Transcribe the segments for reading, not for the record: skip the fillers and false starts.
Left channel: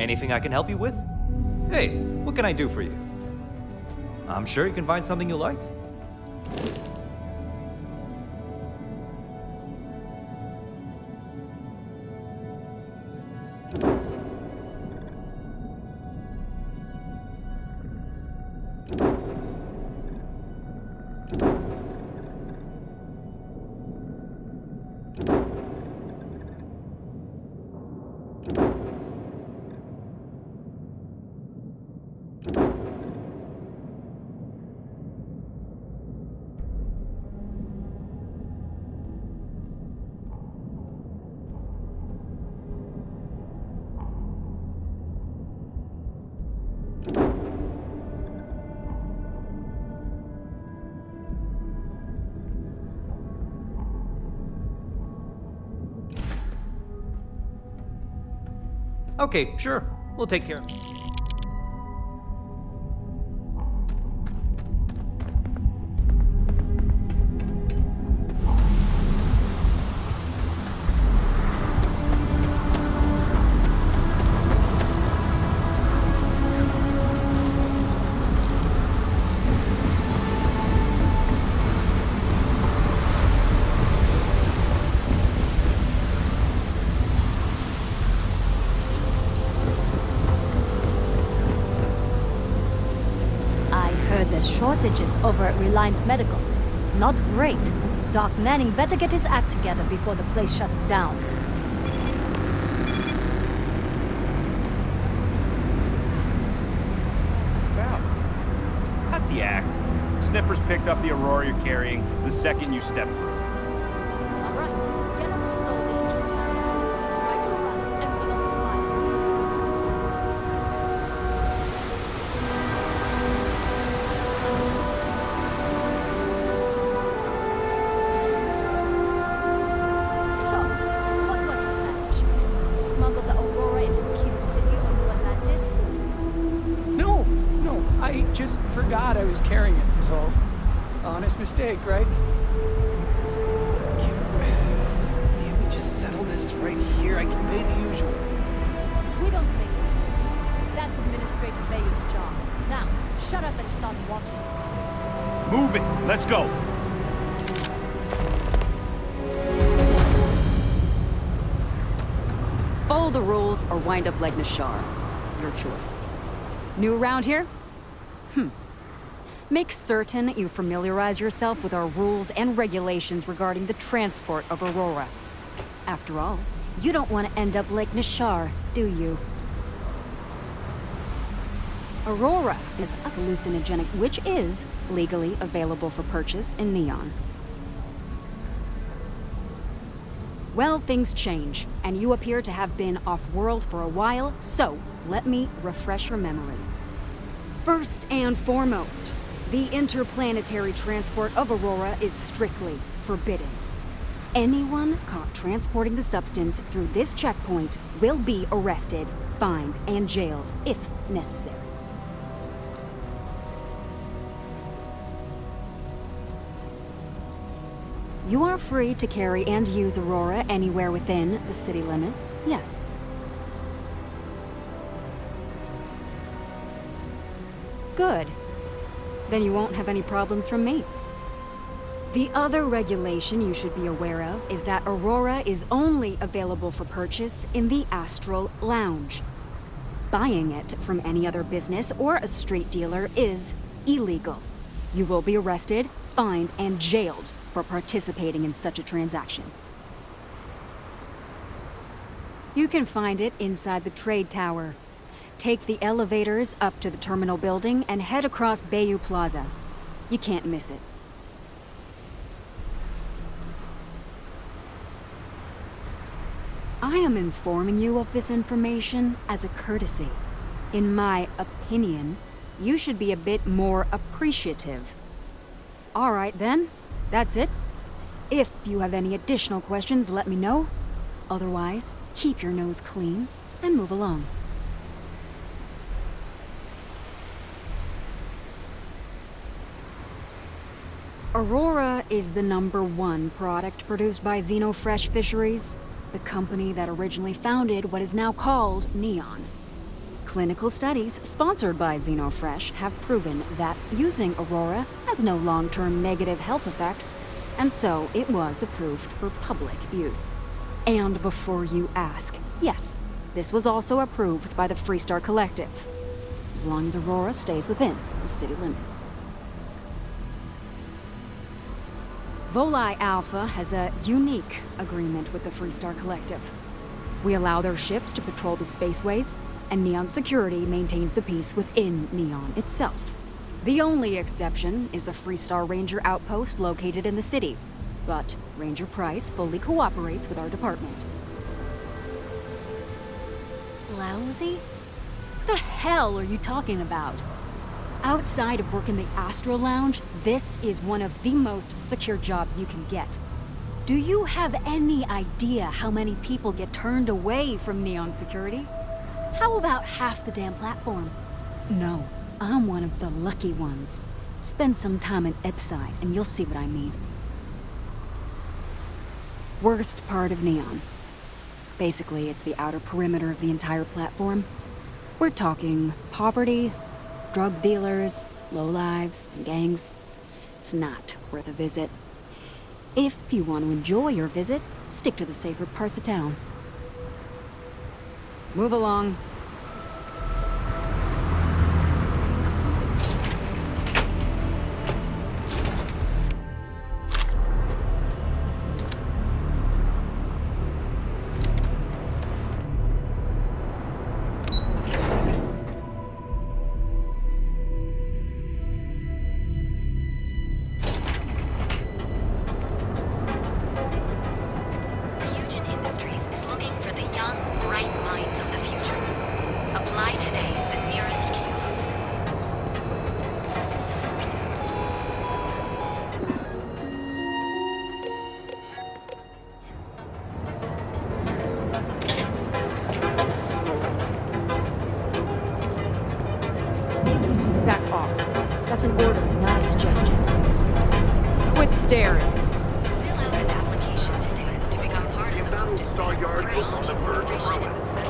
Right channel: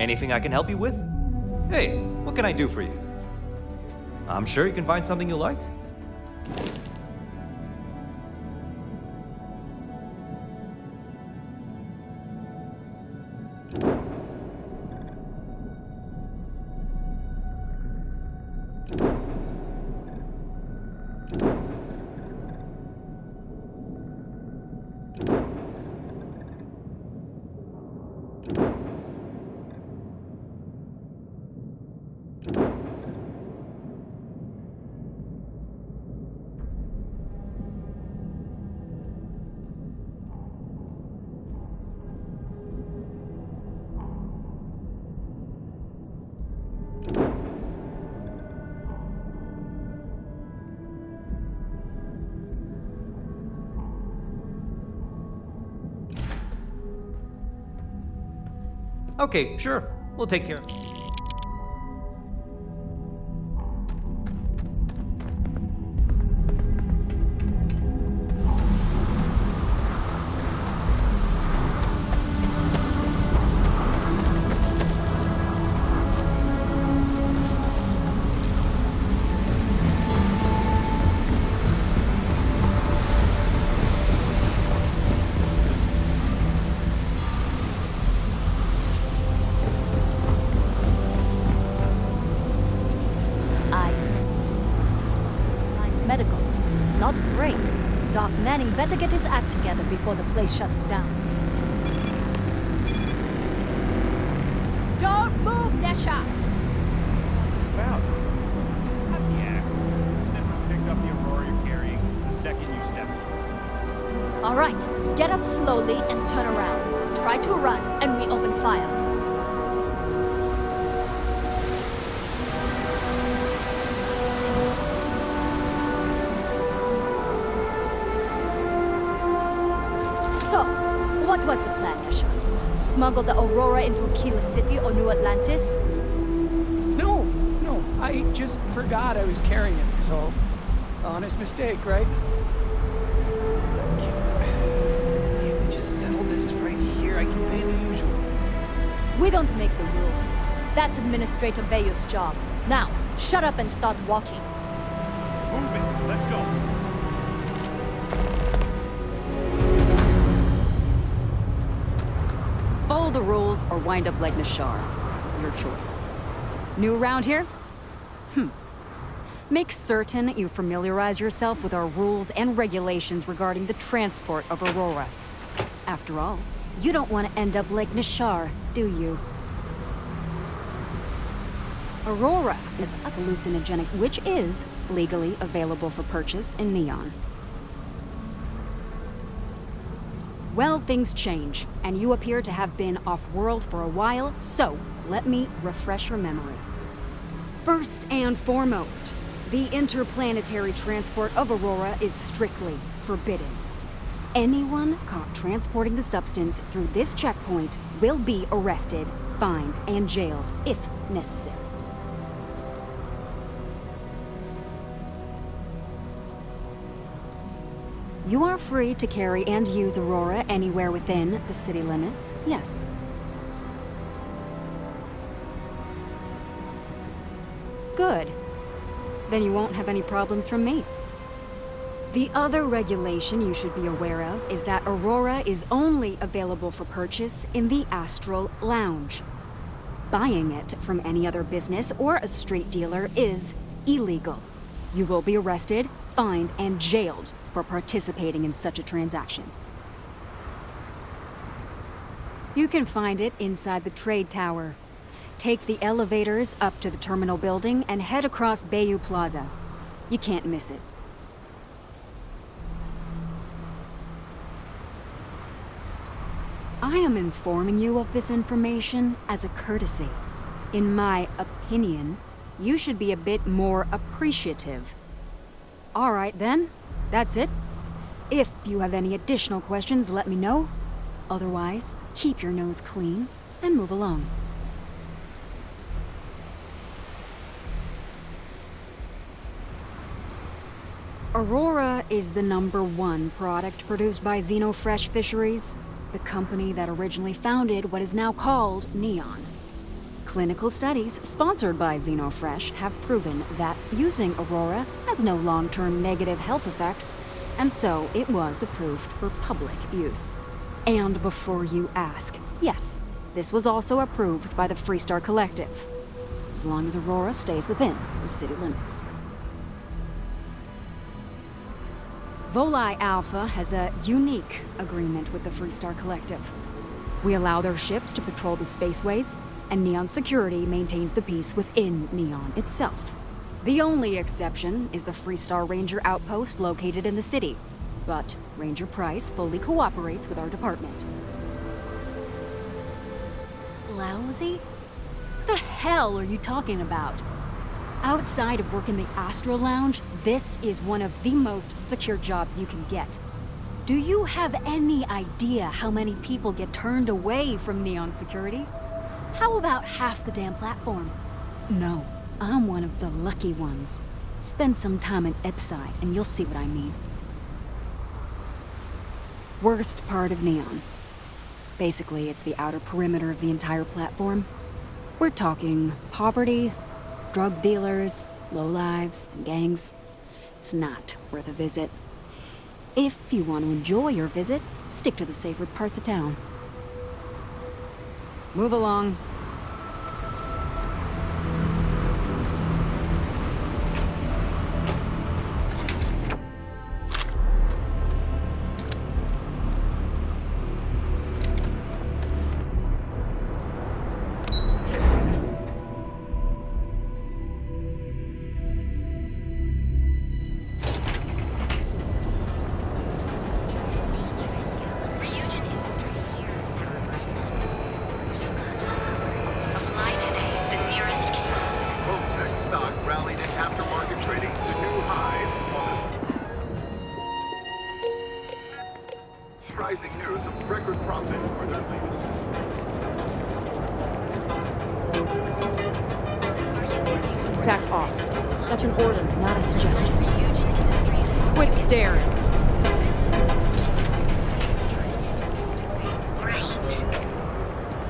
Anything I can help you with? Hey, what can I do for you? I'm sure you can find something you like. Okay, sure. We'll take care of it. Shortages over at Reliant Medical. Not great. Doc Manning better get his act together before the place shuts down. Don't move, Nesha! What's this about? Cut the act. Sniffers picked up the Aurora you're carrying the second you stepped through. All right, get up slowly and turn around. Try to run, and we open fire. So, what was the plan, Nesha? Smuggle the Aurora into Aquila City or New Atlantis? No, I just forgot I was carrying it, is all. Honest mistake, right? Can't we just settle this right here? I can pay the usual. We don't make the rules. That's Administrator Bayou's job. Now, shut up and start walking. Move it! Let's go! Follow the rules or wind up like Nashar. Your choice. New around here? Make certain you familiarize yourself with our rules and regulations regarding the transport of Aurora. After all, you don't want to end up like Nashar, do you? Aurora is a hallucinogenic which is legally available for purchase in Neon. Well, things change, and you appear to have been off-world for a while, so let me refresh your memory. First and foremost, the interplanetary transport of Aurora is strictly forbidden. Anyone caught transporting the substance through this checkpoint will be arrested, fined, and jailed, if necessary. You are free to carry and use Aurora anywhere within the city limits, yes. Good. Then you won't have any problems from me. The other regulation you should be aware of is that Aurora is only available for purchase in the Astral Lounge. Buying it from any other business or a street dealer is illegal. You will be arrested, fined, and jailed for participating in such a transaction. You can find it inside the trade tower. Take the elevators up to the terminal building and head across Bayou Plaza. You can't miss it. I am informing you of this information as a courtesy. In my opinion, you should be a bit more appreciative. All right then, that's it. If you have any additional questions, let me know. Otherwise, keep your nose clean and move along. Aurora is the #1 product produced by Xenofresh Fisheries, the company that originally founded what is now called Neon. Clinical studies sponsored by Xenofresh have proven that using Aurora has no long-term negative health effects, and so it was approved for public use. And before you ask, yes, this was also approved by the Freestar Collective, as long as Aurora stays within the city limits. Volii Alpha has a unique agreement with the Freestar Collective. We allow their ships to patrol the spaceways, and Neon Security maintains the peace within Neon itself. The only exception is the Freestar Ranger outpost located in the city, but Ranger Price fully cooperates with our department. Lousy? The hell are you talking about? Outside of work in the Astro Lounge, this is one of the most secure jobs you can get. Do you have any idea how many people get turned away from Neon Security? How about half the damn platform? No, I'm one of the lucky ones. Spend some time in Epside and you'll see what I mean. Worst part of Neon. Basically, it's the outer perimeter of the entire platform. We're talking poverty, drug dealers, lowlives, and gangs. It's not worth a visit. If you want to enjoy your visit, stick to the safer parts of town. Move along. Back off. That's an order, not a suggestion. Quit staring.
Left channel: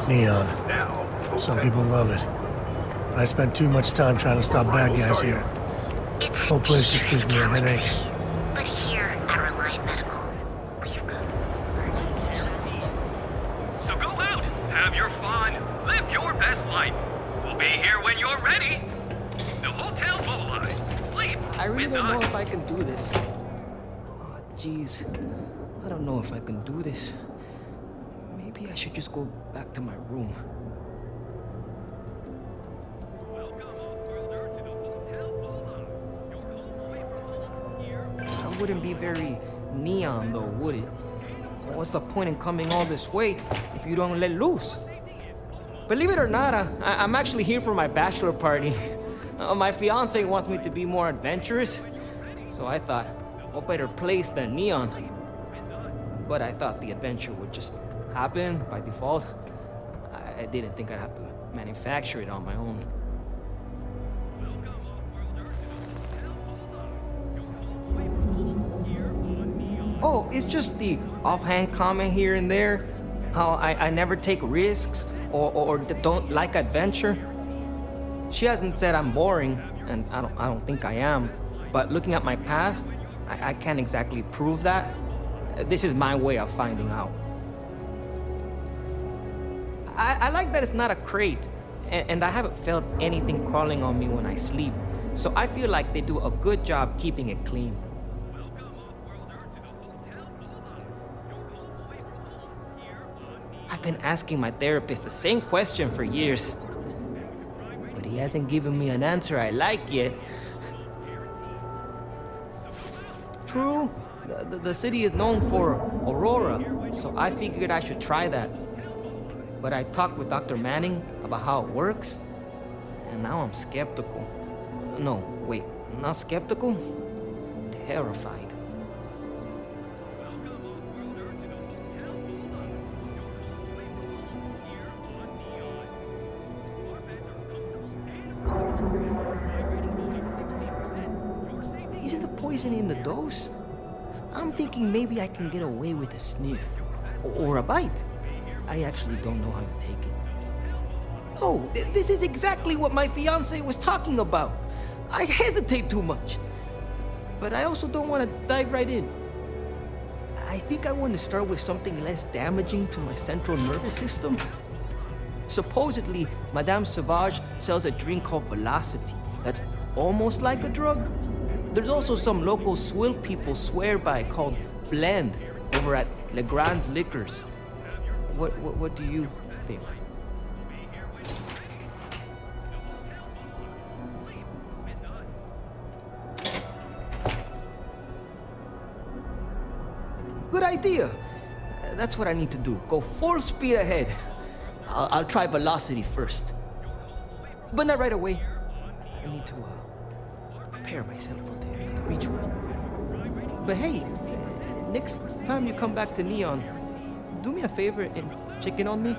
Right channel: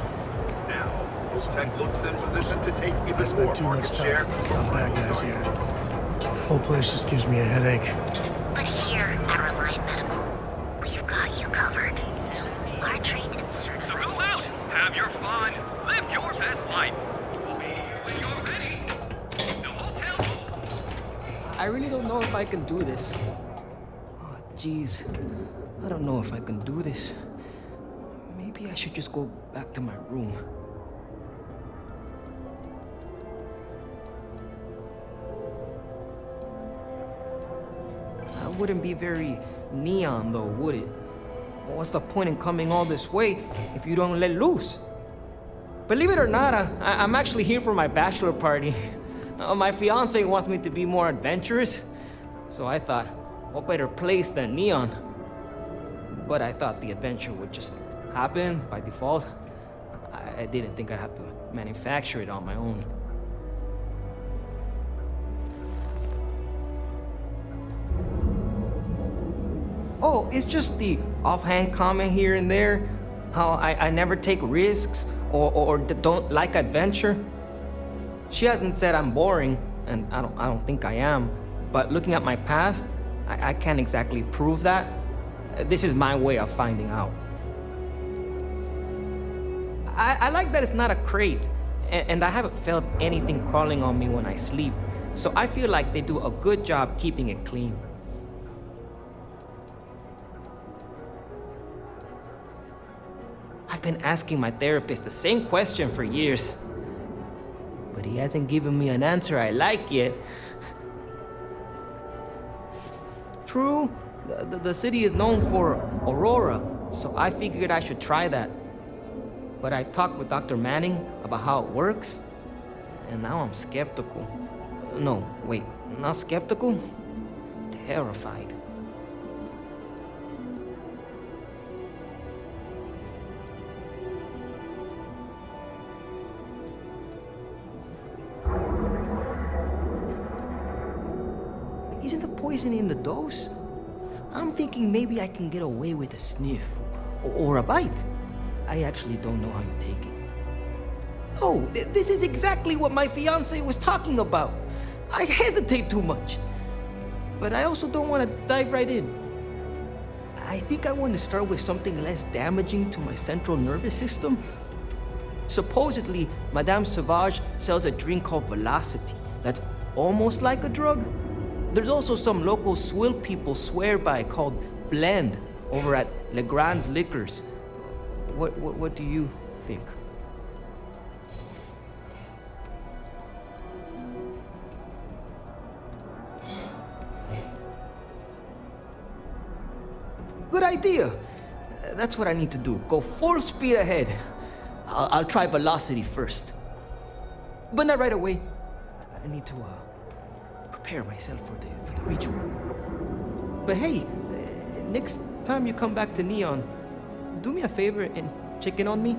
Neon. Some people love it. I spent too much time trying to stop bad guys here. Whole place just gives me a headache. But here at Reliant Medical, we've got you covered. Our treatment So go out, have your fun, live your best life. We'll be here when you're ready. The hotel's mobilized. Sleep. I really don't know if I can do this. Oh, jeez. I don't know if I can do this. Maybe I should just go back to my room. That wouldn't be very neon, though, would it? What's the point in coming all this way if you don't let loose? Believe it or not, I'm actually here for my bachelor party. My fiance wants me to be more adventurous, so I thought, what better place than Neon? But I thought the adventure would just happen by default. I didn't think I'd have to manufacture it on my own. Oh, it's just the offhand comment here and there, how I never take risks or don't like adventure. She hasn't said I'm boring, and I don't think I am. But looking at my past, I can't exactly prove that. This is my way of finding out. I like that it's not a crate, and I haven't felt anything crawling on me when I sleep. So I feel like they do a good job keeping it clean. I've been asking my therapist the same question for years, but he hasn't given me an answer I like yet. True, the city is known for Aurora, so I figured I should try that. But I talked with Dr. Manning about how it works, and now I'm skeptical. No, wait, not skeptical? Terrified. Isn't the poison in the dose? I'm thinking maybe I can get away with a sniff or a bite. I actually don't know how you take it. No, this is exactly what my fiance was talking about. I hesitate too much. But I also don't want to dive right in. I think I want to start with something less damaging to my central nervous system. Supposedly, Madame Sauvage sells a drink called Velocity that's almost like a drug. There's also some local swill people swear by called Blend over at Legrand's Liquors. What do you think? Good idea. That's what I need to do. Go full speed ahead. I'll try Velocity first. But not right away. I need to prepare myself for the ritual. But hey, next time you come back to Neon, do me a favor and check in on me.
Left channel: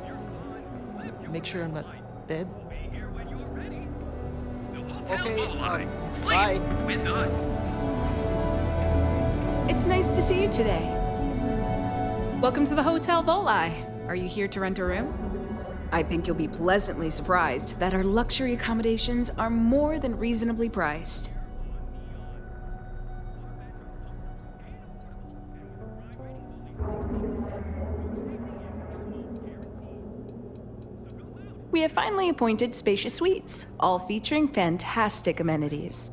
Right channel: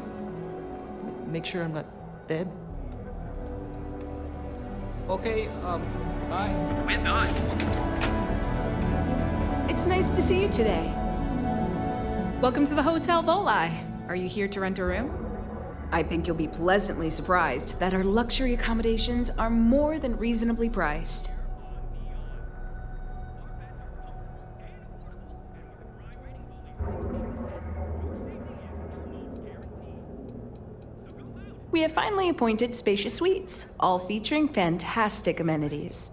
Make sure I'm not dead. Okay, bye. With us. It's nice to see you today. Welcome to the Hotel Volai. Are you here to rent a room? I think you'll be pleasantly surprised that our luxury accommodations are more than reasonably priced. We have finally appointed spacious suites, all featuring fantastic amenities.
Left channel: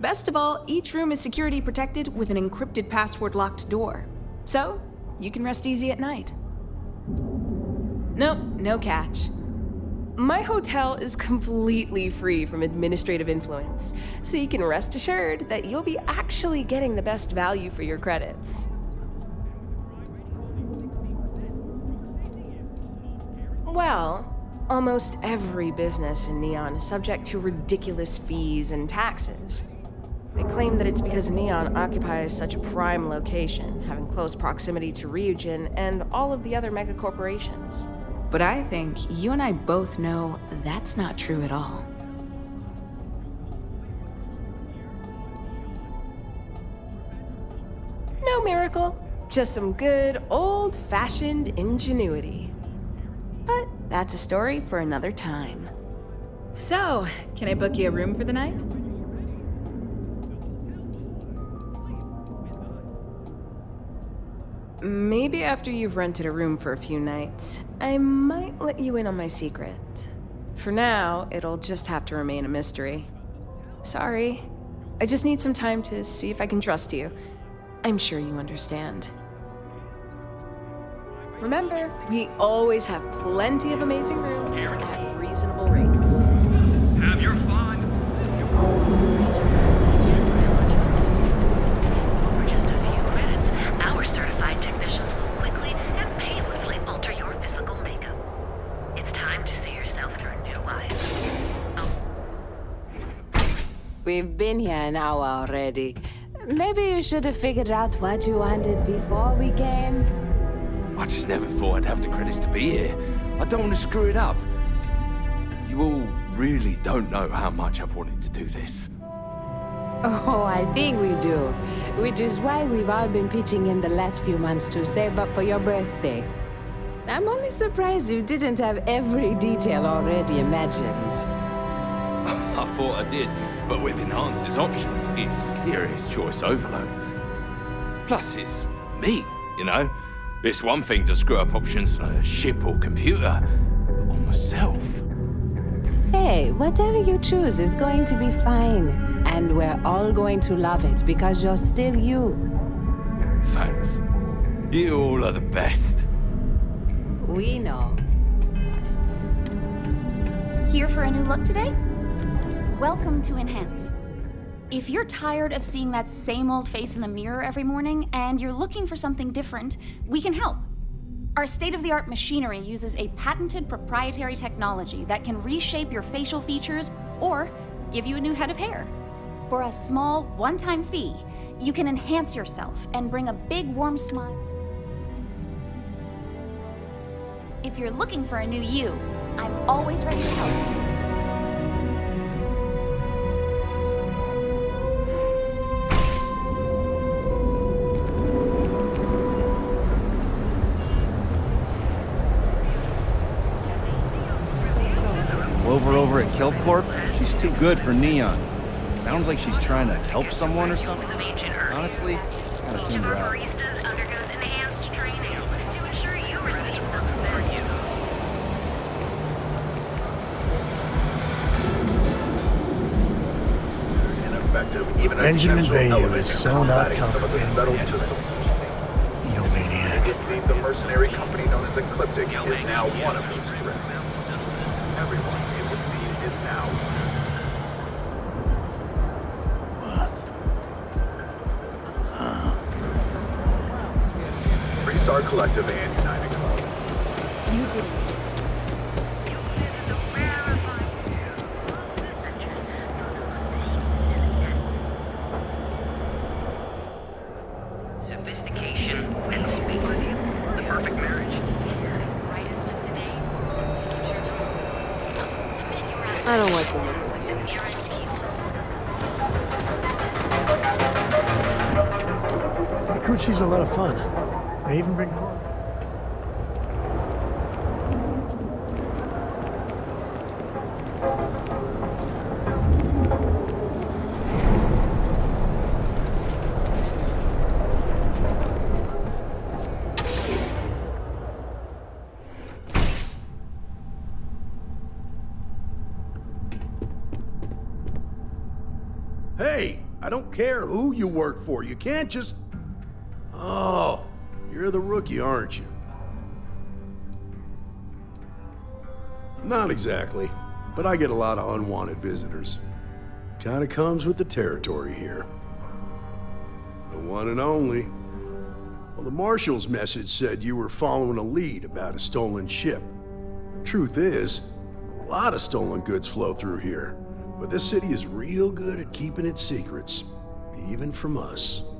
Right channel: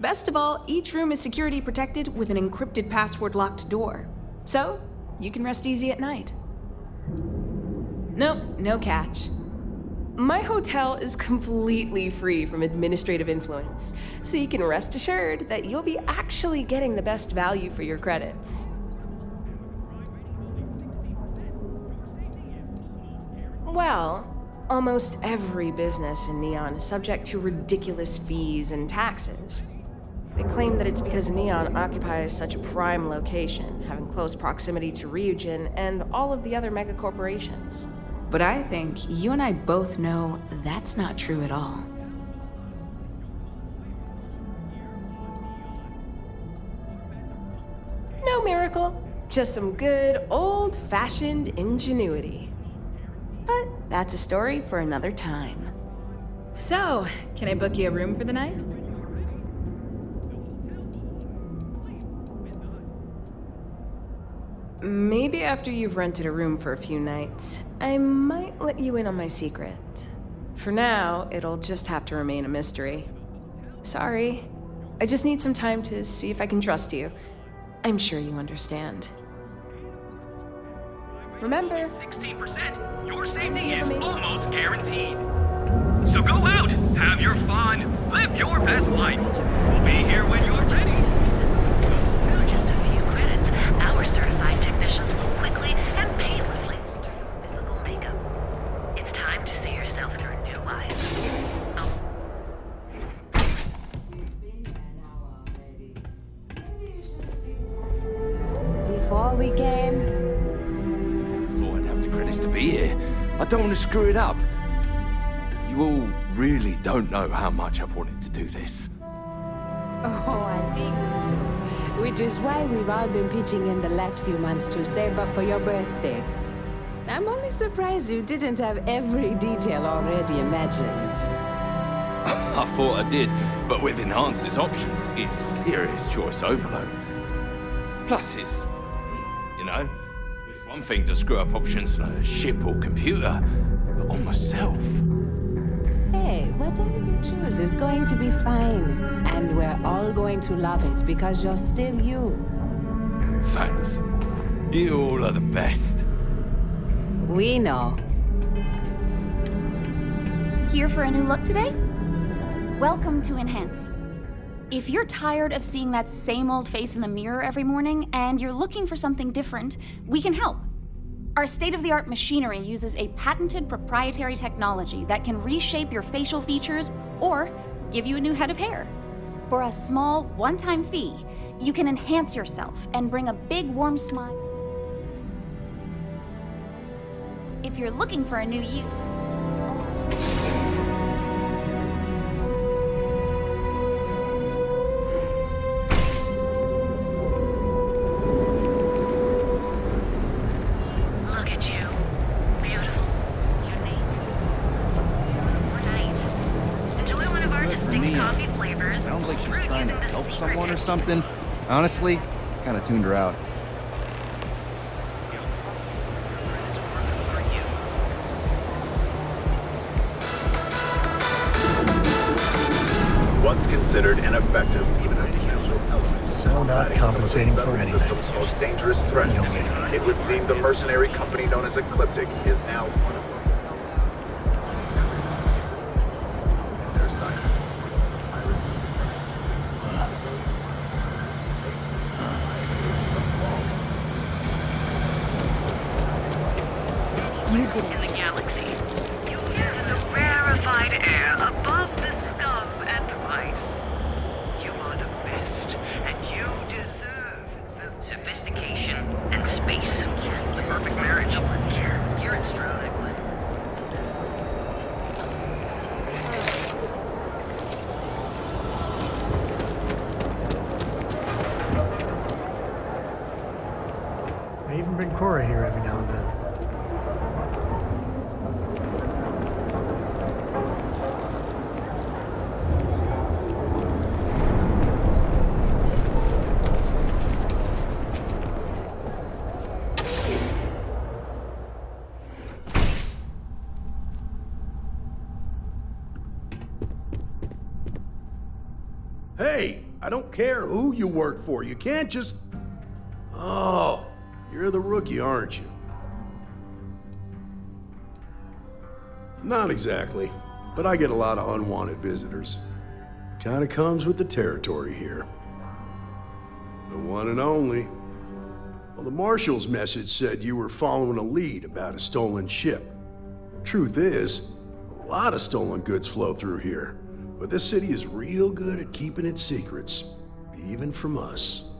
Best of all, each room is security protected with an encrypted password-locked door. So, you can rest easy at night. Nope, no catch. My hotel is completely free from administrative influence, so you can rest assured that you'll be actually getting the best value for your credits. Well, almost every business in Neon is subject to ridiculous fees and taxes. They claim that it's because Neon occupies such a prime location, having close proximity to Ryujin and all of the other megacorporations. But I think you and I both know that's not true at all. No miracle, just some good old-fashioned ingenuity. But that's a story for another time. So, can I book you a room for the night? Maybe after you've rented a room for a few nights, I might let you in on my secret. For now, it'll just have to remain a mystery. Sorry. I just need some time to see if I can trust you. I'm sure you understand. Remember, we always have plenty of amazing rooms at reasonable rates. So go out, have your fun, live your best life. We'll be here when you're ready. For just a few credits, our certified technicians will quickly and painlessly alter your physical makeup. It's time to see yourself through new eyes. We've been here an hour already. Maybe you should have figured out what you wanted before we came. I just never thought I'd have the credits to be here. I don't want to screw it up. You all really don't know how much I've wanted to do this. Oh, I think we do. Which is why we've all been pitching in the last few months to save up for your birthday. I'm only surprised you didn't have every detail already imagined. I thought I did, but with enhanced as options, it's serious choice overload. Plus, it's me, you know? It's one thing to screw up options on a ship or computer, but on myself. Hey, whatever you choose is going to be fine. And we're all going to love it because you're still you. Thanks. You all are the best. We know. Here for a new look today? Welcome to Enhance. If you're tired of seeing that same old face in the mirror every morning and you're looking for something different, we can help. Our state-of-the-art machinery uses a patented proprietary technology that can reshape your facial features or give you a new head of hair. For a small, one-time fee, you can enhance yourself and bring a big, warm smile. If you're looking for a new you, I'm always ready to help. at Killcorp, she's too good for Neon. Sounds like she's trying to help someone or something. Honestly, kind of tuned her out. Once considered ineffective, even a Benjamin potential Bayou element is in so not combating some of the compensating for federal anything. system's most dangerous threats. Egomaniac. It would seem the mercenary company known as Ecliptic is now one of those. Everyone, it would seem, is now on their side. Three-star collective and United Club. You didn't. Rarefied air above the scum and vice. You are the best, and you deserve sophistication and space. The perfect marriage. I don't like it. Kikuchi's a lot of fun. I even bring Cora here every now and then. Hey, I don't care who you work for. You can't just... Oh, you're the rookie, aren't you? Not exactly, but I get a lot of unwanted visitors. Kinda comes with the territory here. The one and only. Well, the Marshal's message said you were following a lead about a stolen ship. Truth is, a lot of stolen goods flow through here, but this city is real good at keeping its secrets, even from us.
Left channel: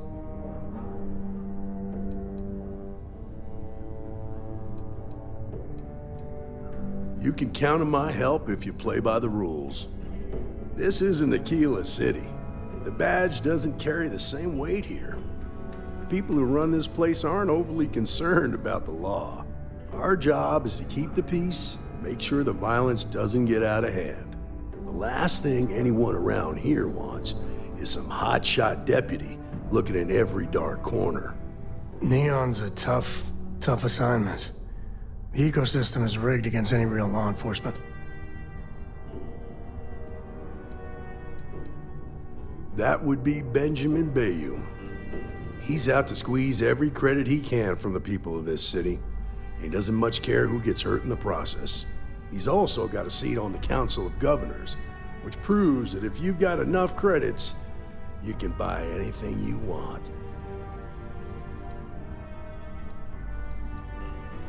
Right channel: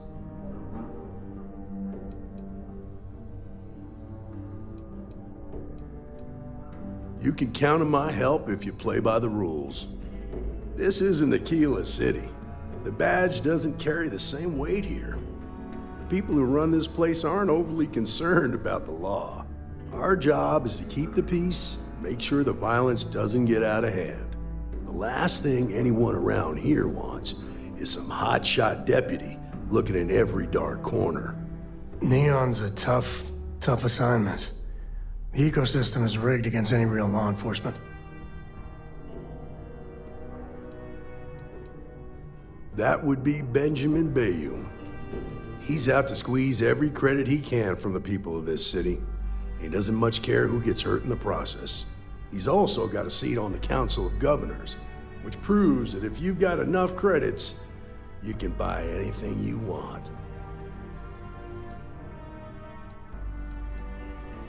You can count on my help if you play by the rules. This isn't Aquila City. The badge doesn't carry the same weight here. The people who run this place aren't overly concerned about the law. Our job is to keep the peace and make sure the violence doesn't get out of hand. The last thing anyone around here wants is some hotshot deputy looking in every dark corner. Neon's a tough assignment. The ecosystem is rigged against any real law enforcement. That would be Benjamin Bayou. He's out to squeeze every credit he can from the people of this city. He doesn't much care who gets hurt in the process. He's also got a seat on the Council of Governors, which proves that if you've got enough credits, you can buy anything you want.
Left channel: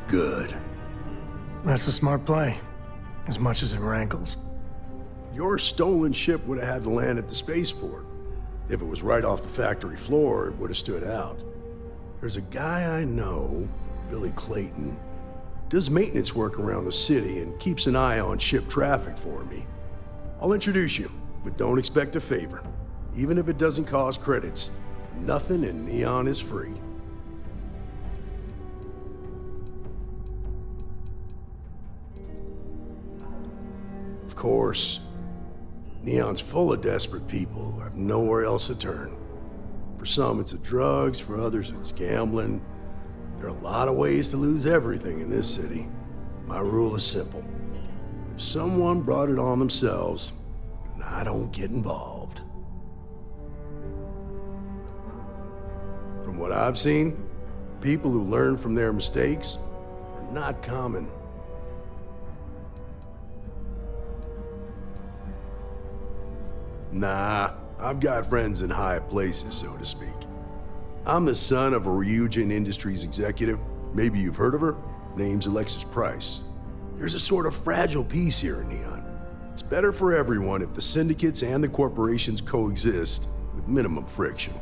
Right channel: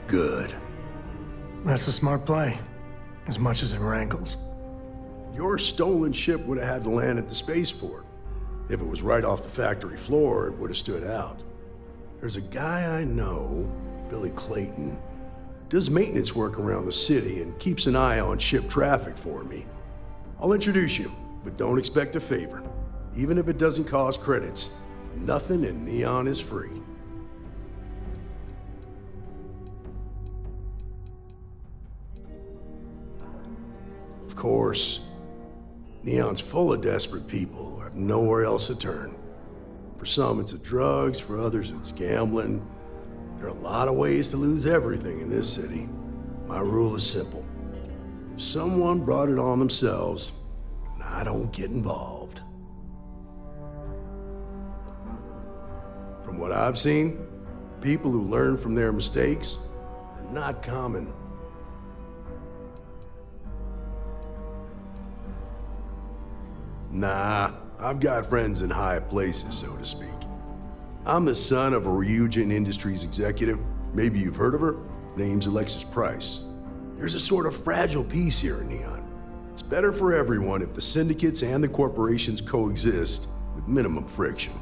Good. That's a smart play, as much as it rankles. Your stolen ship would have had to land at the spaceport. If it was right off the factory floor, it would have stood out. There's a guy I know, Billy Clayton, does maintenance work around the city and keeps an eye on ship traffic for me. I'll introduce you, but don't expect a favor. Even if it doesn't cause credits, nothing in Neon is free. Of course, Neon's full of desperate people who have nowhere else to turn. For some, it's the drugs, for others, it's gambling. There are a lot of ways to lose everything in this city. My rule is simple. If someone brought it on themselves, then I don't get involved. From what I've seen, people who learn from their mistakes are not common. Nah, I've got friends in high places, so to speak. I'm the son of a Ryujin Industries executive. Maybe you've heard of her. Name's Alexis Price. There's a sort of fragile peace here in Neon. It's better for everyone if the syndicates and the corporations coexist with minimum friction.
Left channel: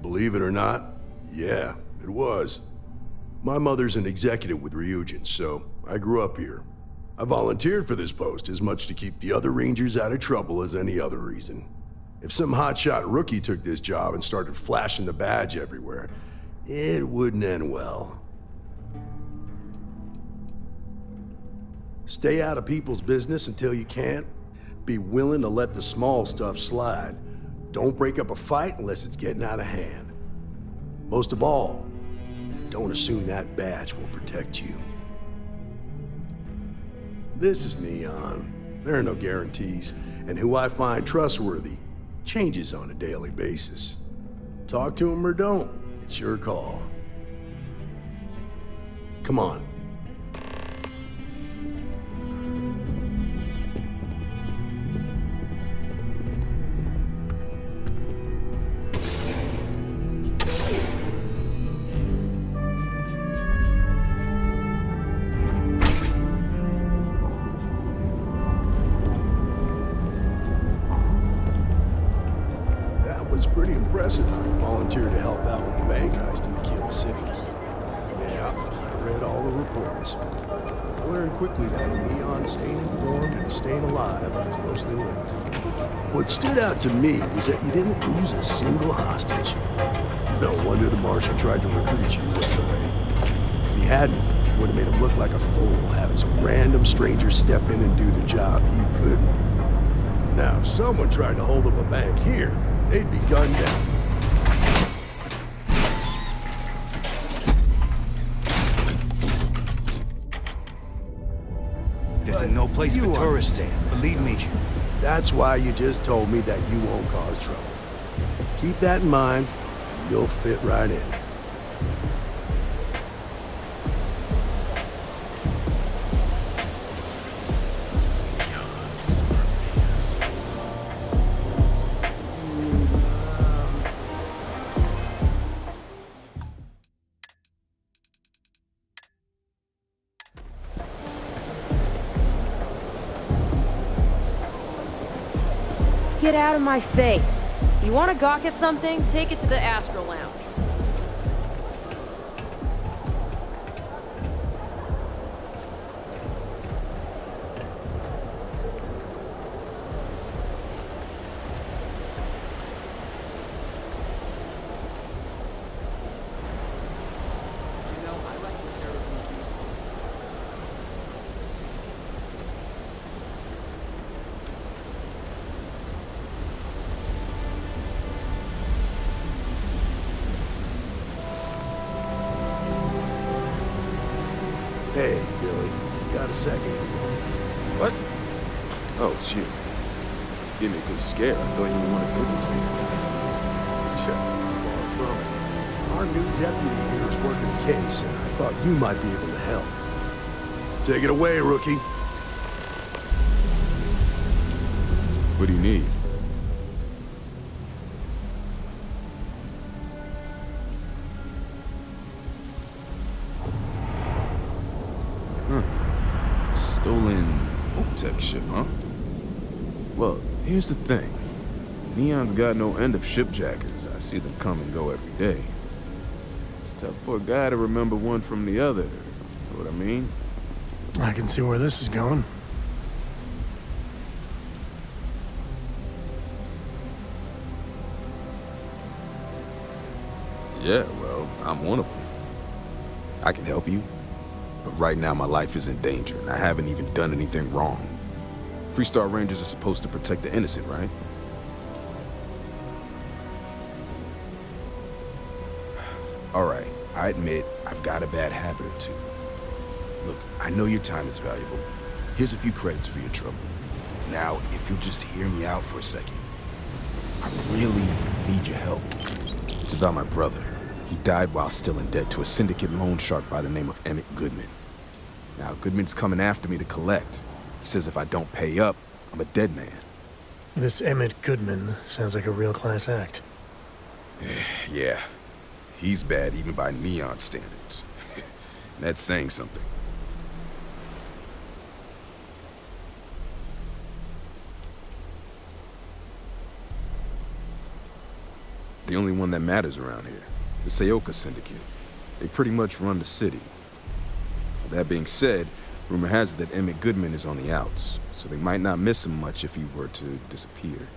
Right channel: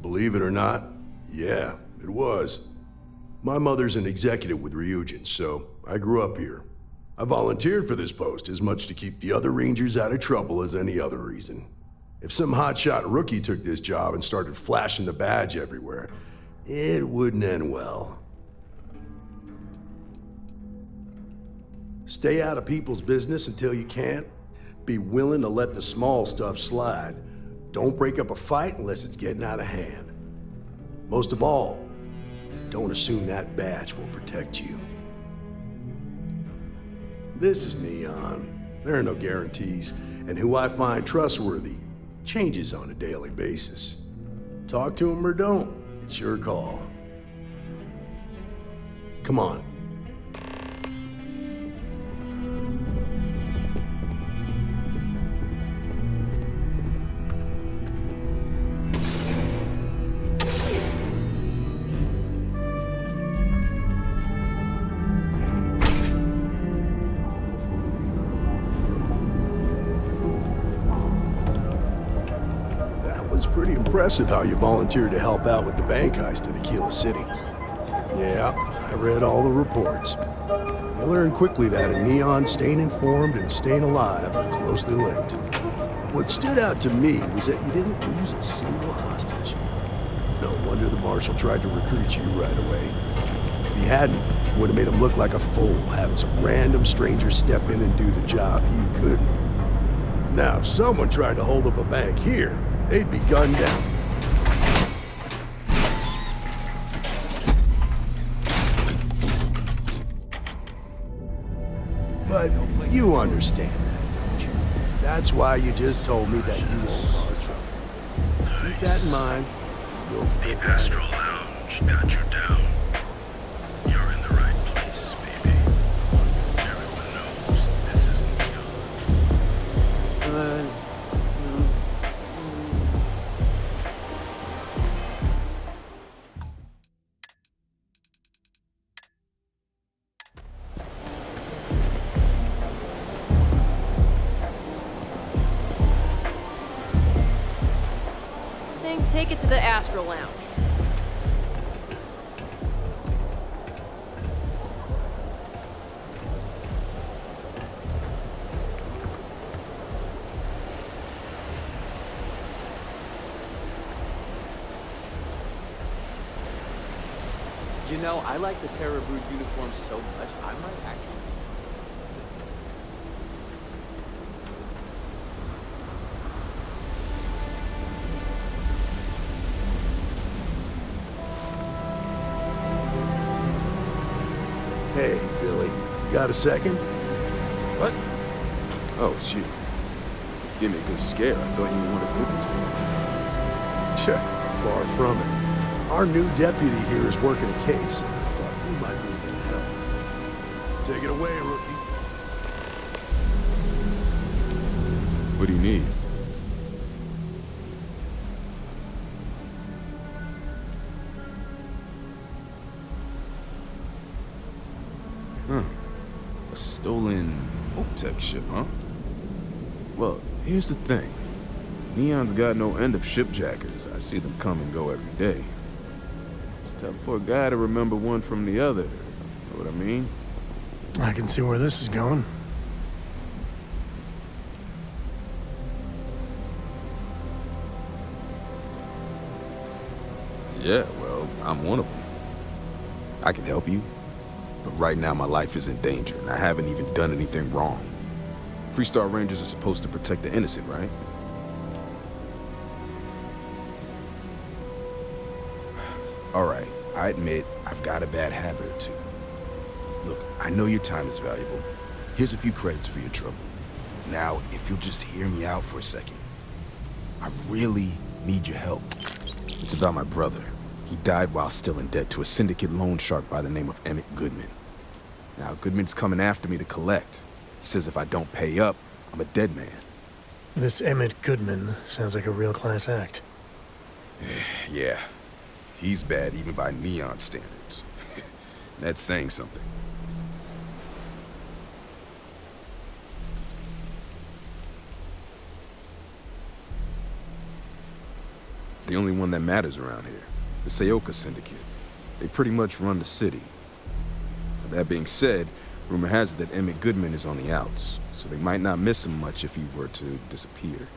Believe it or not, yeah, it was. My mother's an executive with Ryujin, so I grew up here. I volunteered for this post as much to keep the other Rangers out of trouble as any other reason. If some hotshot rookie took this job and started flashing the badge everywhere, it wouldn't end well. Stay out of people's business until you can't. Be willing to let the small stuff slide. Don't break up a fight unless it's getting out of hand. Most of all, don't assume that badge will protect you. This is Neon. There are no guarantees, and who I find trustworthy changes on a daily basis. Talk to him or don't. It's your call. Come on. That was pretty impressive how you volunteered to help out with the bank heist in Aquila City. Yeah, I read all the reports. I learned quickly that in Neon, staying informed and staying alive are closely linked. What stood out to me was that you didn't lose a single hostage. No wonder the marshal tried to recruit you right away. If he hadn't, it would have made him look like a fool, having some random stranger step in and do the job he couldn't. Now, if someone tried to hold up a bank here, they'd be gunned down. But no place you for tourists. understand. Believe me. That's why you just told me that you won't cause trouble. Keep that in mind, and you'll fit right in. Get out of my face. You want to gawk at something? Take it to the Astro Lounge. You know, I like the Terra Brute uniform so much. I might actually... Hey, Billy, got a second? What? Oh, it's you. Give me a good scare. I thought you were one of Goodman's people. Yeah, far from it. Our new deputy here is working a case, and I thought you might be able to help. Take it away, rookie. What do you need? A stolen Tech ship, huh? Well, here's the thing. Neon's got no end of shipjackers. I see them come and go every day. It's tough for a guy to remember one from the other. Know what I mean? I can see where this is going. Yeah, well, I'm one of them. I can help you, but right now my life is in danger, and I haven't even done anything wrong. Freestar Rangers are supposed to protect the innocent, right? All right, I admit I've got a bad habit or two. Look, I know your time is valuable. Here's a few credits for your trouble. Now, if you'll just hear me out for a second. I really need your help. It's about my brother. He died while still in debt to a syndicate loan shark by the name of Emmett Goodman. Now, Goodman's coming after me to collect. He says if I don't pay up, I'm a dead man. This Emmett Goodman sounds like a real class act. Yeah, he's bad even by Neon standards. That's saying something. The only one that matters around here, the Seoka Syndicate. They pretty much run the city. That being said, rumor has it that Emmett Goodman is on the outs, so they might not miss him much if he were to disappear.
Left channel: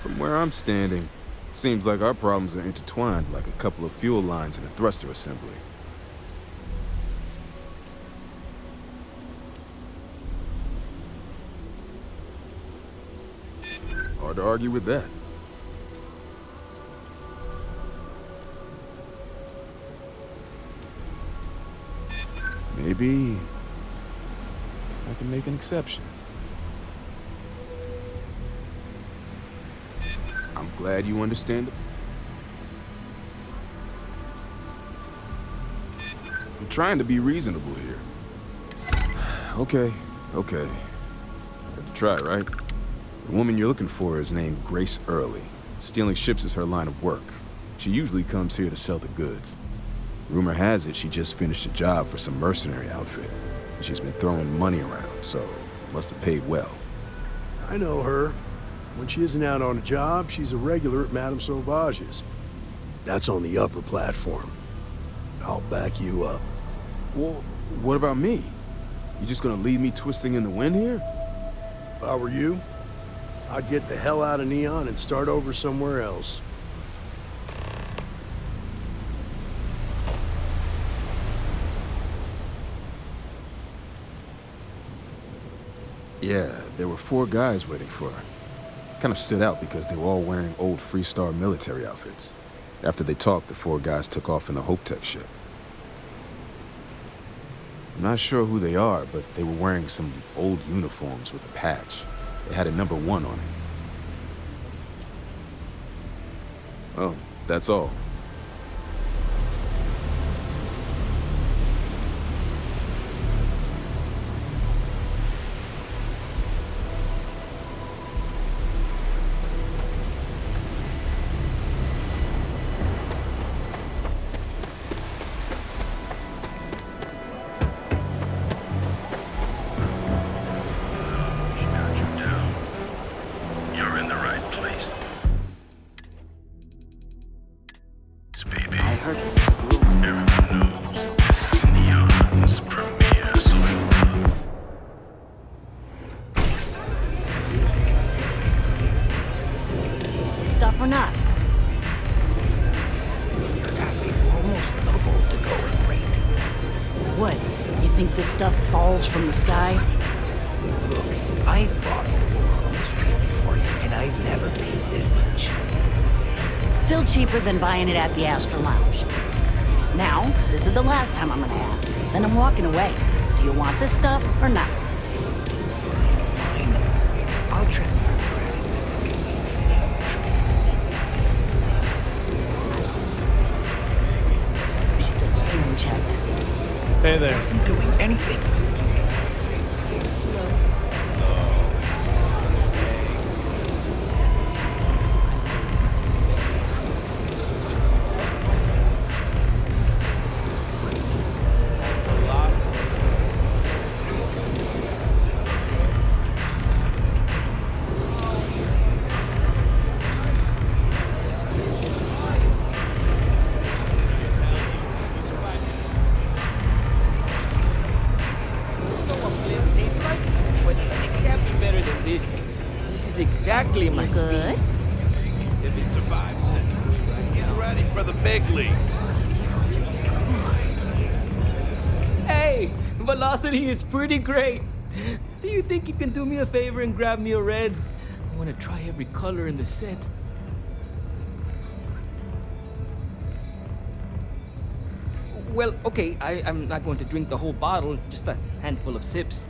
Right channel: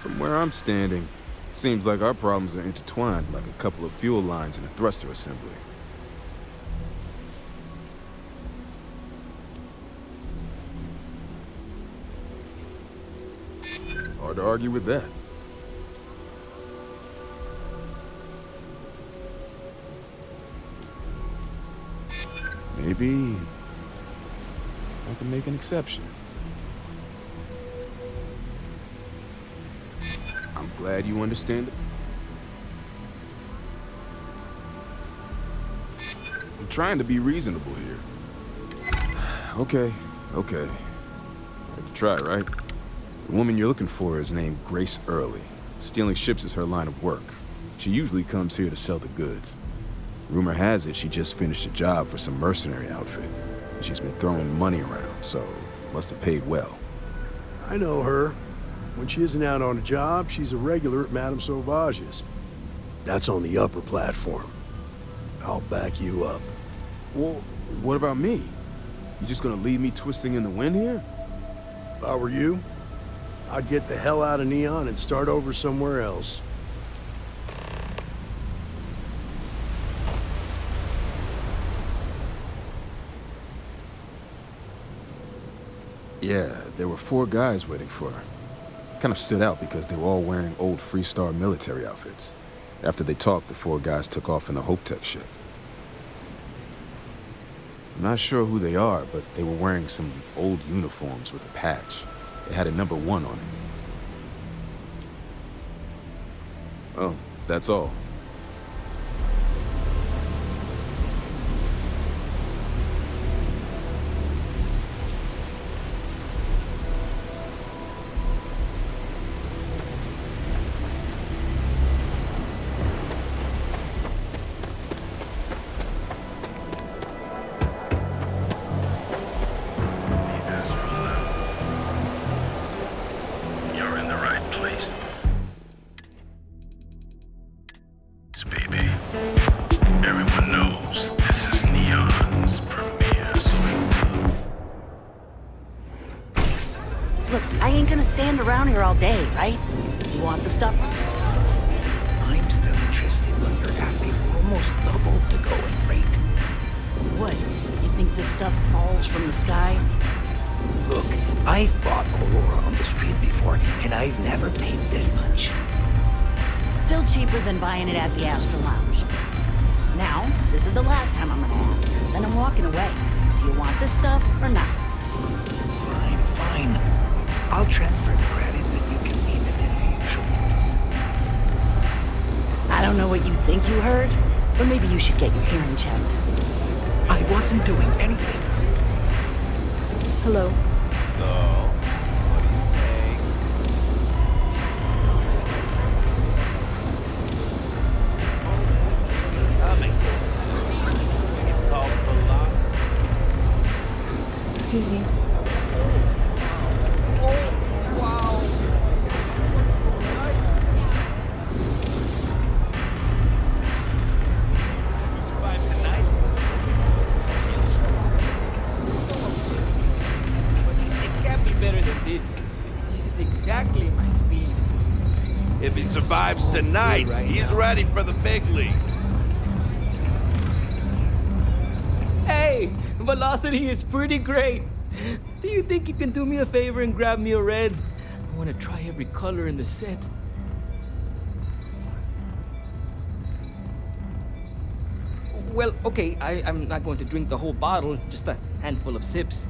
From where I'm standing, seems like our problems are intertwined like a couple of fuel lines in a thruster assembly. Hard to argue with that. Maybe I can make an exception. I'm glad you understand it. I'm trying to be reasonable here. Okay. Had to try, right? The woman you're looking for is named Grace Early. Stealing ships is her line of work. She usually comes here to sell the goods. Rumor has it she just finished a job for some mercenary outfit. She's been throwing money around, so must have paid well. I know her. When she isn't out on a job, she's a regular at Madame Sauvage's. That's on the upper platform. I'll back you up. Well, what about me? You just gonna leave me twisting in the wind here? If I were you, I'd get the hell out of Neon and start over somewhere else. Yeah, there were 4 guys waiting for her. Kind of stood out because they were all wearing old Freestar military outfits. After they talked, the 4 guys took off in the Hope Tech ship. I'm not sure who they are, but they were wearing some old uniforms with a patch. It had a number 1 on it. Oh, that's all. You're in the right place. Baby, everyone knows this is Neon's premier social club. Look, I ain't gonna stand around here all day, right? You want the stuff or not? I'm still interested, but you're asking almost double to go in rate. What? You think this stuff falls from the sky? Look, I've bought Aurora on the street before, and I've never paid this much. Still cheaper than buying it at the Astro Lounge. Now, this is the last time I'm gonna ask. Then I'm walking away. Do you want this stuff or not? Fine. I'll transfer the credits and you can leave it in the usual place. I don't know what you think you heard, or maybe you should get your hearing checked. I wasn't doing anything. Hello. This is exactly my speed. If he survives tonight, he's ready for the big leagues. Hey, velocity is pretty great. Do you think you can do me a favor and grab me a red? I want to try every color in the set. Well, okay, I'm not going to drink the whole bottle, just a handful of sips.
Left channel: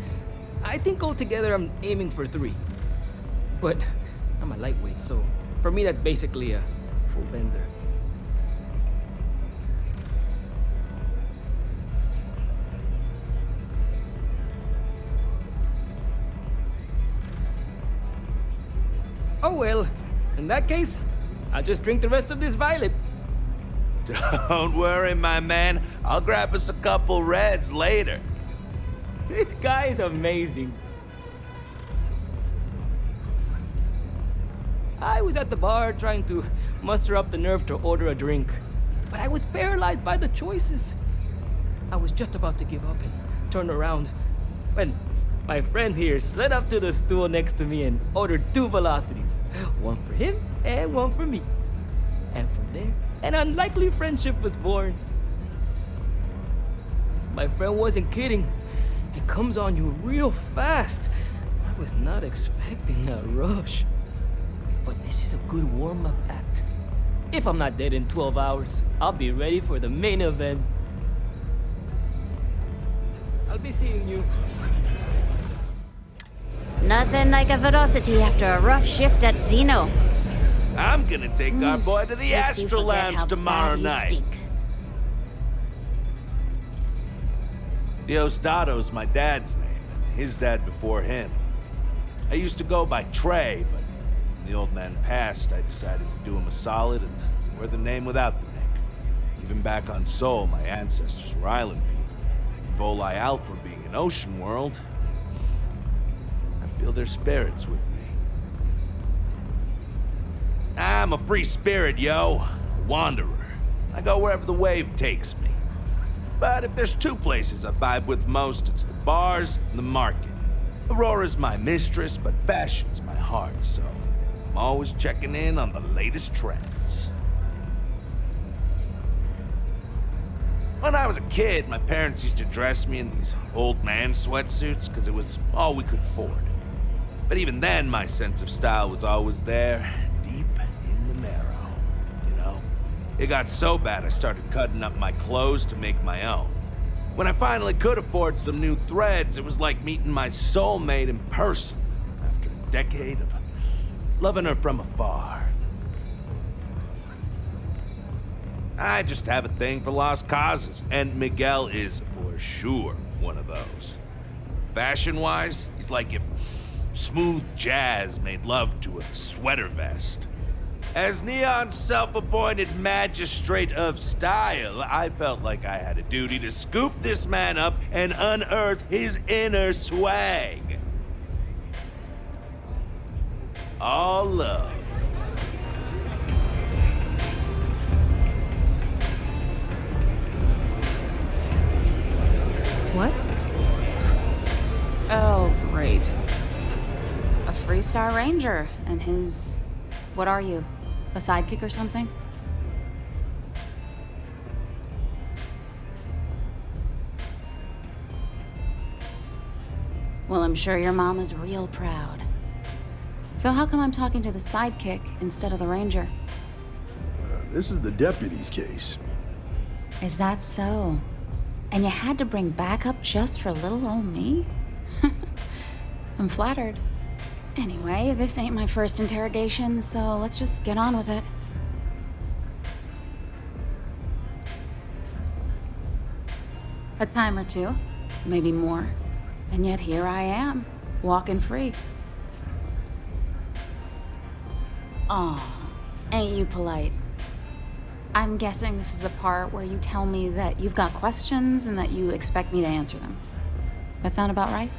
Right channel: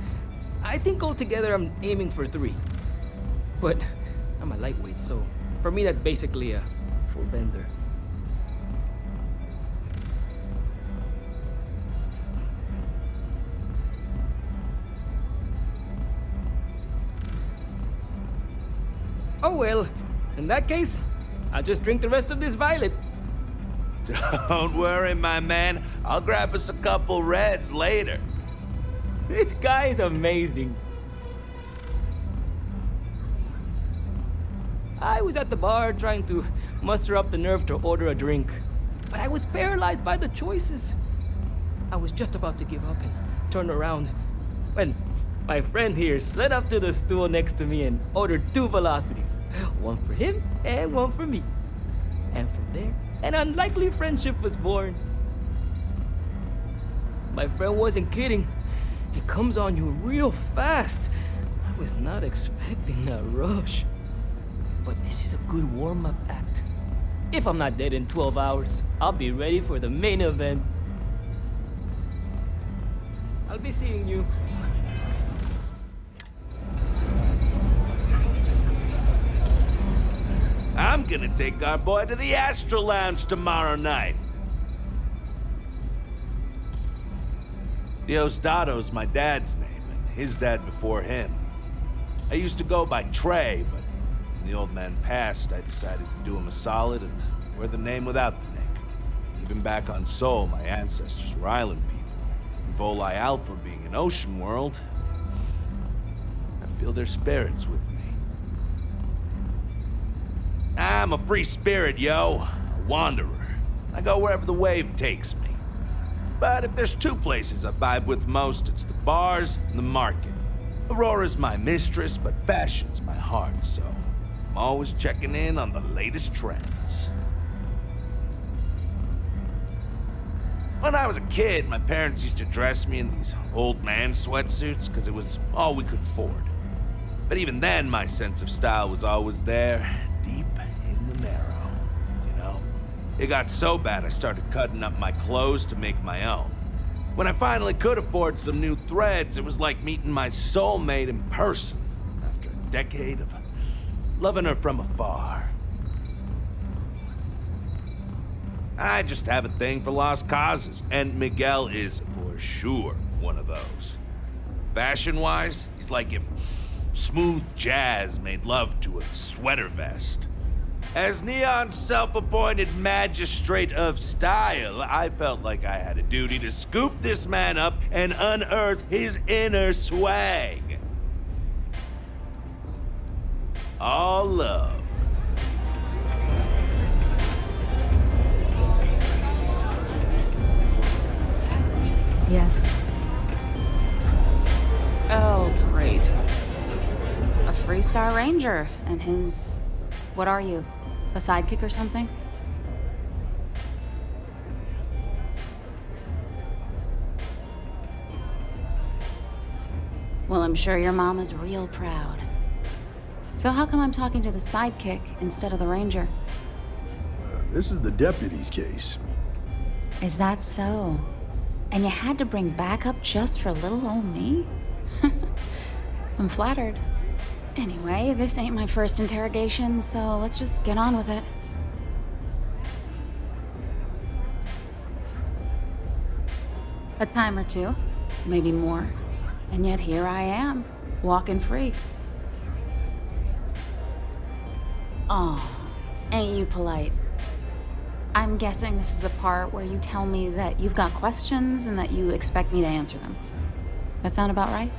I think altogether I'm aiming for 3. But I'm a lightweight, so for me that's basically a full bender. Oh well, in that case, I'll just drink the rest of this violet. Don't worry, my man. I'll grab us a couple reds later. This guy is amazing. I was at the bar trying to muster up the nerve to order a drink, but I was paralyzed by the choices. I was just about to give up and turn around when my friend here slid up to the stool next to me and ordered 2 velocities. One for him and one for me. And from there, an unlikely friendship was born. My friend wasn't kidding. It comes on you real fast. I was not expecting a rush. but this is a good warm-up act. If I'm not dead in 12 hours, I'll be ready for the main event. I'll be seeing you. Nothing like a ferocity after a rough shift at Xeno. I'm gonna take our boy to the Astro Lounge tomorrow night. Diosdado's my dad's name, and his dad before him. I used to go by Trey, but when the old man passed, I decided to do him a solid and wear the name without the Nick. Even back on Sol, my ancestors were island people. And Volii Alpha being an ocean world, I feel their spirits with me. I'm a free spirit, yo. A wanderer. I go wherever the wave takes me. But if there's two places I vibe with most, it's the bars and the market. Aurora's my mistress, but fashion's my heart, so I'm always checking in on the latest trends. When I was a kid, my parents used to dress me in these old man sweatsuits because it was all we could afford. But even then, my sense of style was always there, deep in the marrow, you know? It got so bad I started cutting up my clothes to make my own. When I finally could afford some new threads, it was like meeting my soulmate in person after a decade of loving her from afar. I just have a thing for lost causes, and Miguel is for sure one of those. Fashion-wise, he's like if smooth jazz made love to a sweater vest. As Neon's self-appointed magistrate of style, I felt like I had a duty to scoop this man up and unearth his inner swag. All love. Yes, what? Oh, great. A Freestar Ranger and his... What are you? A sidekick or something? Well, I'm sure your mom is real proud. So how come I'm talking to the sidekick instead of the ranger? This is the deputy's case. Is that so? And you had to bring backup just for little old me? I'm flattered. Anyway, this ain't my first interrogation, so let's just get on with it. A time or two, maybe more. And yet here I am, walking free. Aw, ain't you polite? I'm guessing this is the part where you tell me that you've got questions and that you expect me to answer them. That sound about right?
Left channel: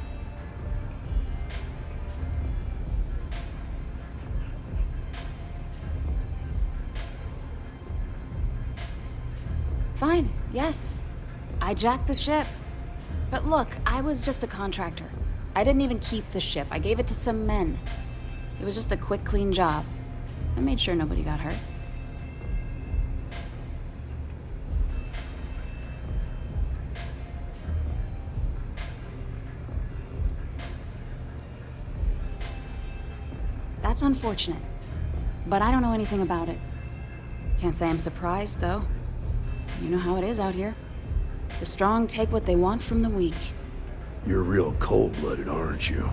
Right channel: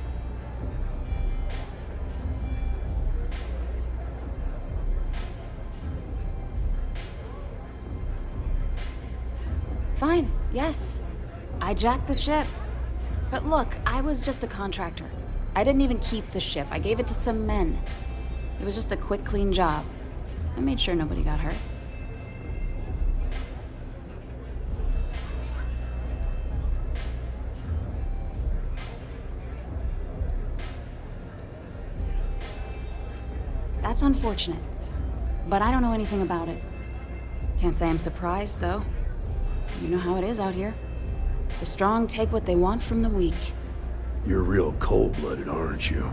Fine, yes. I jacked the ship. But look, I was just a contractor. I didn't even keep the ship. I gave it to some men. It was just a quick, clean job. I made sure nobody got hurt. That's unfortunate. But I don't know anything about it. Can't say I'm surprised, though. You know how it is out here. The strong take what they want from the weak. You're real cold-blooded, aren't you?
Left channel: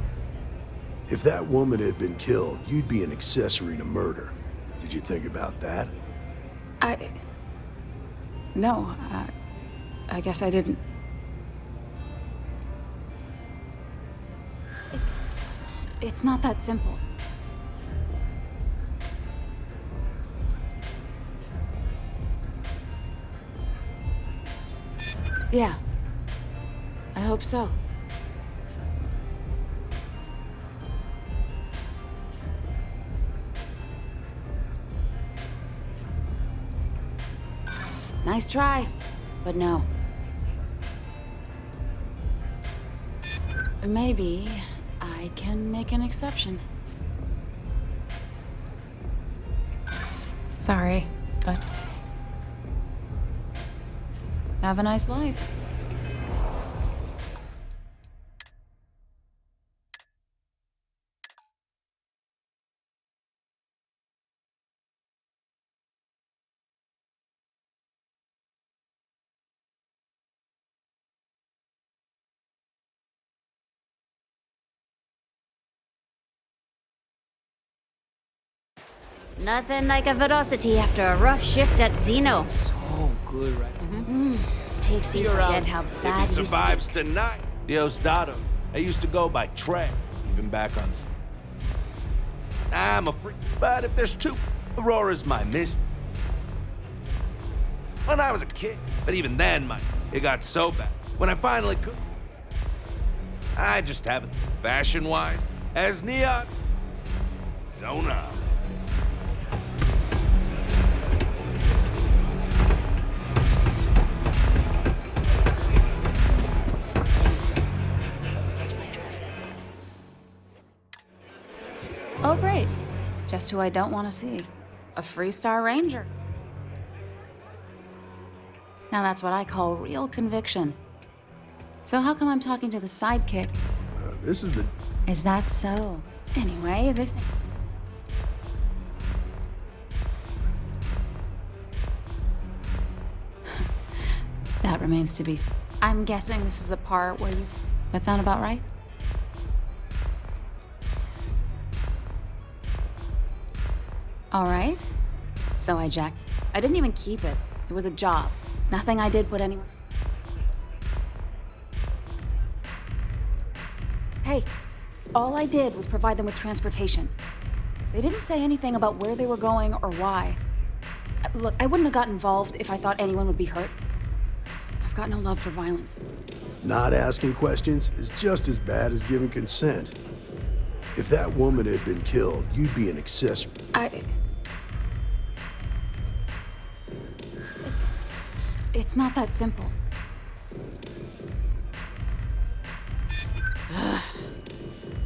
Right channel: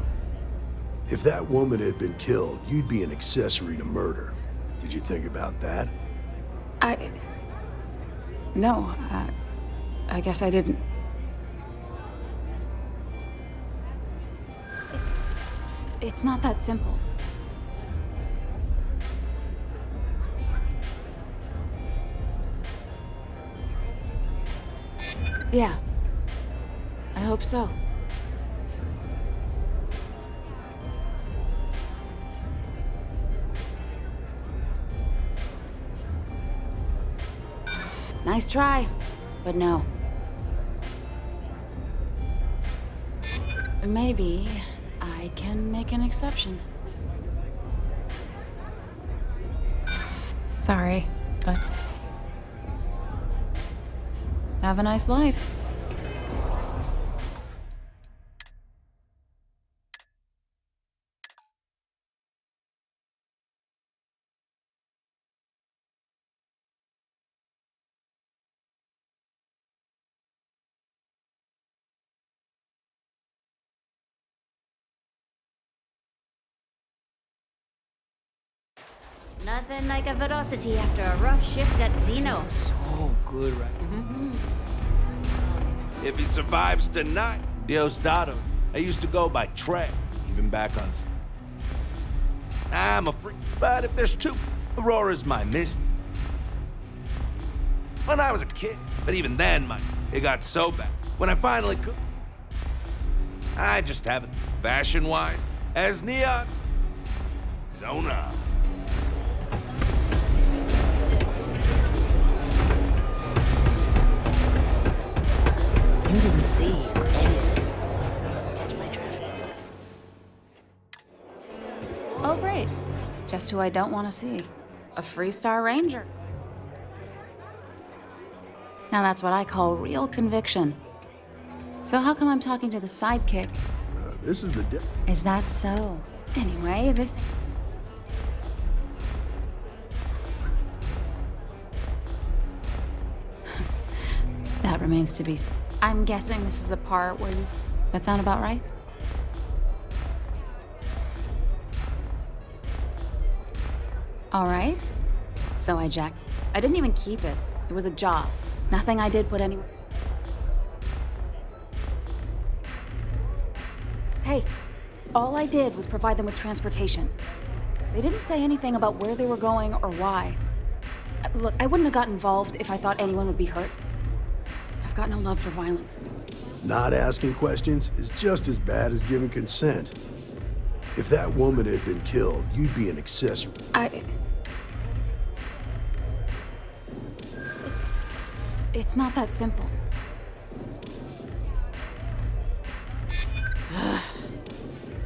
If that woman had been killed, you'd be an accessory to murder. Did you think about that? No, I guess I didn't. It's not that simple. Yeah. I hope so. Nice try, but no. Maybe I can make an exception. Sorry, but have a nice life. Nothing like a velocity after a rough shift at Xeno. So good, right? Makes you forget how If bad he you survives tonight, Diosdado. I used to go by Trey, even back on. I'm a freak, but if there's two, Aurora's my miss. When I was a kid, but even then, it got so bad. When I finally could, I just haven't, fashion-wise, as Neon. Zona. Oh, great. Just who I don't want to see. A Freestar Ranger. Now that's what I call real conviction. So how come I'm talking to the sidekick? This is the... Is that so? Anyway, this... That remains to be... I'm guessing this is the part where you... That sound about right? All right. So I jacked. I didn't even keep it. It was a job. Nothing I did put anywhere. Hey, all I did was provide them with transportation. They didn't say anything about where they were going or why. Look, I wouldn't have got involved if I thought anyone would be hurt. I've got no love for violence. Not asking questions is just as bad as giving consent. If that woman had been killed, you'd be an accessory. It's not that simple.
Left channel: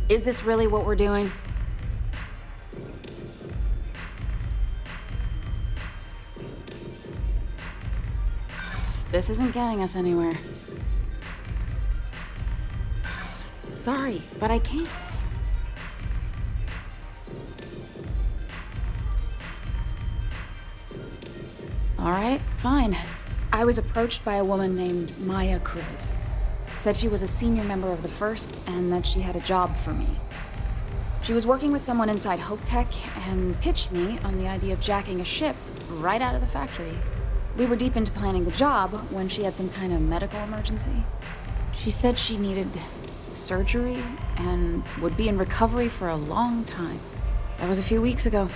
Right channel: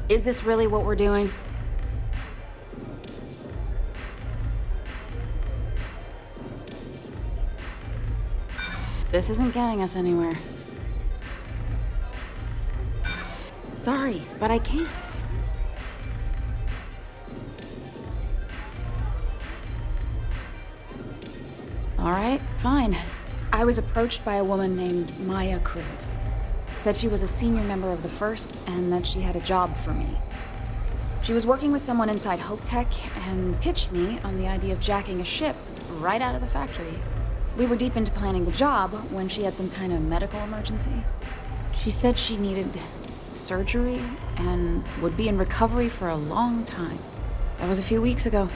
Is this really what we're doing? This isn't getting us anywhere. Sorry, but I can't. All right, fine. I was approached by a woman named Maya Cruz. Said she was a senior member of the First and that she had a job for me. She was working with someone inside Hope Tech and pitched me on the idea of jacking a ship right out of the factory. We were deep into planning the job when she had some kind of medical emergency. She said she needed surgery and would be in recovery for a long time. That was a few weeks ago.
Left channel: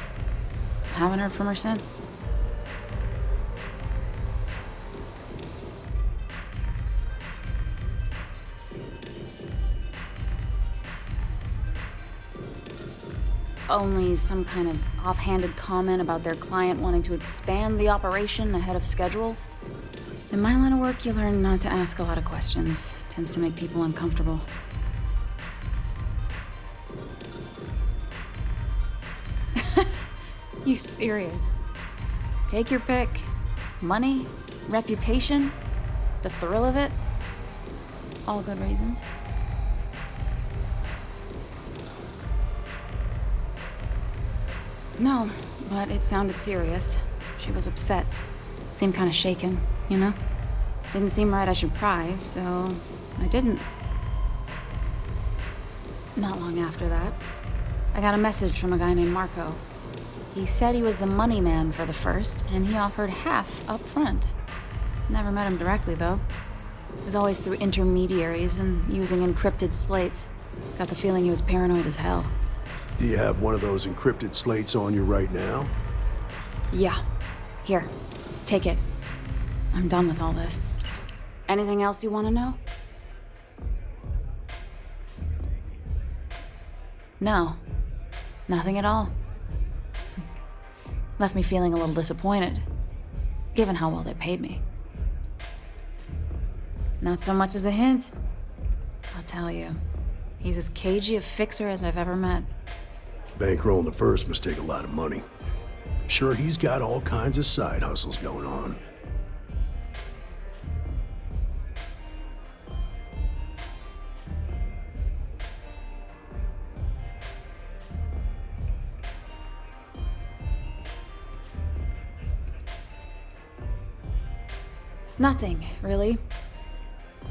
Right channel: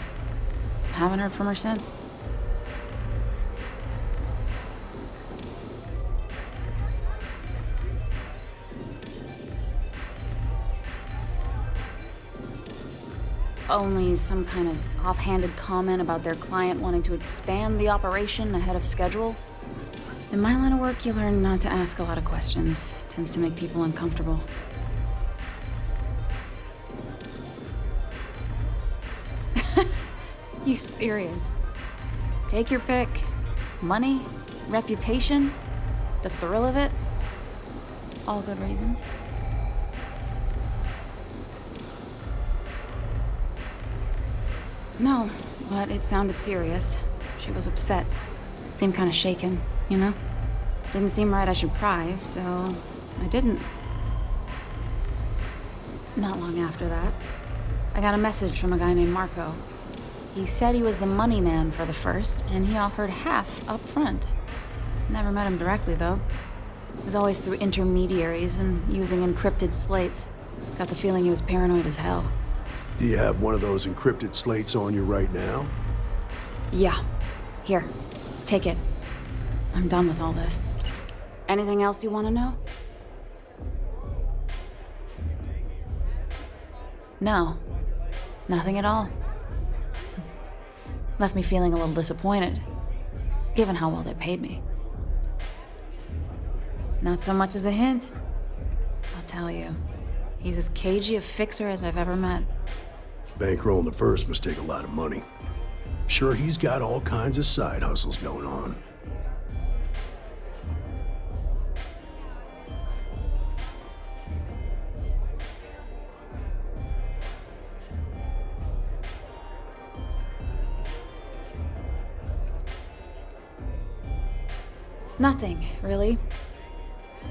Haven't heard from her since. Only some kind of offhanded comment about their client wanting to expand the operation ahead of schedule. In my line of work, you learn not to ask a lot of questions. Tends to make people uncomfortable. You serious? Take your pick. Money, reputation, the thrill of it. All good reasons. No, but it sounded serious. She was upset. Seemed kind of shaken, you know? Didn't seem right I should pry, so I didn't. Not long after that, I got a message from a guy named Marco. He said he was the money man for the First, and he offered half up front. Never met him directly, though. It was always through intermediaries and using encrypted slates. Got the feeling he was paranoid as hell. Do you have one of those encrypted slates on you right now? Yeah. Here, take it. I'm done with all this. Anything else you want to know? No. Nothing at all. Left me feeling a little disappointed, given how well they paid me. Not so much as a hint. I'll tell you, he's as cagey a fixer as I've ever met. Bankrolling the First must take a lot of money. Sure, he's got all kinds of side hustles going on. Nothing, really.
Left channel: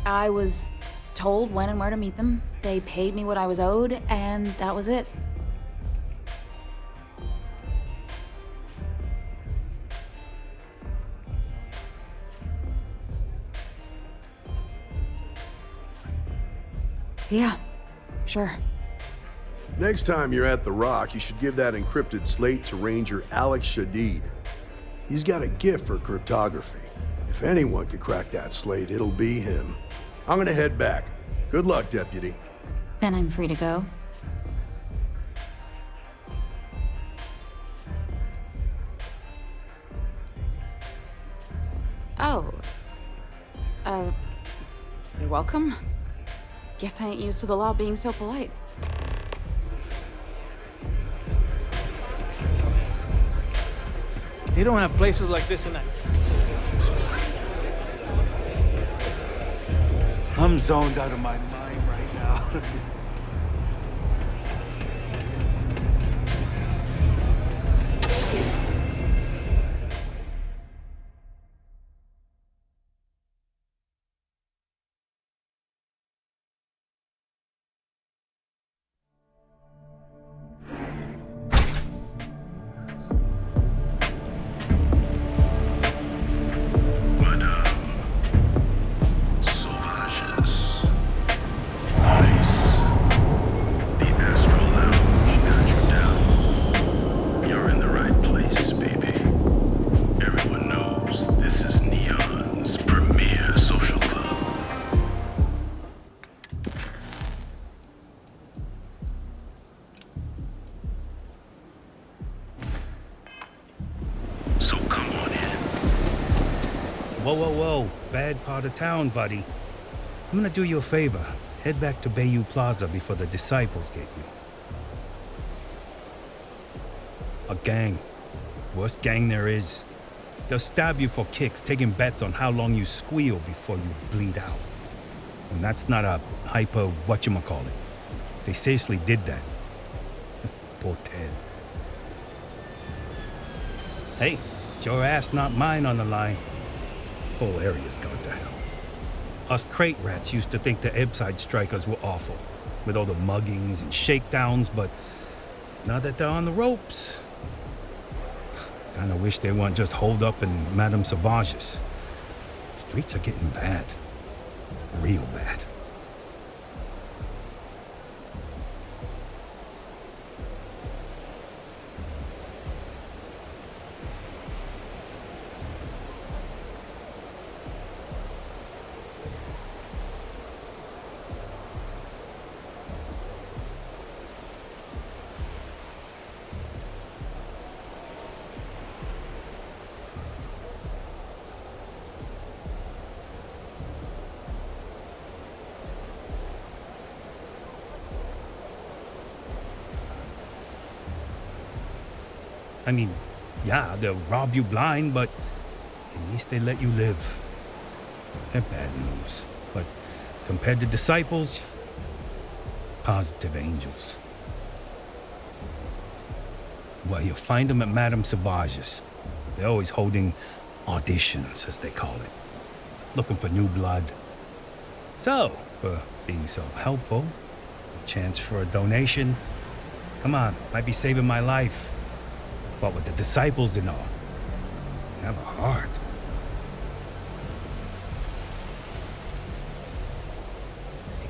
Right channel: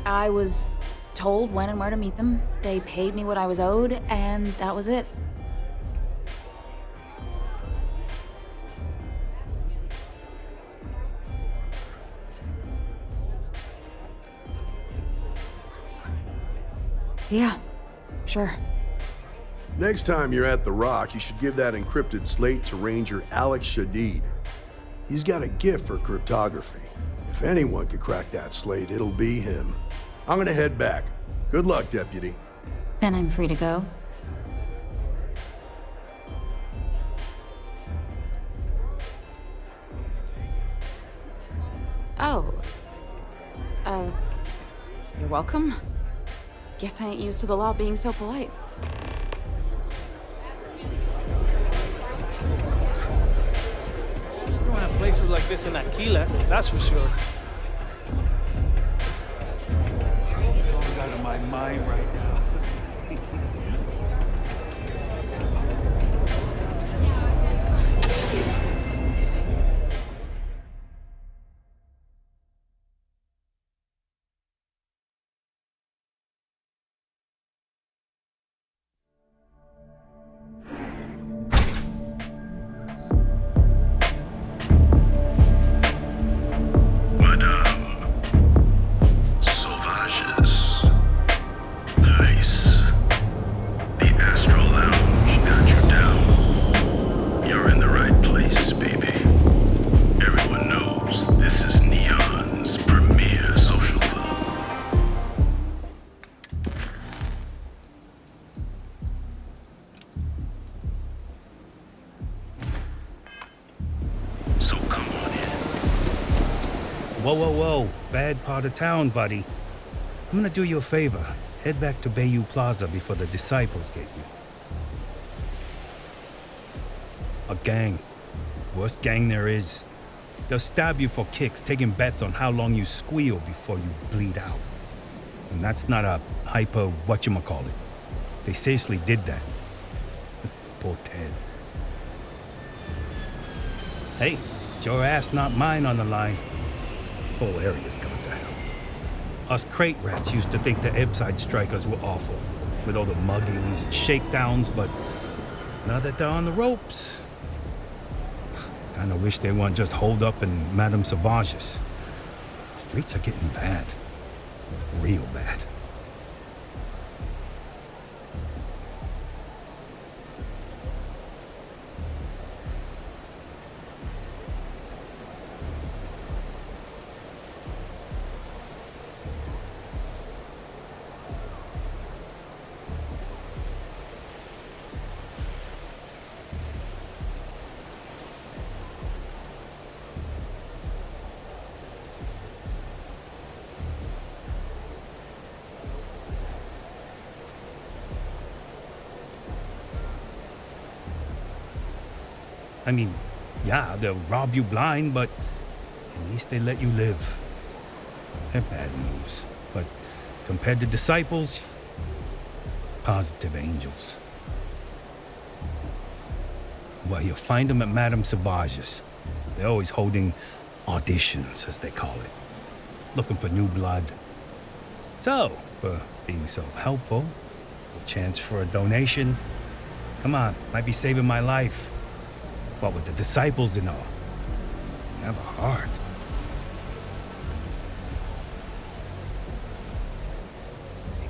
I was told when and where to meet them. They paid me what I was owed, and that was it. Yeah, sure. Next time you're at the Rock, you should give that encrypted slate to Ranger Alex Shadid. He's got a gift for cryptography. If anyone could crack that slate, it'll be him. I'm gonna head back. Good luck, Deputy. Then I'm free to go. Oh. You're welcome. Guess I ain't used to the law being so polite. They don't have places like this in Aquila, that's for sure. I'm zoned out of my mind right now. Whoa, whoa, whoa. Bad part of town, buddy. I'm gonna do you a favor. Head back to Bayou Plaza before the disciples get you. A gang. Worst gang there is. They'll stab you for kicks, taking bets on how long you squeal before you bleed out. And that's not a hyper whatchamacallit. They seriously did that. Poor Ted. Hey, it's your ass, not mine on the line. Whole area's gone to hell. Us crate rats used to think the Ebbside strikers were awful, with all the muggings and shakedowns, but now that they're on the ropes, kinda wish they weren't just holed up in Madame Sauvage's. Streets are getting bad. Real bad. I mean, yeah, they'll rob you blind, but at least they let you live. They're bad news, but compared to disciples, positive angels. Well, you'll find them at Madame Sauvage's. They're always holding auditions, as they call it, looking for new blood. So, for being so helpful, a chance for a donation. Come on, might be saving my life. What with the disciples and all. Have a heart.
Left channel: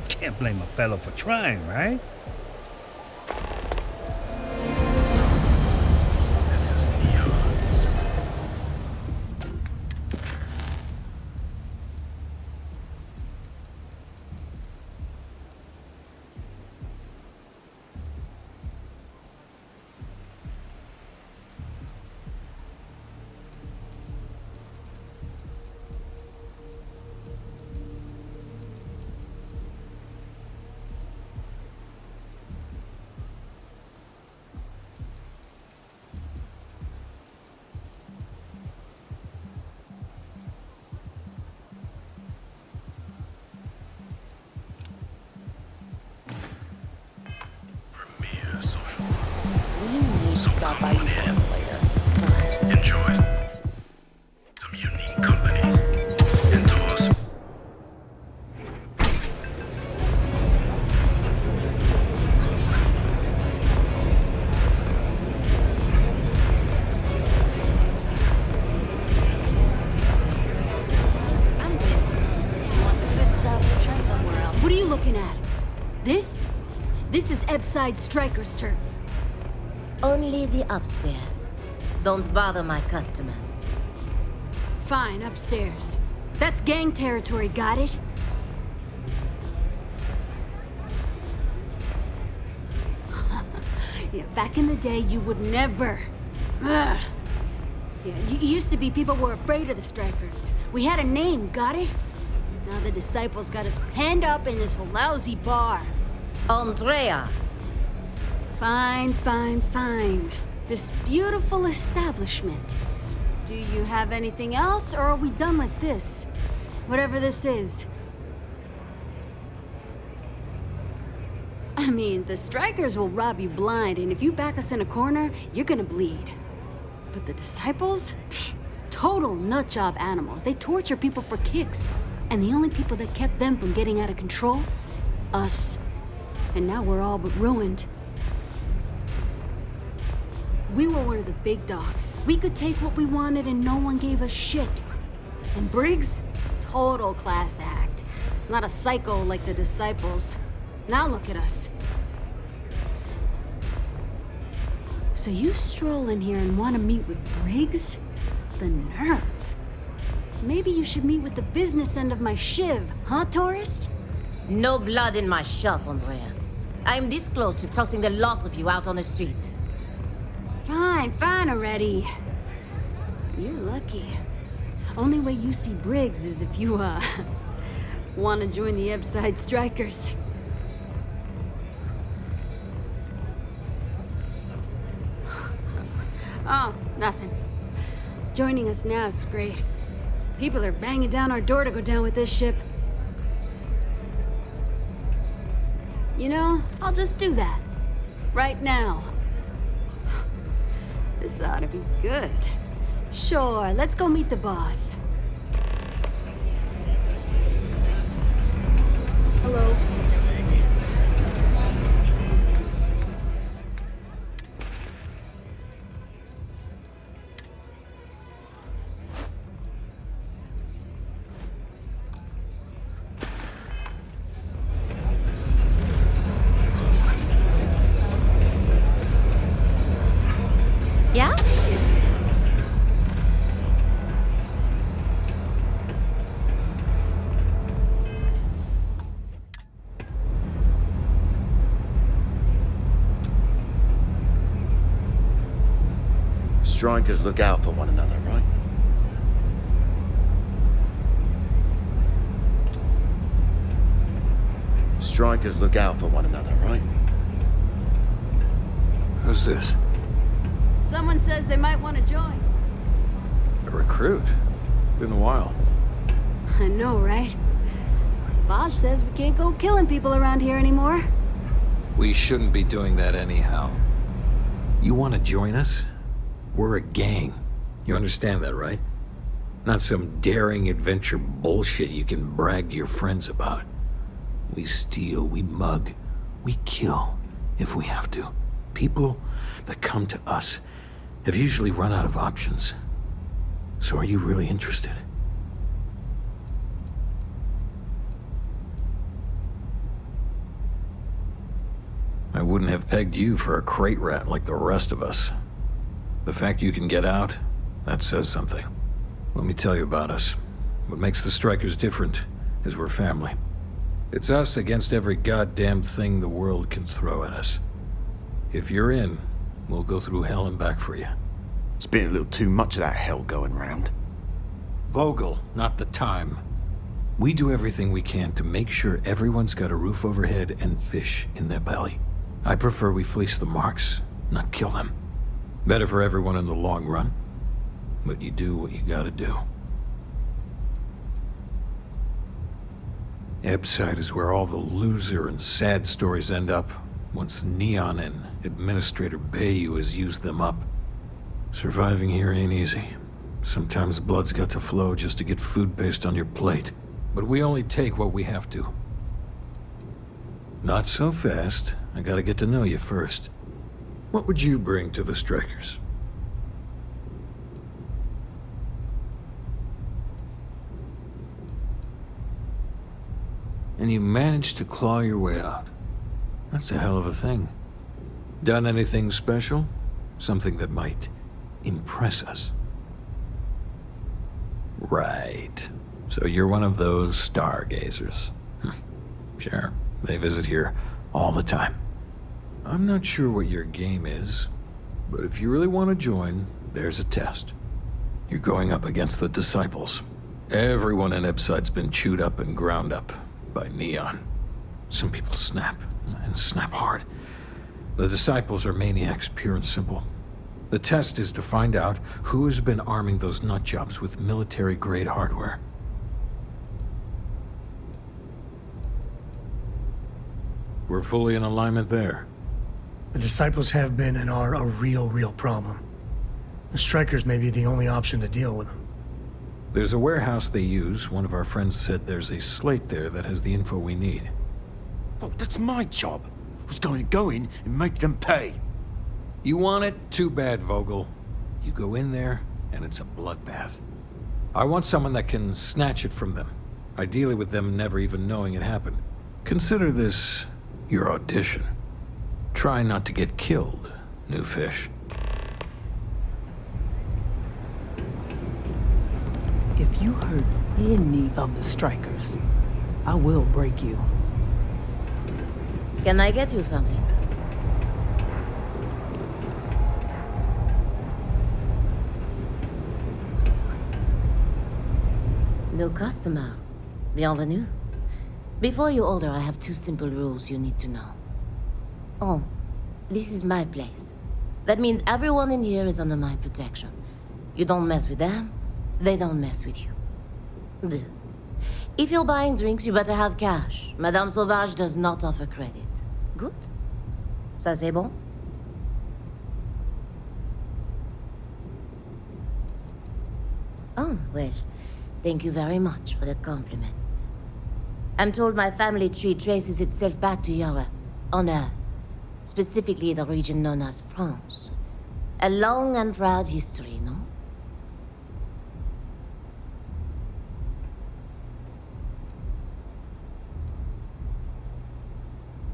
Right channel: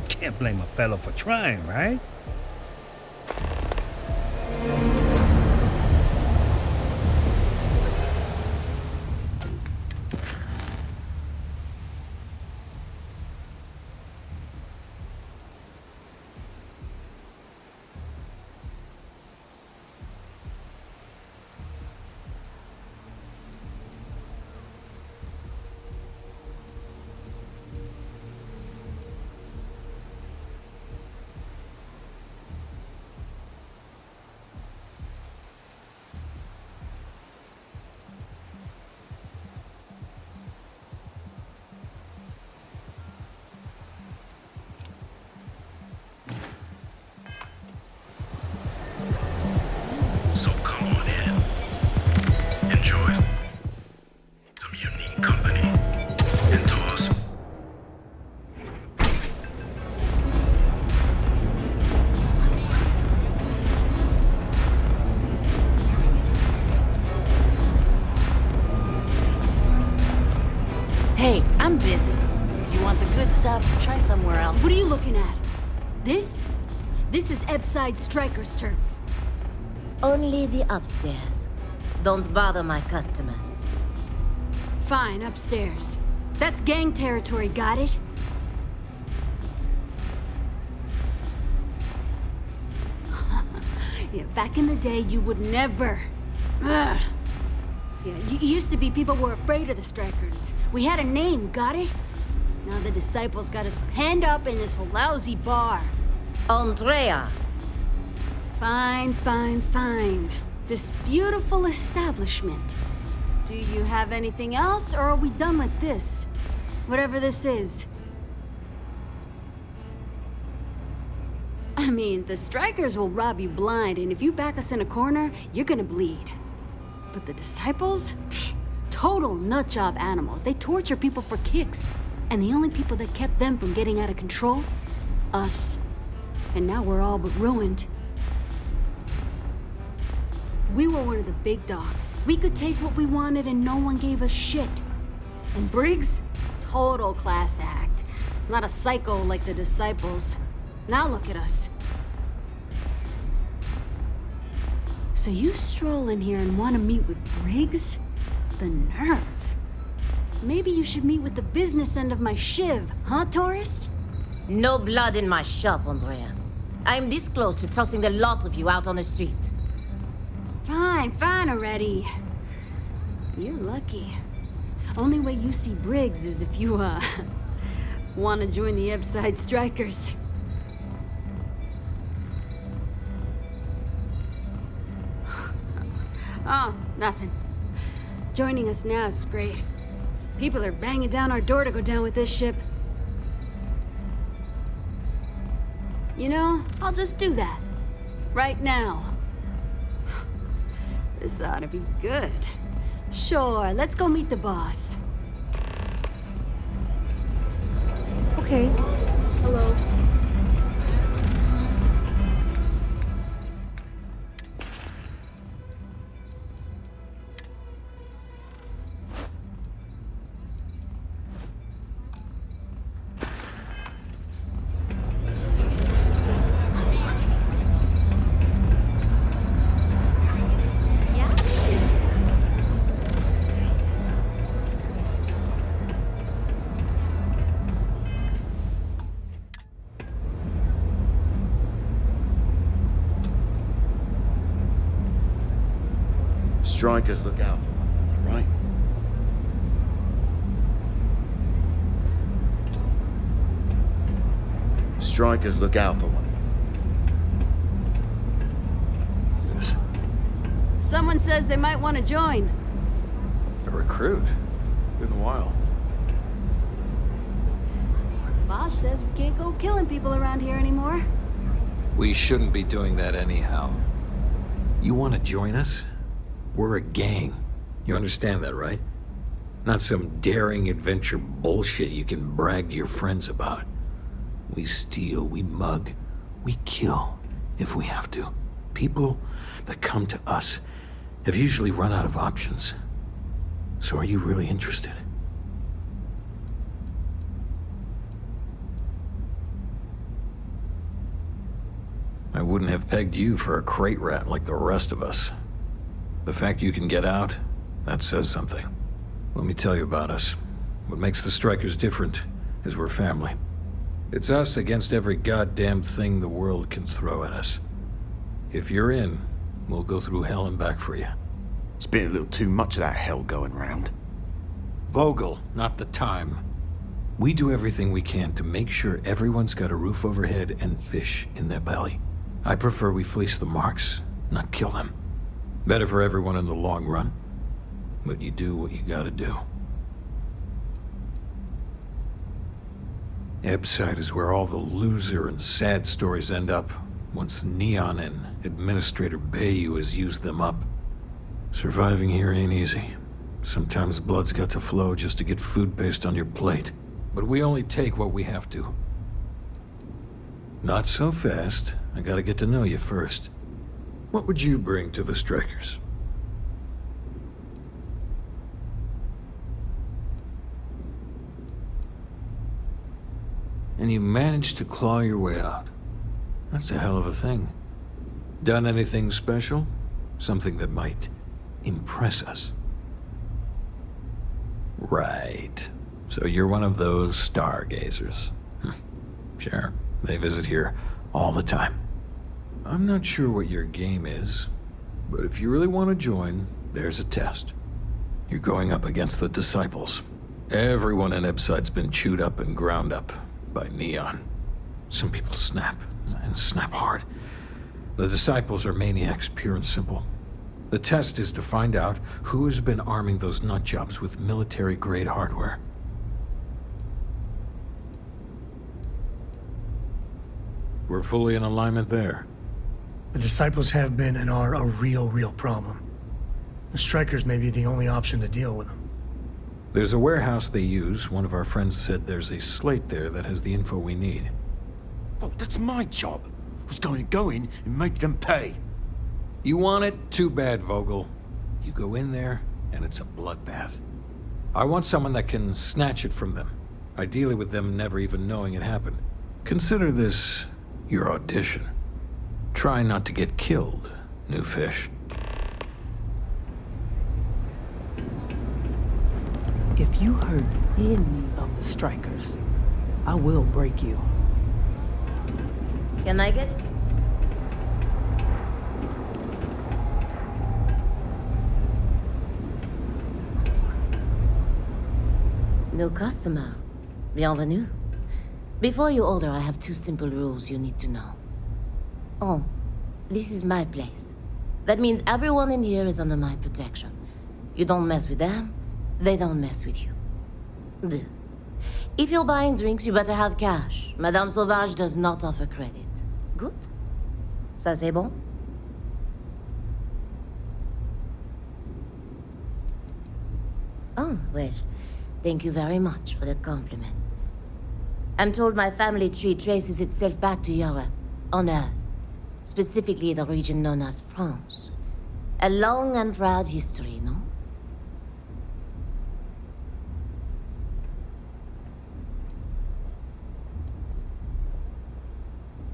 Can't blame a fellow for trying, right? Hey, I'm busy. You want the good stuff? Try somewhere else. What are you looking at? This is Ebside Striker's turf. Only the upstairs. Don't bother my customers. Fine, upstairs. That's gang territory, got it? Yeah, back in the day, you would never. Ugh. Yeah, you used to be people were afraid of the Strikers. We had a name, got it? Now the disciples got us penned up in this lousy bar. Andrea! Fine, fine, fine. This beautiful establishment. Do you have anything else, or are we done with this? Whatever this is. I mean, the Strikers will rob you blind, and if you back us in a corner, you're gonna bleed. But the disciples? Pfft, total nutjob animals. They torture people for kicks. And the only people that kept them from getting out of control? Us. And now we're all but ruined. We were one of the big dogs. We could take what we wanted and no one gave us shit. And Briggs? Total class act. Not a psycho like the disciples. Now look at us. So you stroll in here and want to meet with Briggs? The nerve. Maybe you should meet with the business end of my shiv, huh, tourist? No blood in my shop, Andrea. I'm this close to tossing the lot of you out on the street. Fine, fine already. You're lucky. Only way you see Briggs is if you, want to join the Ebside Strikers. Oh, nothing. Joining us now is great. People are banging down our door to go down with this ship. You know, I'll just do that. Right now. This ought to be good. Sure, let's go meet the boss. Okay. Hello. Yeah? Strikers look out for one another, right? Strikers look out for one another, right? Who's this? Someone says they might want to join. A recruit? Been a while. I know, right? Savage says we can't go killing people around here anymore. We shouldn't be doing that anyhow. You want to join us? We're a gang. You understand that, right? Not some daring adventure bullshit you can brag to your friends about. We steal, we mug, we kill if we have to. People that come to us have usually run out of options. So are you really interested? I wouldn't have pegged you for a crate rat like the rest of us. The fact you can get out, that says something. Let me tell you about us. What makes the Strikers different is we're family. It's us against every goddamn thing the world can throw at us. If you're in, we'll go through hell and back for you. It's been a little too much of that hell going round. Vogel, not the time. We do everything we can to make sure everyone's got a roof overhead and fish in their belly. I prefer we fleece the marks, not kill them. Better for everyone in the long run. But you do what you gotta do. Ebside is where all the loser and sad stories end up once Neon and Administrator Bayou has used them up. Surviving here ain't easy. Sometimes blood's got to flow just to get food based on your plate. But we only take what we have to. Not so fast. I gotta get to know you first. What would you bring to the Strikers? And you managed to claw your way out. That's a hell of a thing. Done anything special? Something that might impress us? Right. So you're one of those stargazers. Sure, they visit here all the time. I'm not sure what your game is, but if you really want to join, there's a test. You're going up against the Disciples. Everyone in Ipside's been chewed up and ground up by Neon. Some people snap, and snap hard. The Disciples are maniacs, pure and simple. The test is to find out who has been arming those nutjobs with military-grade hardware. We're fully in alignment there. The Disciples have been and are a real problem. The Strikers may be the only option to deal with them. There's a warehouse they use. One of our friends said there's a slate there that has the info we need. Oh, that's my job. I was going to go in and make them pay. You want it? Too bad, Vogel. You go in there, and it's a bloodbath. I want someone that can snatch it from them. Ideally with them never even knowing it happened. Consider this your audition. Try not to get killed, new fish. If you hurt any of the Strikers, I will break you. Can I get you something? New customer. Bienvenue. Before you order, I have 2 simple rules you need to know. Oh, this is my place. That means everyone in here is under my protection. You don't mess with them, they don't mess with you. Deux. If you're buying drinks, you better have cash. Madame Sauvage does not offer credit. Good? Ça c'est bon? Oh, well, thank you very much for the compliment. I'm told my family tree traces itself back to Europe, on Earth. Specifically the region known as France. A long and proud history, no?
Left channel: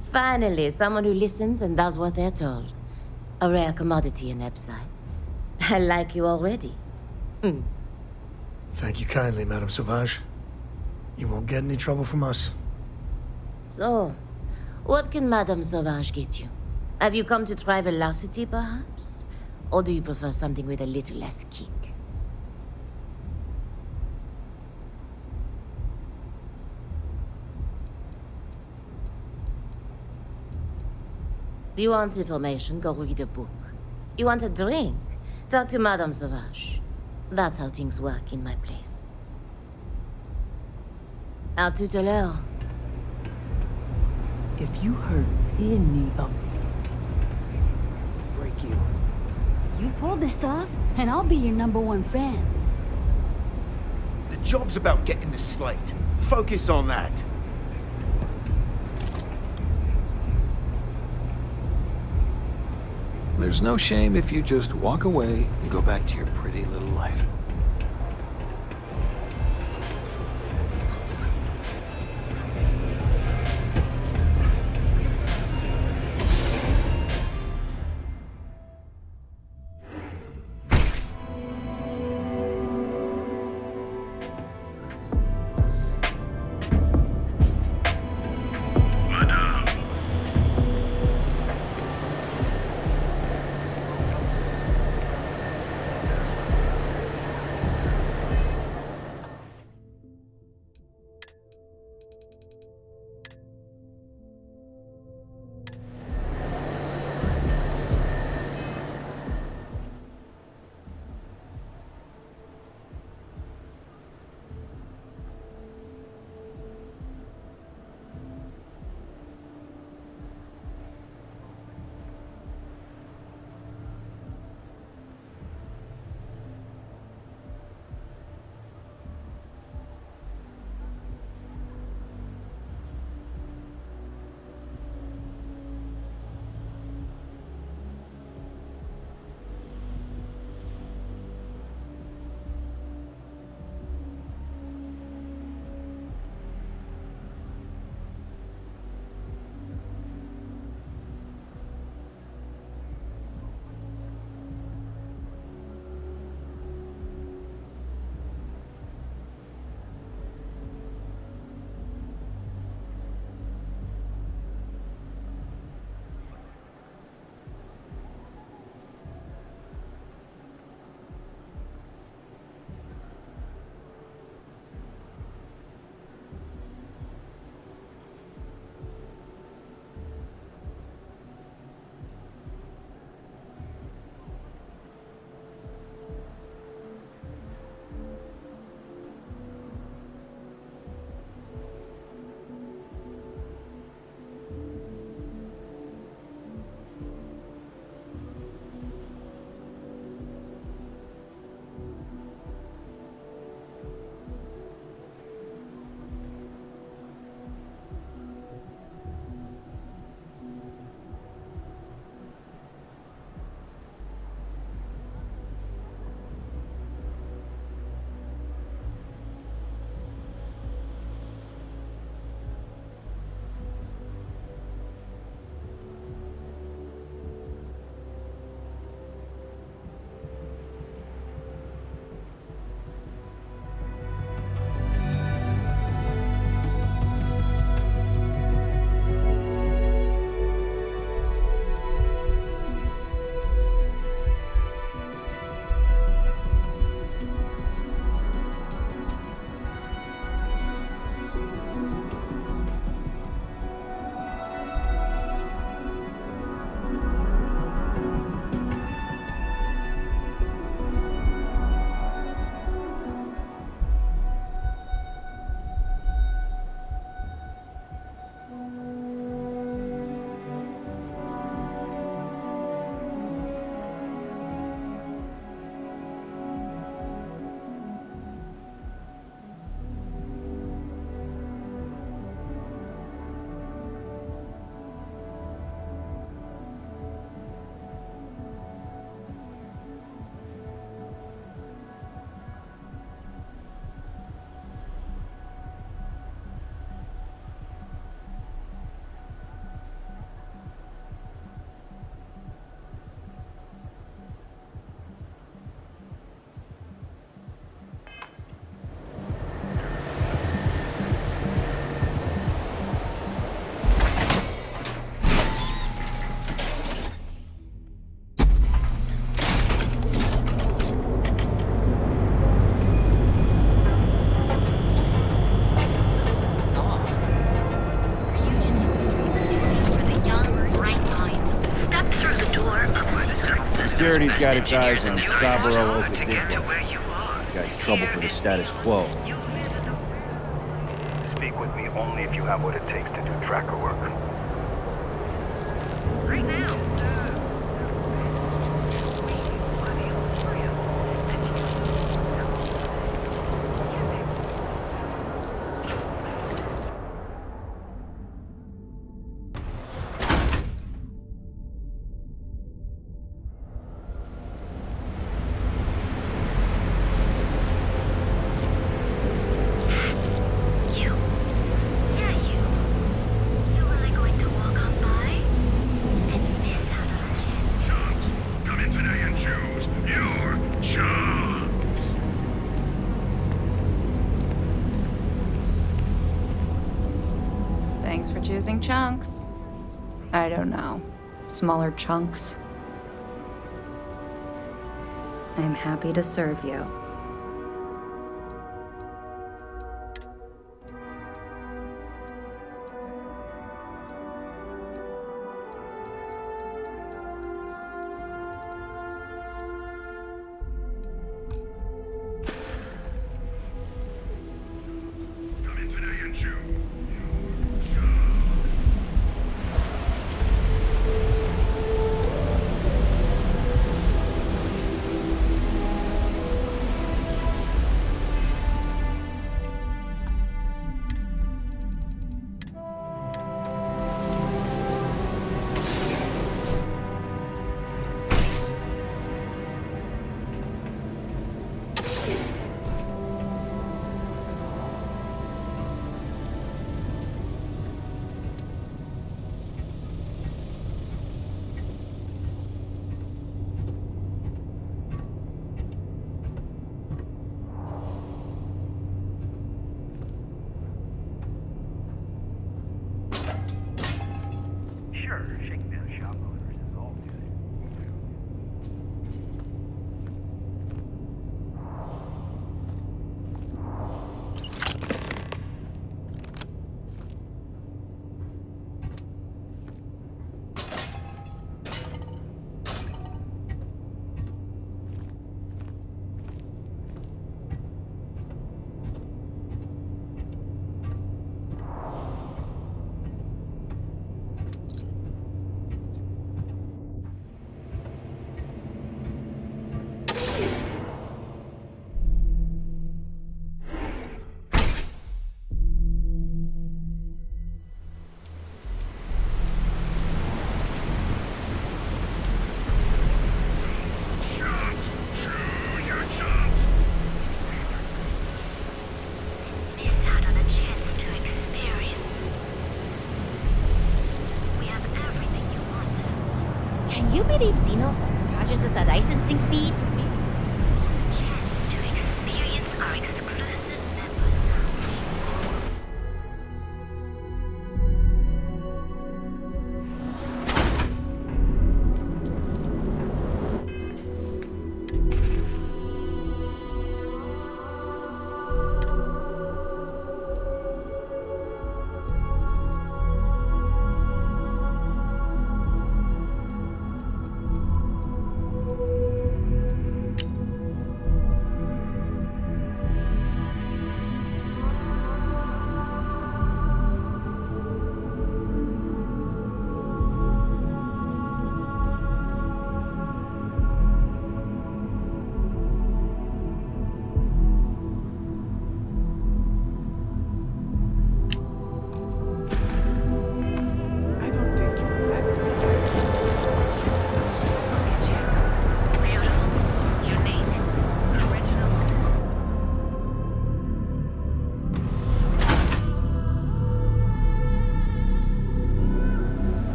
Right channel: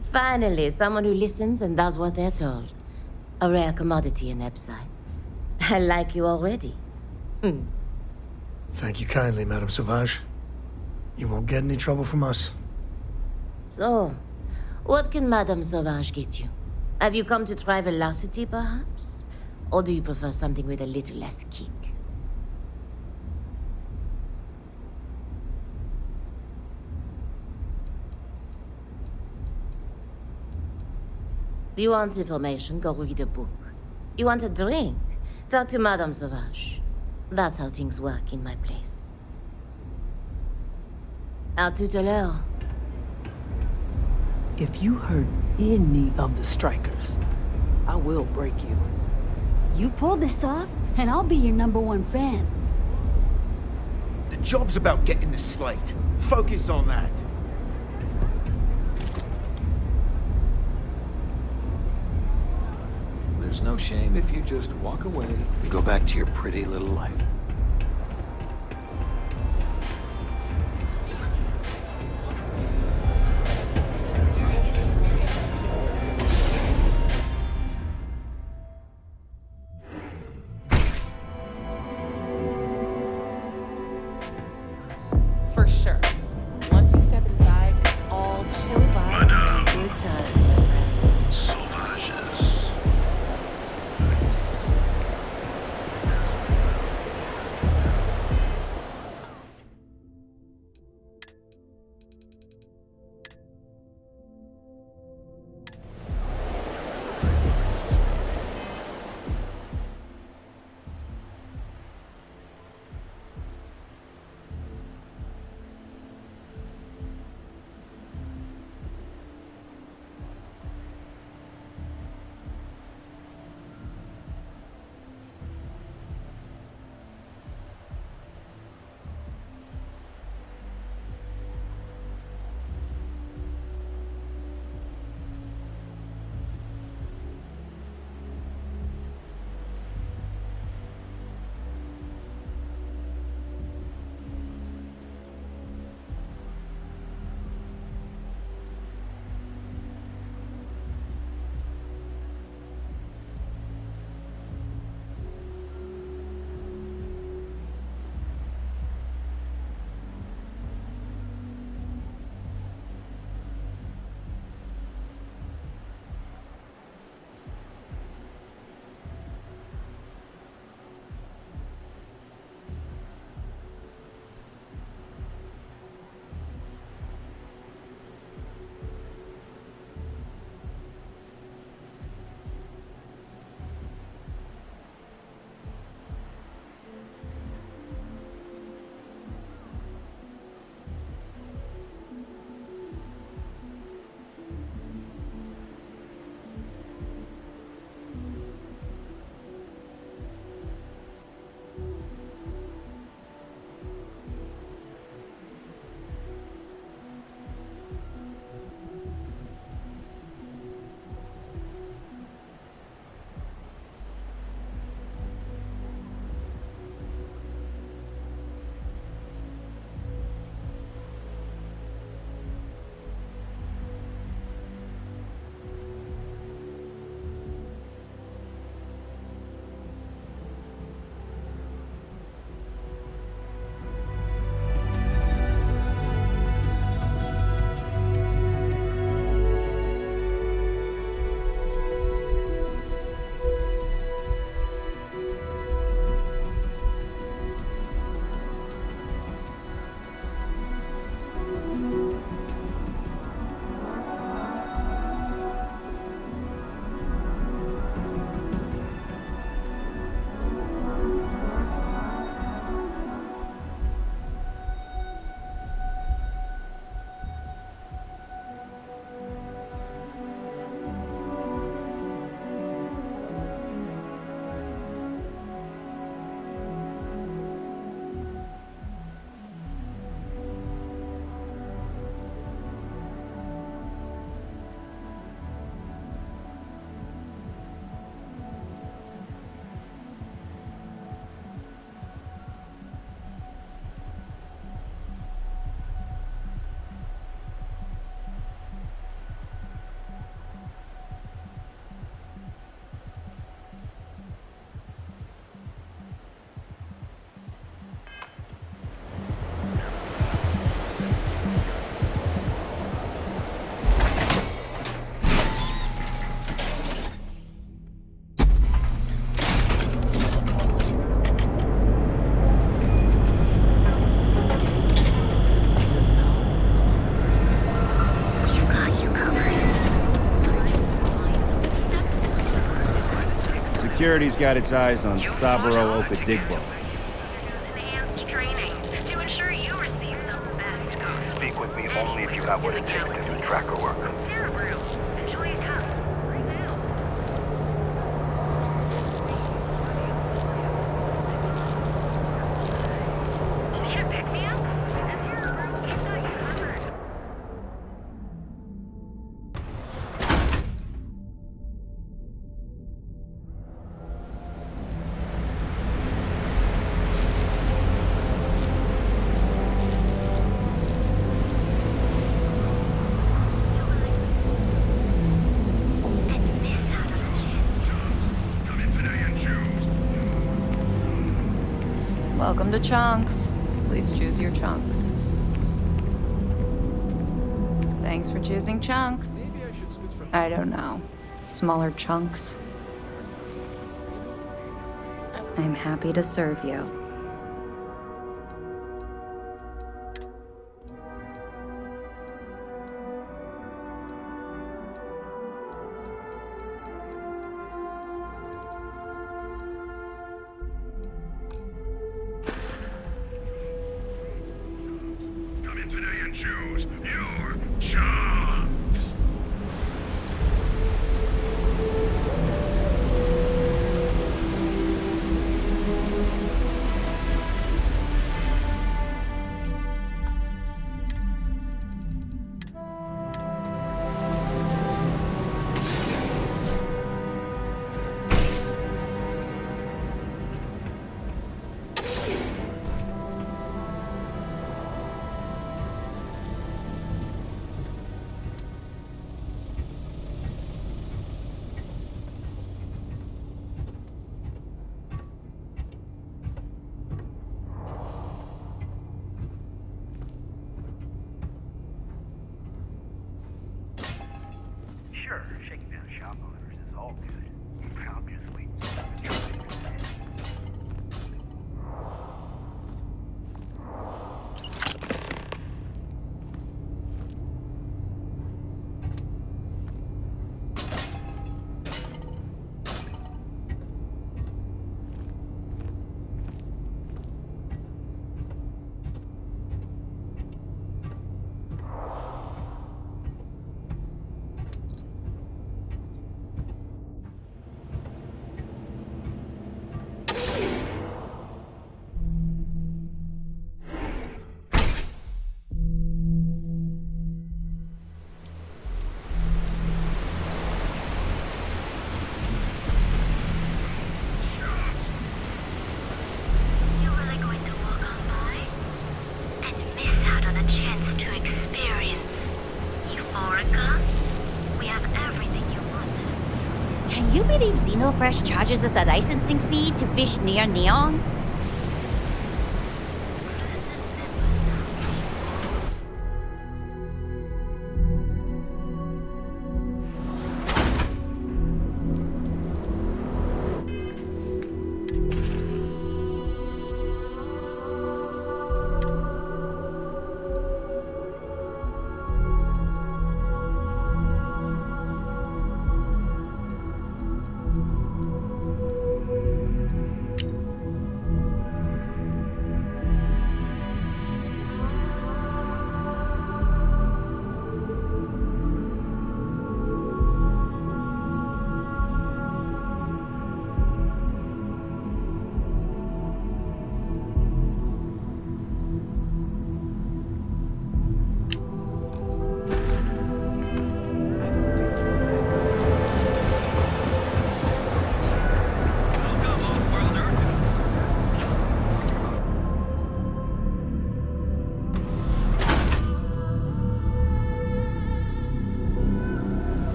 Finally, someone who listens and does what they're told. A rare commodity in Epside. I like you already. Thank you kindly, Madame Sauvage. You won't get any trouble from us. So, what can Madame Sauvage get you? Have you come to try velocity, perhaps? Or do you prefer something with a little less kick? Do you want information? Go read a book. You want a drink? Talk to Madame Sauvage. That's how things work in my place. À tout à l'heure. If you hurt any of the Strikers, I will break you. You pull this off, and I'll be your #1 fan. The job's about getting the slate. Focus on that. There's no shame if you just walk away and go back to your pretty little life. For sure. Once you step inside, it's all chill vibes and good times. Security's got its eyes on Saburo Okadigbo. That's trouble for the status quo. Speak with me only if you have what it takes to do tracker work. Welcome to Chunks. Please choose your chunks. Thanks for choosing Chunks. I don't know. Smaller chunks. I'm happy to serve you. Sure, shaking down shop owners is all good. Obviously. Can you believe Xenofresh charges us a licensing fee to fish near Neon?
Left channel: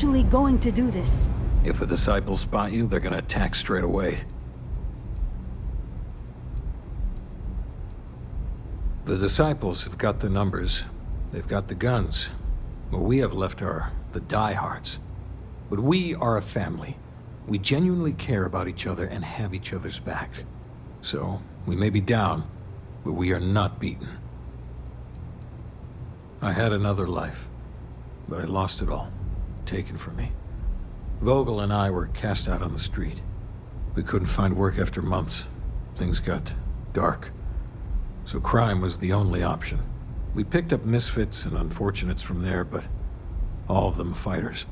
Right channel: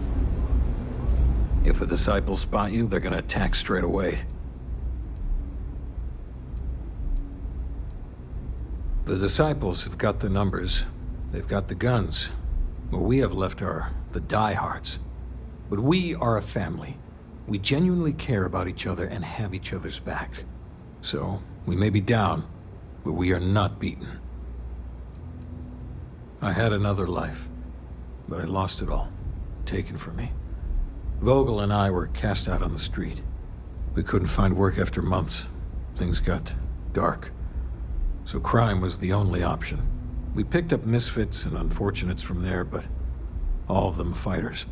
actually going to do this. If the disciples spot you, they're gonna attack straight away. The disciples have got the numbers. They've got the guns. What we have left are the diehards. But we are a family. We genuinely care about each other and have each other's back. So, we may be down, but we are not beaten. I had another life, but I lost it all. Taken from me. Vogel and I were cast out on the street. We couldn't find work after months. Things got dark. So crime was the only option. We picked up misfits and unfortunates from there, but all of them fighters.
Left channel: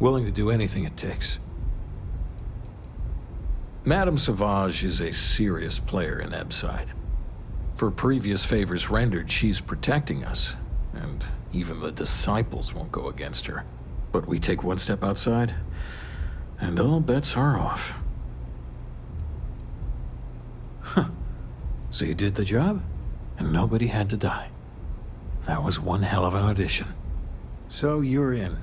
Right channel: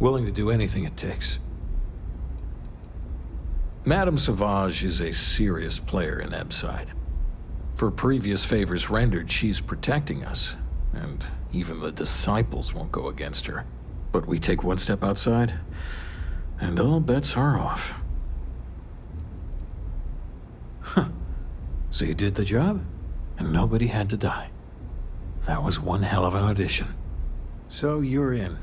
Willing to do anything it takes. Madame Sauvage is a serious player in Ebside. For previous favors rendered, she's protecting us. And even the disciples won't go against her. But we take one step outside, and all bets are off. Huh. So you did the job, and nobody had to die. That was one hell of an audition. So you're in.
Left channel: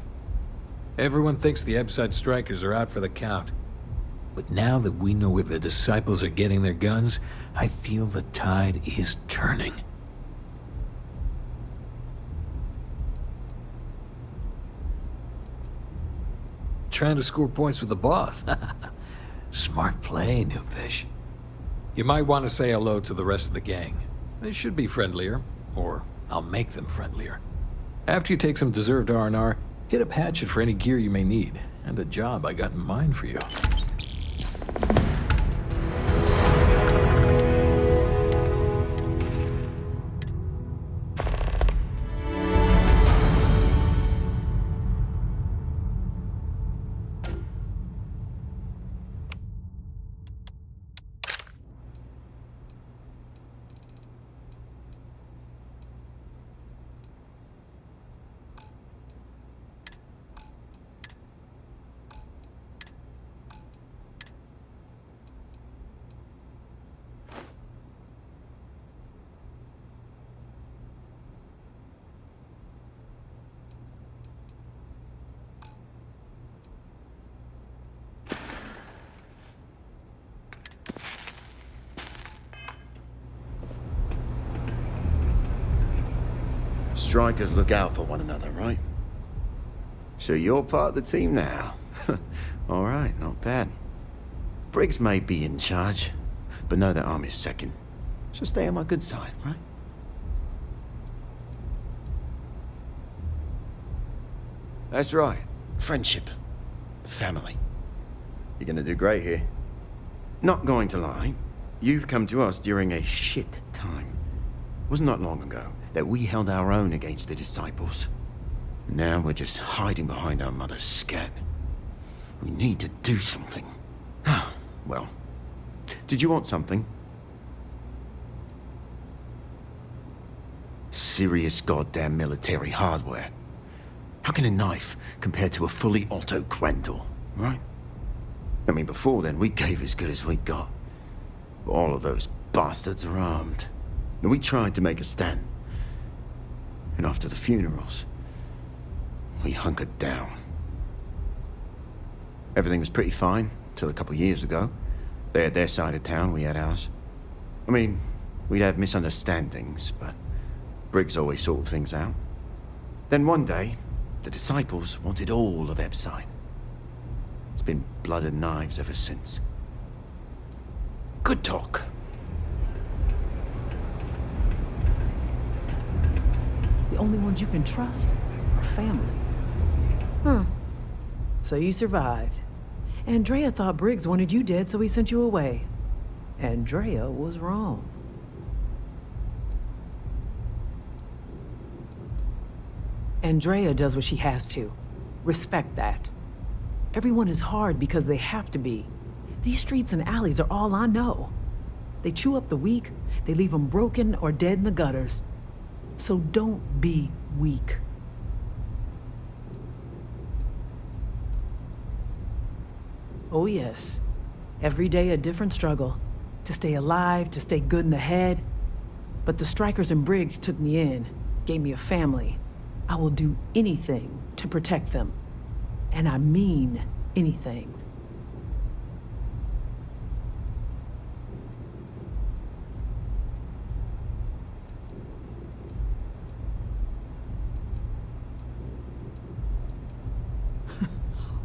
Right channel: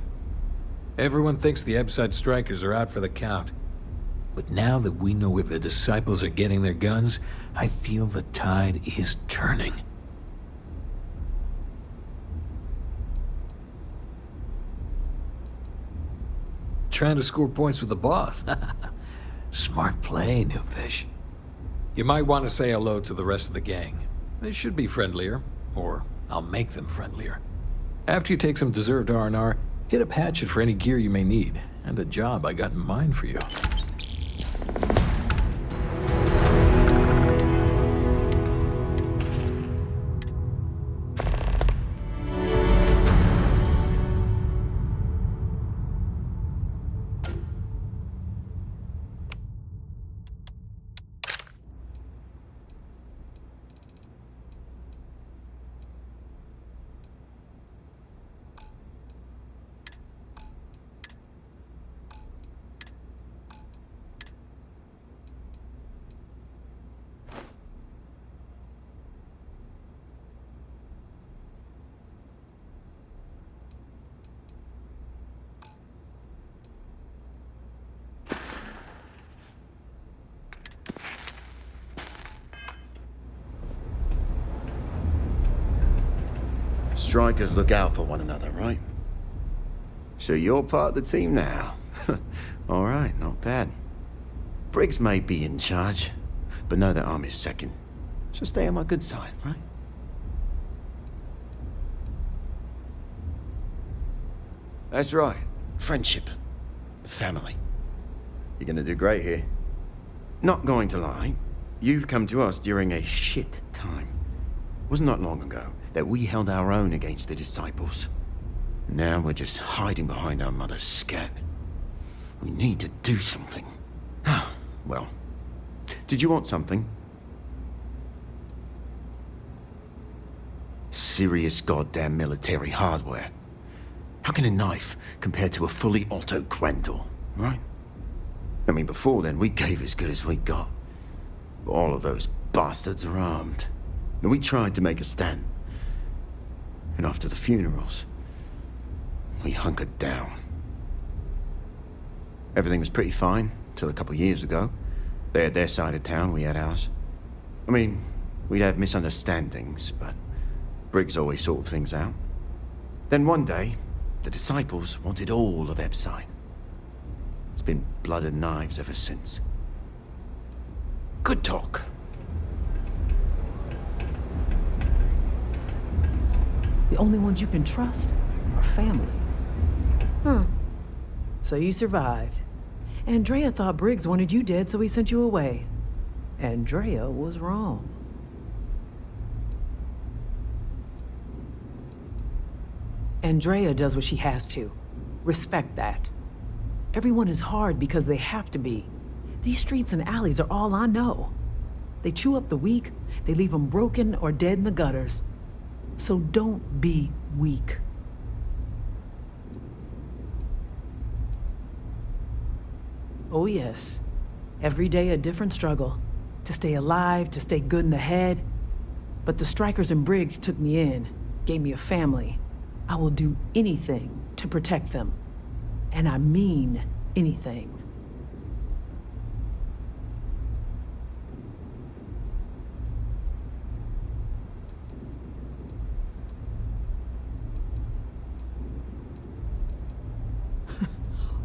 Everyone thinks the Ebside strikers are out for the count. But now that we know where the disciples are getting their guns, I feel the tide is turning. Trying to score points with the boss. Smart play, new fish. You might want to say hello to the rest of the gang. They should be friendlier, or I'll make them friendlier. After you take some deserved R&R, hit up Hatchet for any gear you may need, and a job I got in mind for you. Strikers look out for one another, right? So you're part of the team now. All right, not bad. Briggs may be in charge, but know that I'm his second. So stay on my good side, right? That's right. Friendship. Family. You're gonna do great here. Not going to lie, you've come to us during a shit time. Wasn't that long ago that we held our own against the disciples. Now we're just hiding behind our mother's scat. We need to do something. Well, did you want something? Serious goddamn military hardware. How can a knife compare to a fully auto Grendel, right? I mean, before then, we gave as good as we got. But all of those bastards are armed. And we tried to make a stand. And after the funerals, we hunkered down. Everything was pretty fine till a couple years ago. They had their side of town, we had ours. I mean, we'd have misunderstandings, but Briggs always sorted things out. Then one day, the disciples wanted all of Ebside. It's been blood and knives ever since. Good talk. The only ones you can trust are family. Huh. So you survived. Andrea thought Briggs wanted you dead, so he sent you away. Andrea was wrong. Andrea does what she has to. Respect that. Everyone is hard because they have to be. These streets and alleys are all I know. They chew up the weak, they leave them broken or dead in the gutters. So don't be weak. Oh yes, every day a different struggle. To stay alive, to stay good in the head. But the strikers and Briggs took me in, gave me a family. I will do anything to protect them. And I mean anything.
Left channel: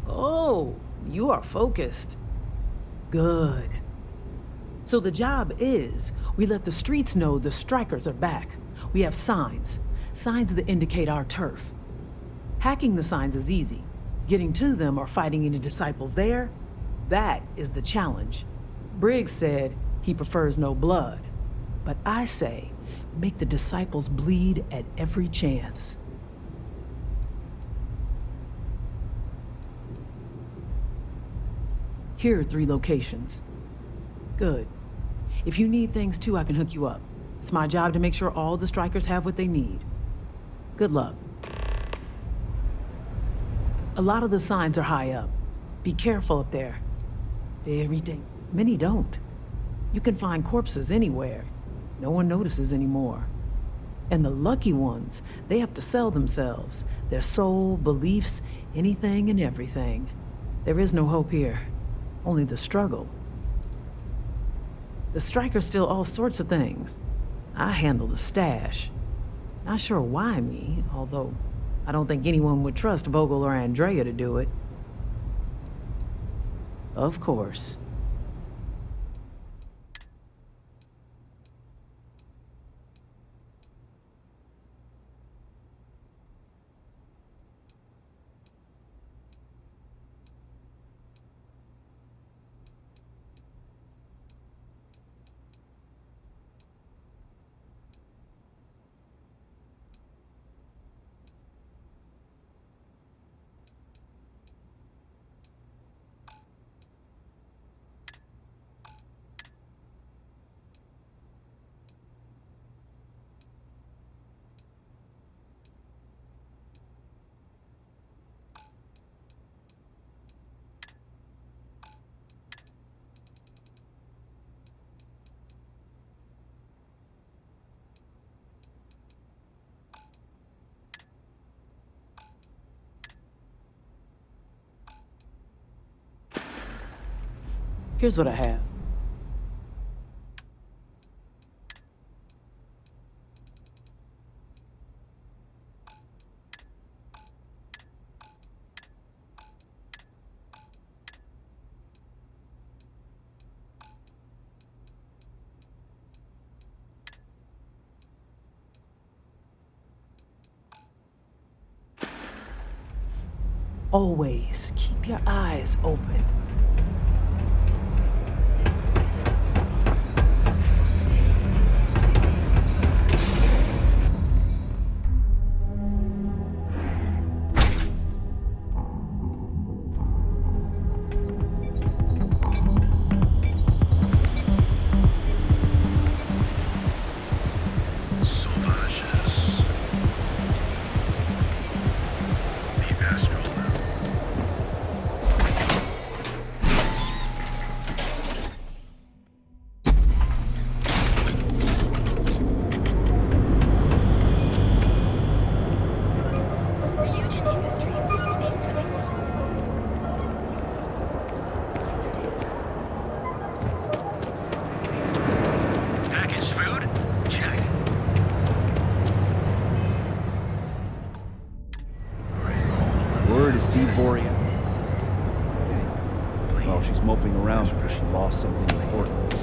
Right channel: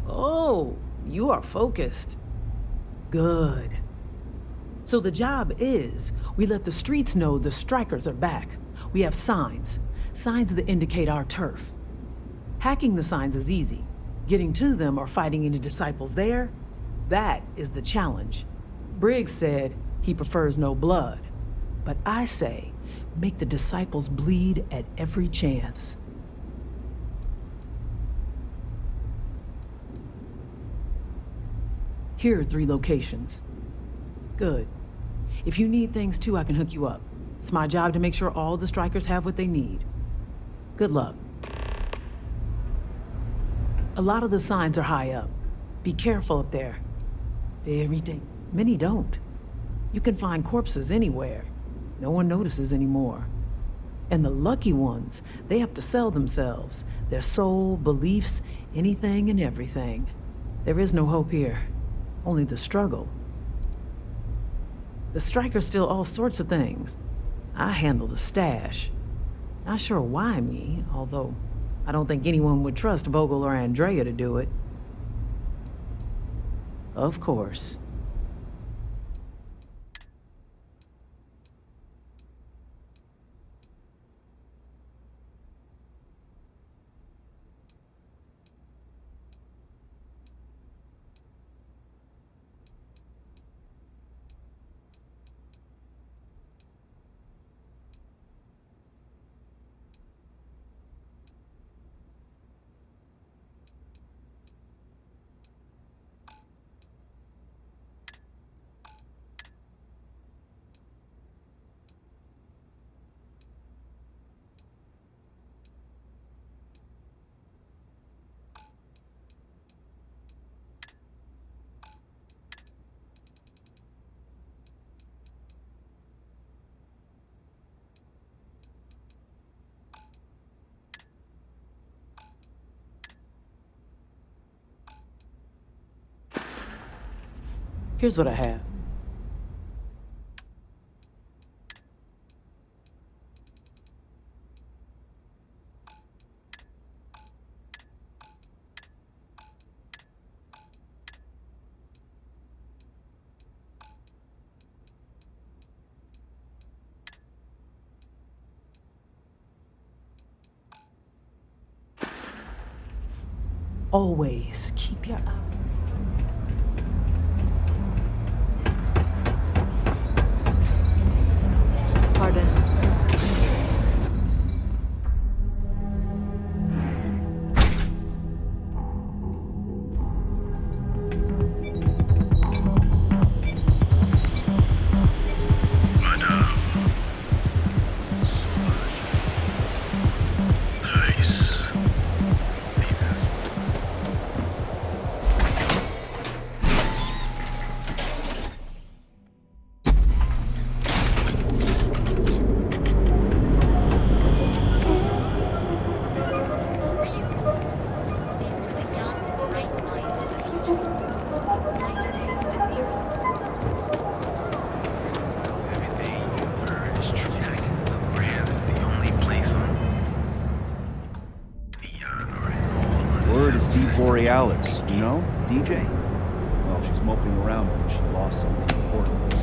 Oh, you are focused. Good. So the job is, we let the streets know the strikers are back. We have signs that indicate our turf. Hacking the signs is easy. Getting to them or fighting any disciples there, that is the challenge. Briggs said he prefers no blood. But I say, make the disciples bleed at every chance. Here are 3 locations. Good. If you need things too, I can hook you up. It's my job to make sure all the strikers have what they need. Good luck. A lot of the signs are high up. Be careful up there. Many don't. You can find corpses anywhere. No one notices anymore. And the lucky ones, they have to sell themselves, their soul, beliefs, anything and everything. There is no hope here. Only the struggle. The strikers steal all sorts of things. I handle the stash. Not sure why me, although I don't think anyone would trust Vogel or Andrea to do it. Of course. Here's what I have. Always keep your eyes open. Word is Steve Borealis, you know, DJ. Well, she's moping around because she lost something important.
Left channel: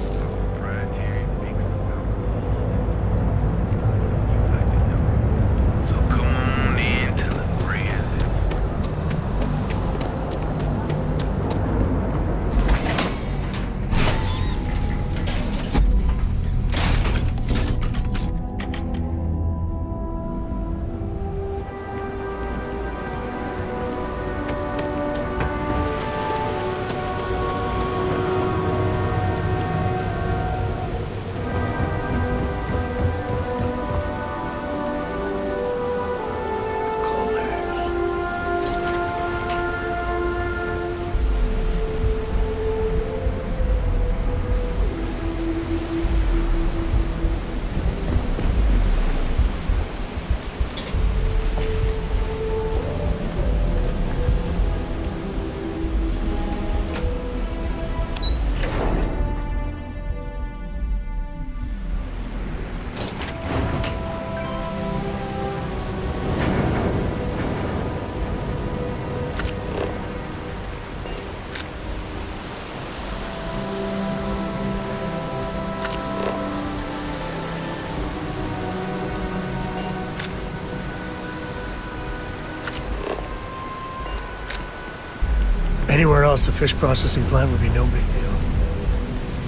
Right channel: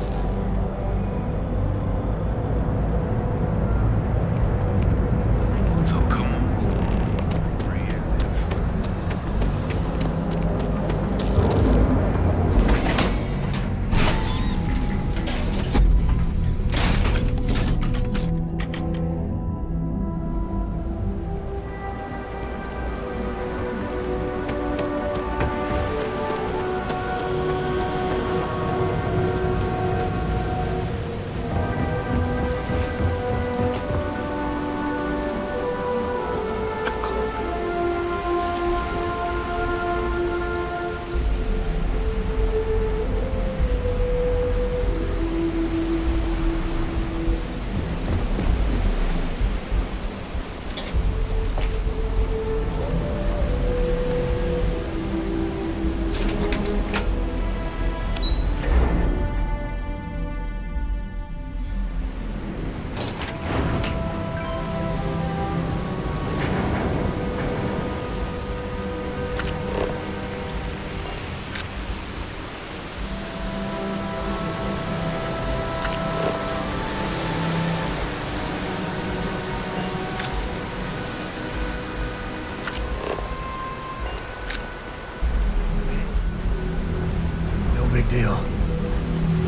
So come on into the preemptive. else, the fish processing plant would be no big deal.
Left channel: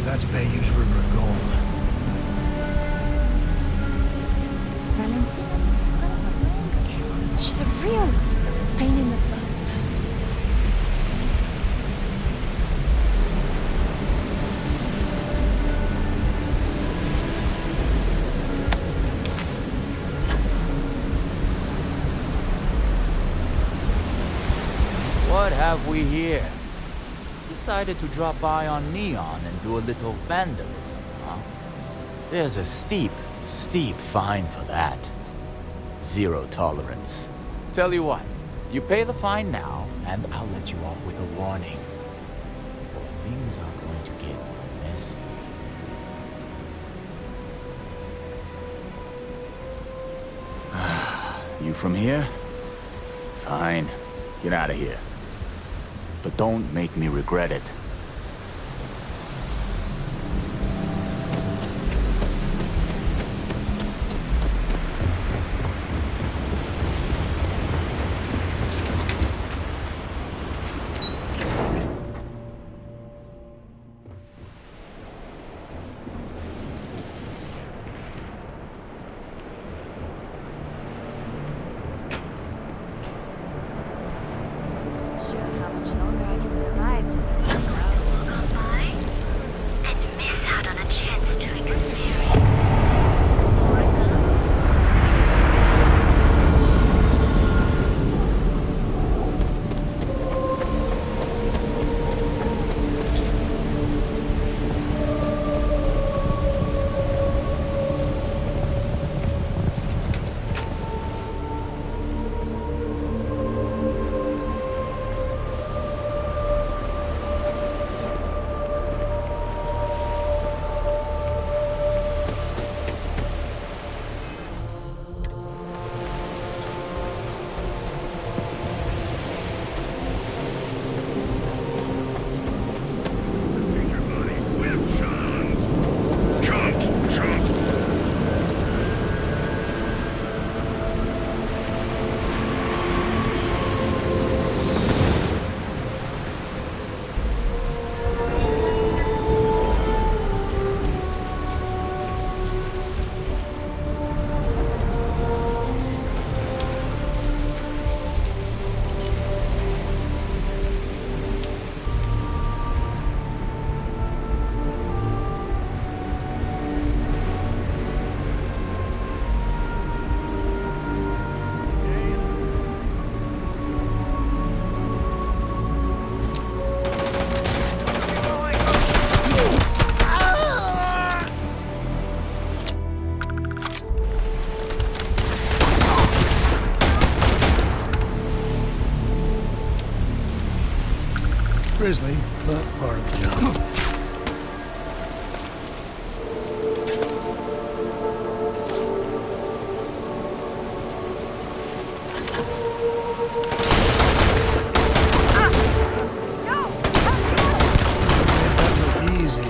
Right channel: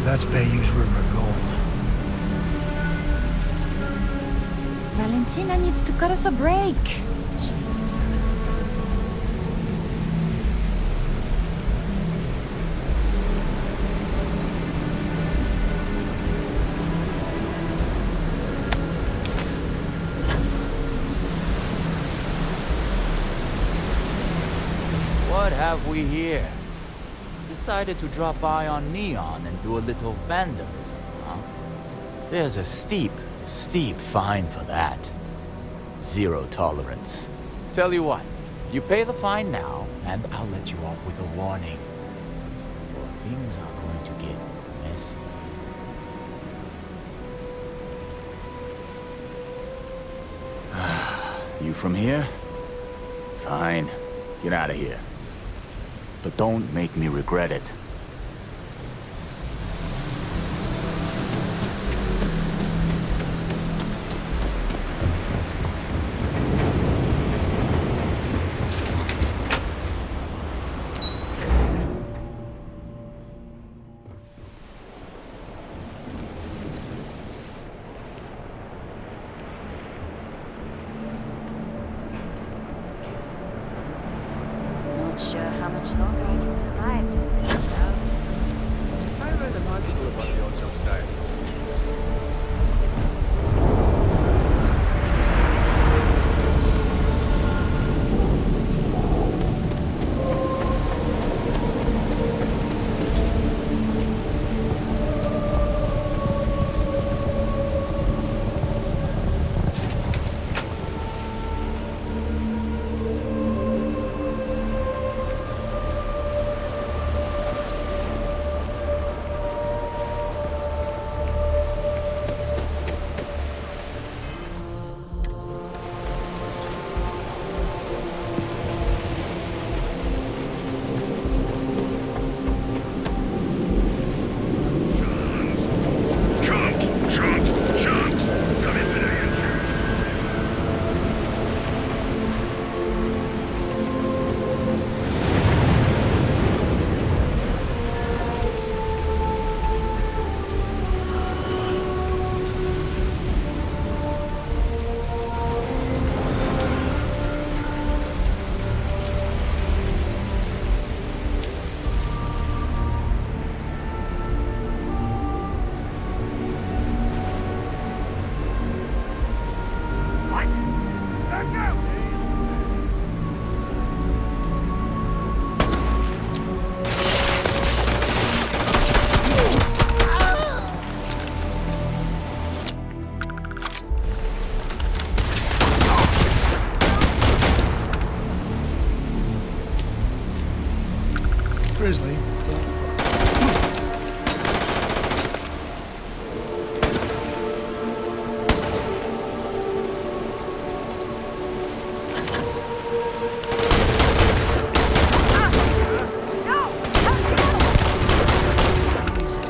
That's Bayou's River of gold. Valentina needs to cut us a break. She's a real pain in the butt. What have we here? Decided to drop by on Neon and do a little vandalism, huh? There's a steep fine for that. 0 tolerance. Tell you what, you pay the fine now, and I'll let you off with a warning. Or things are going to get messy. You from here? Fine. Get out of here. But don't make me regret it. Not sure how much longer I can survive doing this, though. Grizzly, but part of it. Easy.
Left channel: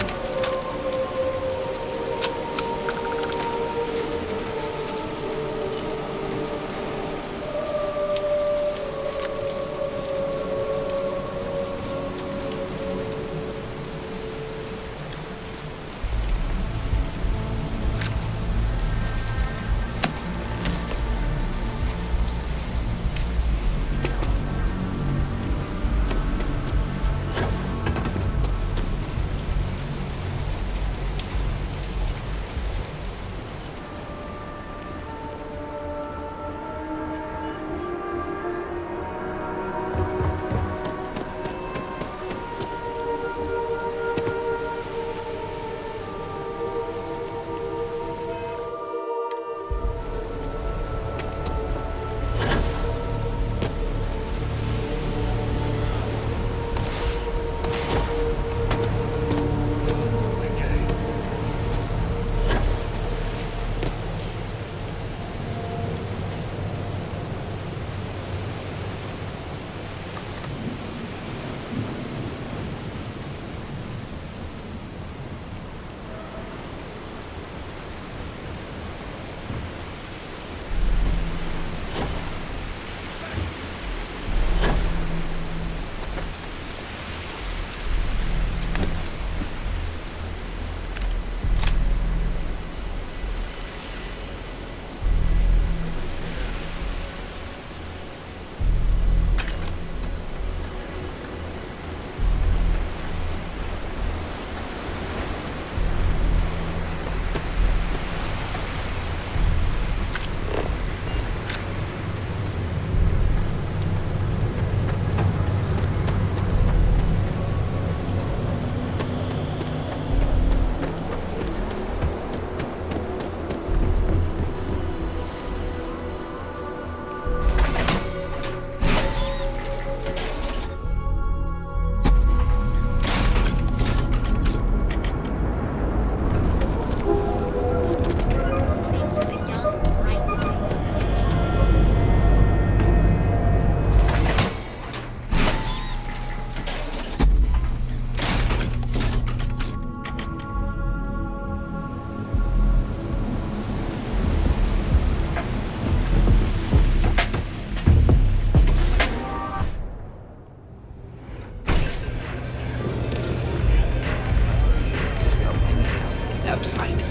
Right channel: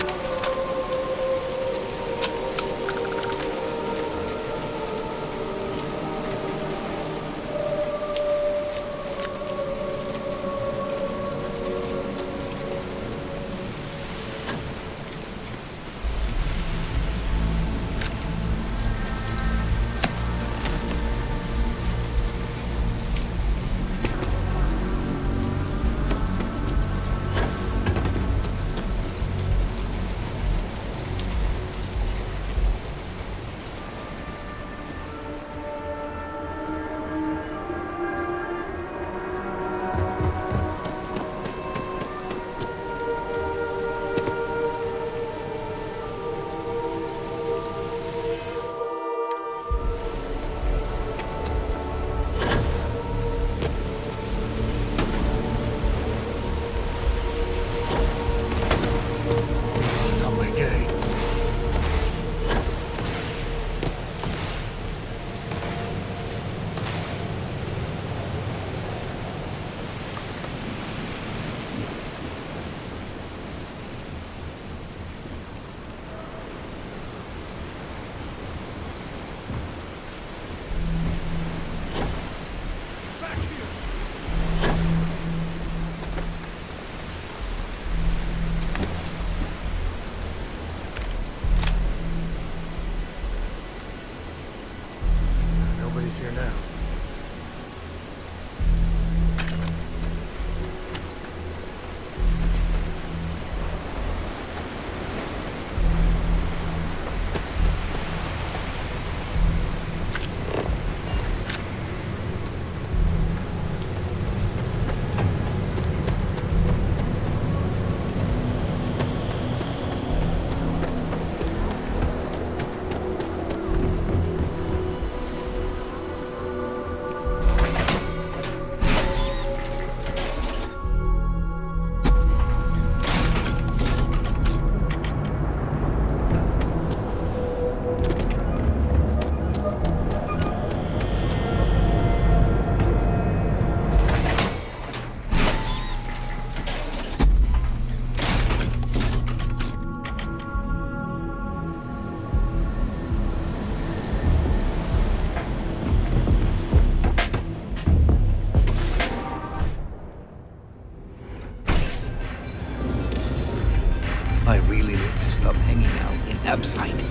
stuff hanging out in Epside.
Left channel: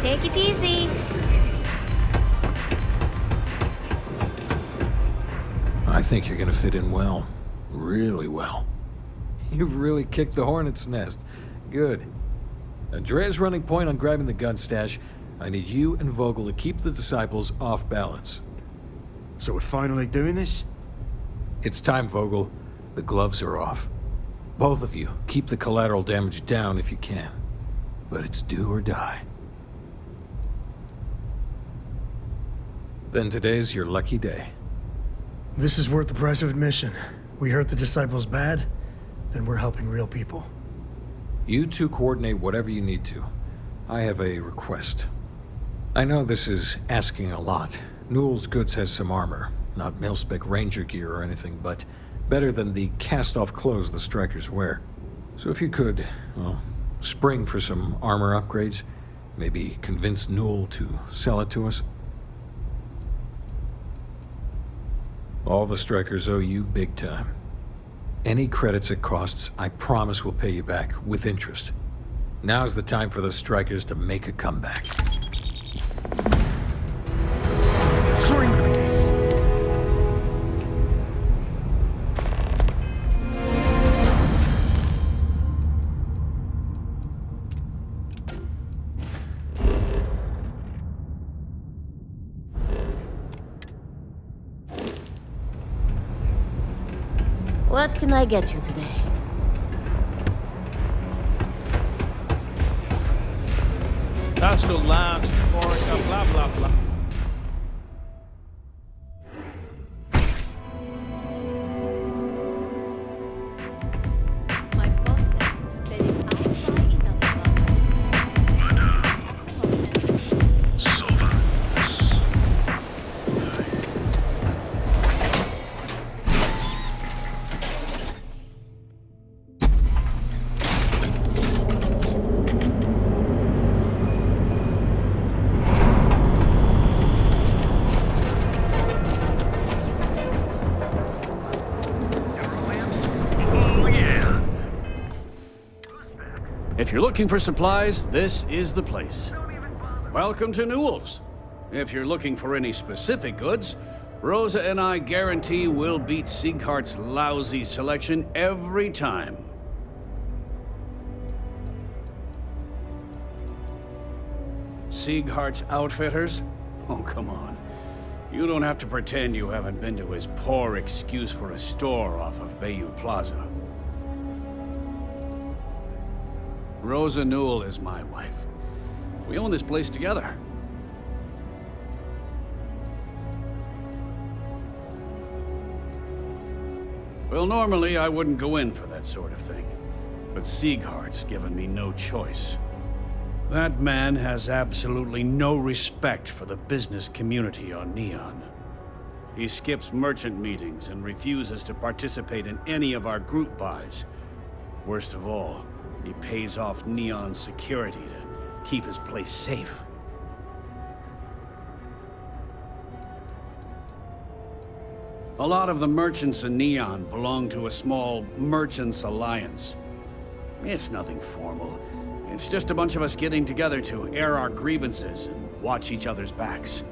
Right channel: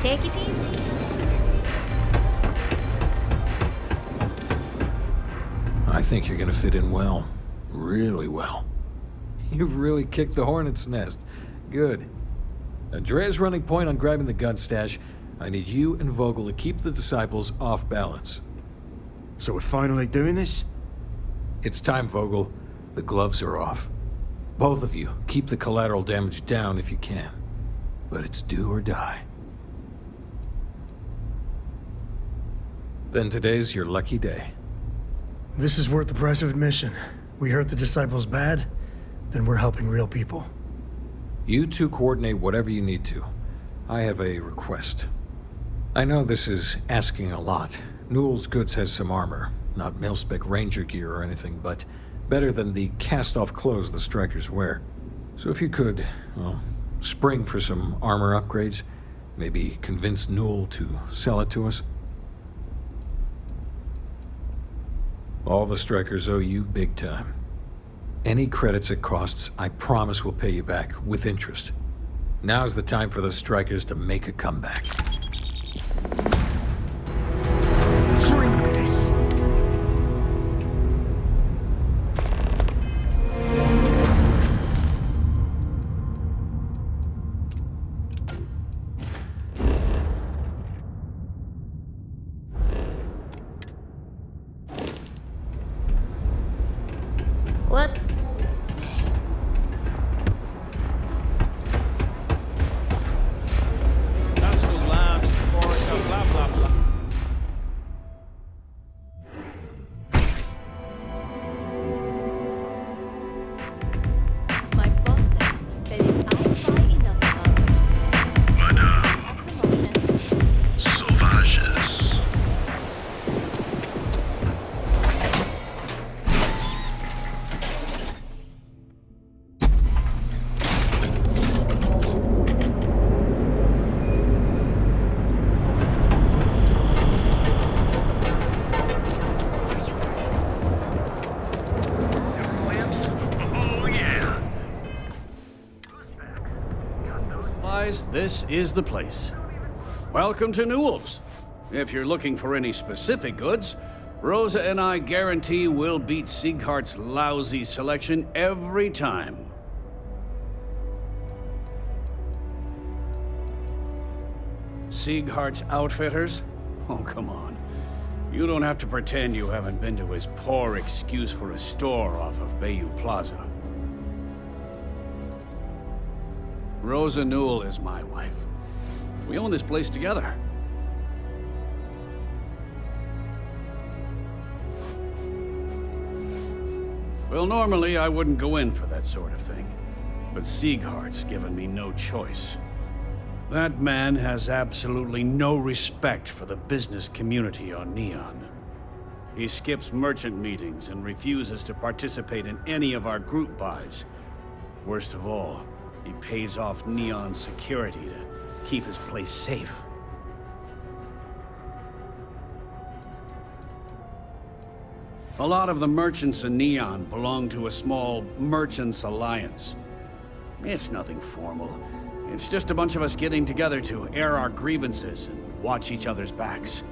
Take it easy. I think you're gonna fit in well. Really well. You've really kicked the hornet's nest. Good. Andrea's running point on grabbing the gun stash. I need you and Vogel to keep the disciples off balance. So we're finally doing this? It's time, Vogel. The gloves are off. Both of you, keep the collateral damage down if you can. But it's do or die. Then today's your lucky day. This is worth the price of admission. We hurt the disciples bad, then we're helping real people. You two coordinate whatever you need to. I have a request. I know this is asking a lot. Newell's Goods has some armor. Not mil-spec ranger gear or anything, but better than the cast-off clothes the strikers wear. So if you could, well, spring for some armor upgrades, maybe convince Newell to sell it to us. All the strikers owe you big time. Any credits it costs, I promise we'll pay you back, with interest. Now's the time for the strikers to make a comeback. Dream of this! What can I get you today? Starfield Lounge, Forest, blah, blah, blah. My boss says that if I buy enough of our merchandise, If you're looking for supplies, this is the place. Welcome to Newell's. If you're looking for any specific goods, Rosa and I guarantee we'll beat Sieghart's lousy selection every time. Sieghart's Outfitters? Oh, come on. You don't have to pretend you haven't been to his poor excuse for a store off of Bayou Plaza. Rosa Newell is my wife. We own this place together. Well, normally I wouldn't go in for that sort of thing, but Sieghart's given me no choice. That man has absolutely no respect for the business community on Neon. He skips merchant meetings and refuses to participate in any of our group buys. Worst of all, he pays off Neon security to keep his place safe. A lot of the merchants in Neon belong to a small merchants alliance. It's nothing formal. It's just a bunch of us getting together to air our grievances and watch each other's backs.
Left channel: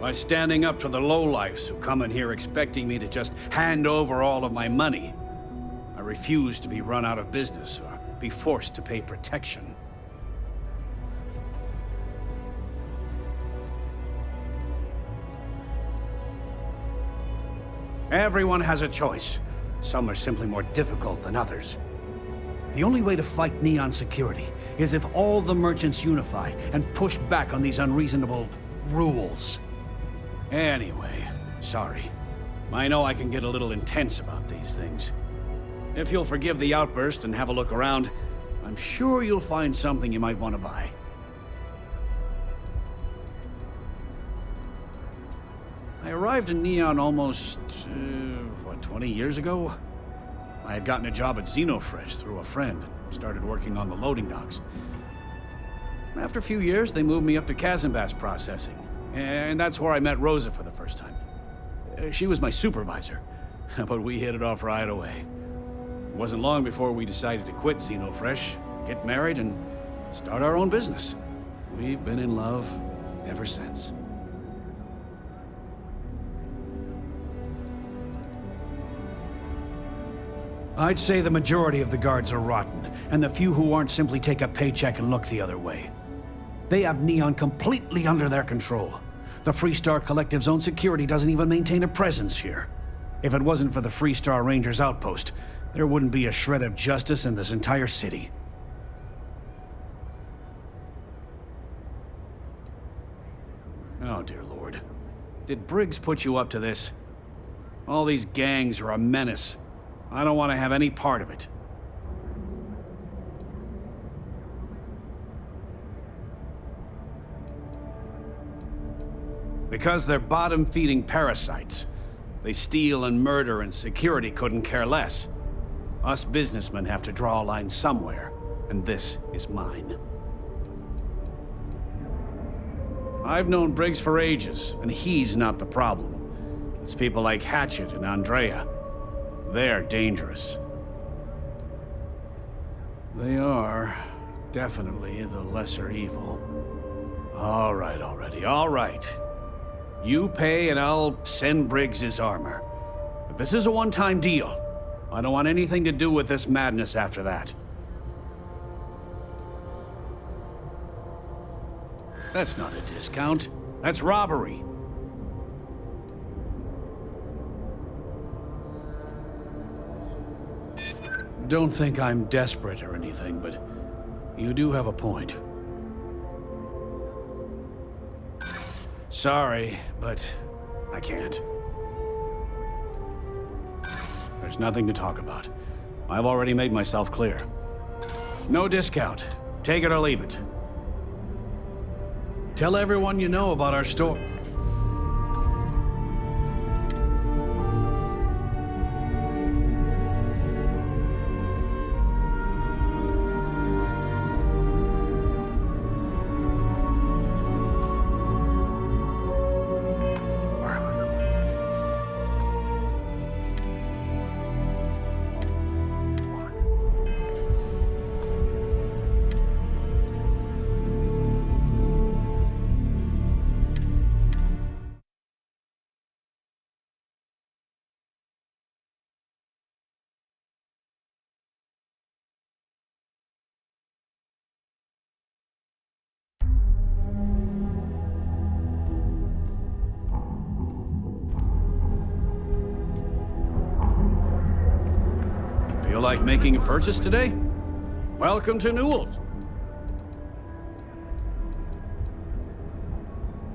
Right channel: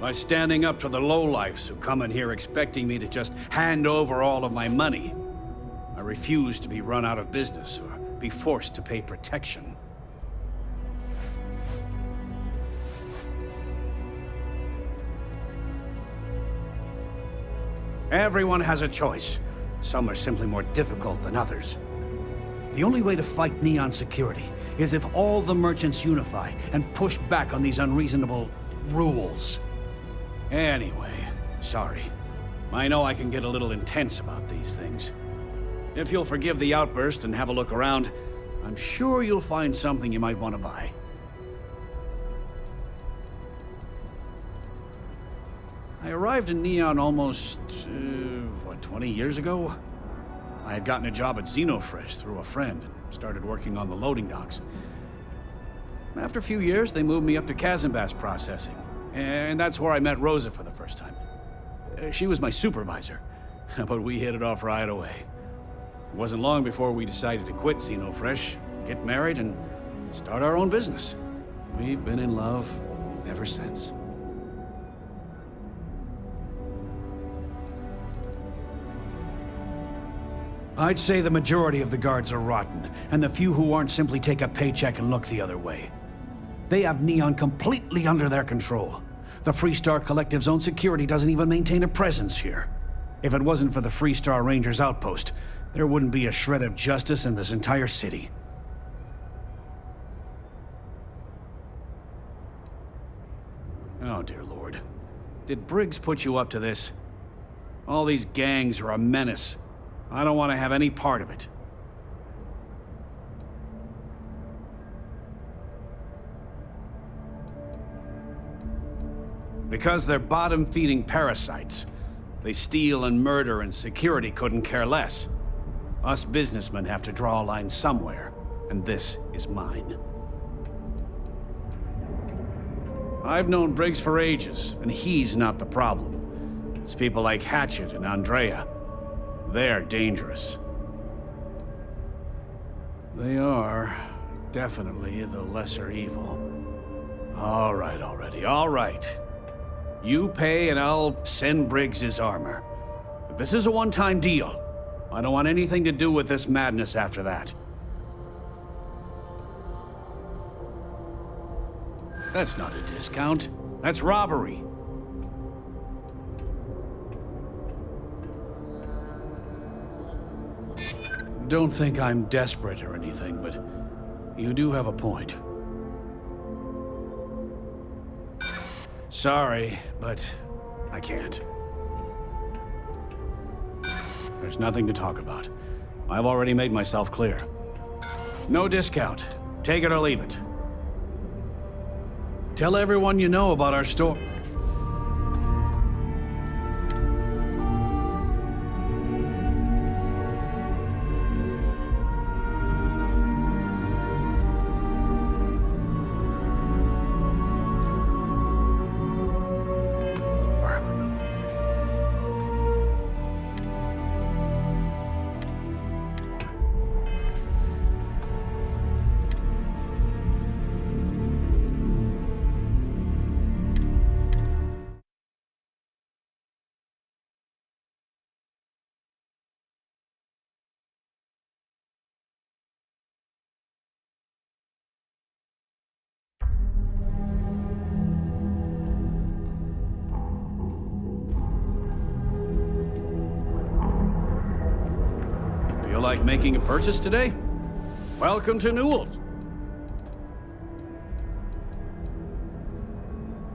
By standing up to the lowlifes who come in here expecting me to just hand over all of my money, I refuse to be run out of business or be forced to pay protection. Everyone has a choice. Some are simply more difficult than others. The only way to fight Neon security is if all the merchants unify and push back on these unreasonable rules. Anyway, sorry. I know I can get a little intense about these things. If you'll forgive the outburst and have a look around, I'm sure you'll find something you might want to buy. I arrived in Neon almost, 20 years ago? I had gotten a job at Xenofresh through a friend and started working on the loading docks. After a few years, they moved me up to Kazanbas processing. And that's where I met Rosa for the first time. She was my supervisor, but we hit it off right away. It wasn't long before we decided to quit Xenofresh, get married, and start our own business. We've been in love ever since. I'd say the majority of the guards are rotten, and the few who aren't simply take a paycheck and look the other way. They have Neon completely under their control. The Freestar Collective's own security doesn't even maintain a presence here. If it wasn't for the Freestar Rangers outpost, there wouldn't be a shred of justice in this entire city. Oh, dear Lord. Did Briggs put you up to this? All these gangs are a menace. I don't want to have any part of it. Because they're bottom-feeding parasites. They steal and murder, and security couldn't care less. Us businessmen have to draw a line somewhere, and this is mine. I've known Briggs for ages, and he's not the problem. It's people like Hatchet and Andrea. They're dangerous. They are definitely the lesser evil. All right already, all right. You pay and I'll send Briggs his armor. But this is a one-time deal. I don't want anything to do with this madness after that. That's not a discount. That's robbery. Don't think I'm desperate or anything, but you do have a point. Sorry, but I can't. There's nothing to talk about. I've already made myself clear. No discount. Take it or leave it. Tell everyone you know about our store. Feel like making a purchase today? Welcome to Newell's.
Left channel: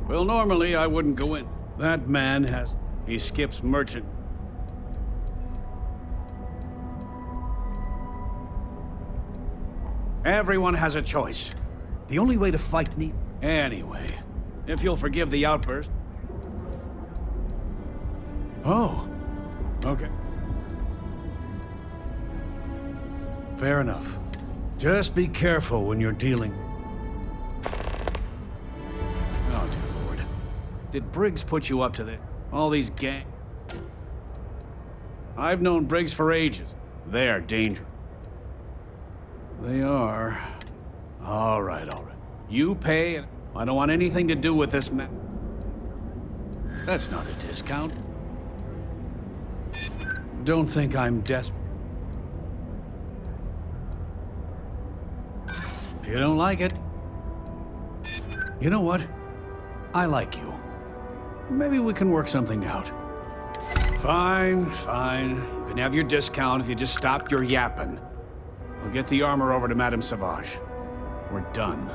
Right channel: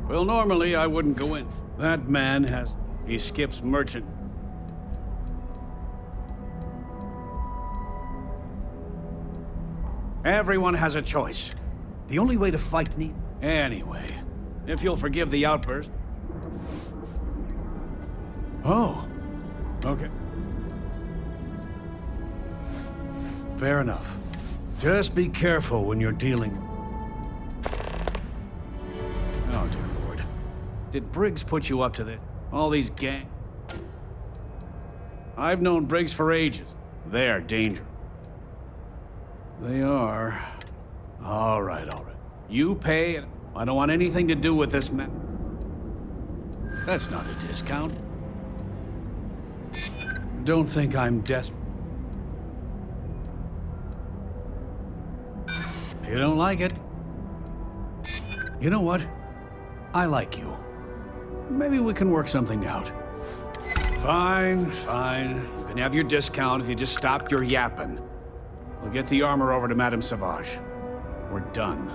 Well, normally I wouldn't go in. That man has... He skips merchant. Everyone has a choice. The only way to fight need... Anyway, if you'll forgive the outburst... Oh, okay. Fair enough. Just be careful when you're dealing... Oh, dear Lord. Did Briggs put you up to this? All these gang... I've known Briggs for ages. They're dangerous. They are... All right. You pay and... I don't want anything to do with this man. That's not a discount. Don't think I'm desperate. If you don't like it... You know what? I like you. Maybe we can work something out. Fine. You can have your discount if you just stop your yapping. We'll get the armor over to Madame Sauvage. We're done.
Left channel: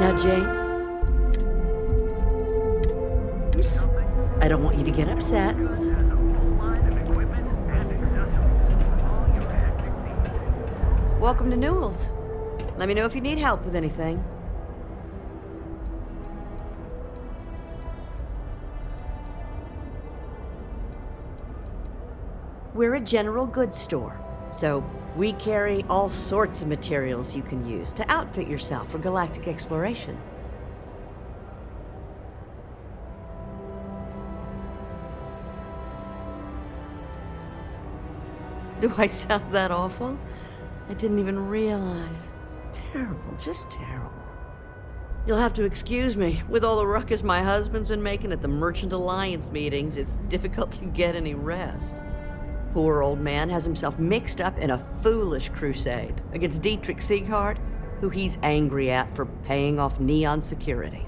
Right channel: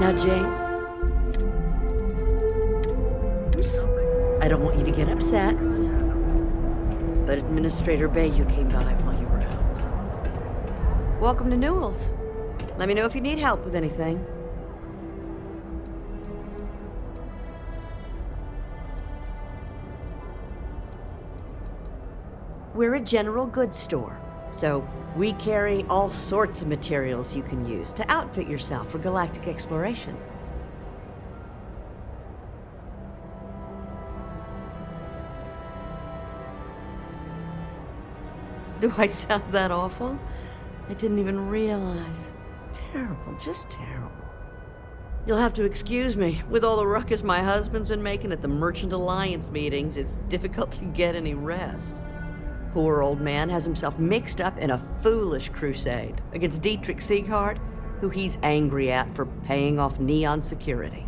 Now, Jane. I don't want you to get upset. But Administrator Bay, you came by while you were out. Welcome to Newell's. Let me know if you need help with anything. We're a general goods store, So, we carry all sorts of materials you can use to outfit yourself for galactic exploration. Do I sound that awful? I didn't even realize. Terrible, just terrible. You'll have to excuse me. With all the ruckus my husband's been making at the Merchant Alliance meetings, it's difficult to get any rest. Poor old man has himself mixed up in a foolish crusade against Dietrich Sieghart, who he's angry at for paying off Neon security.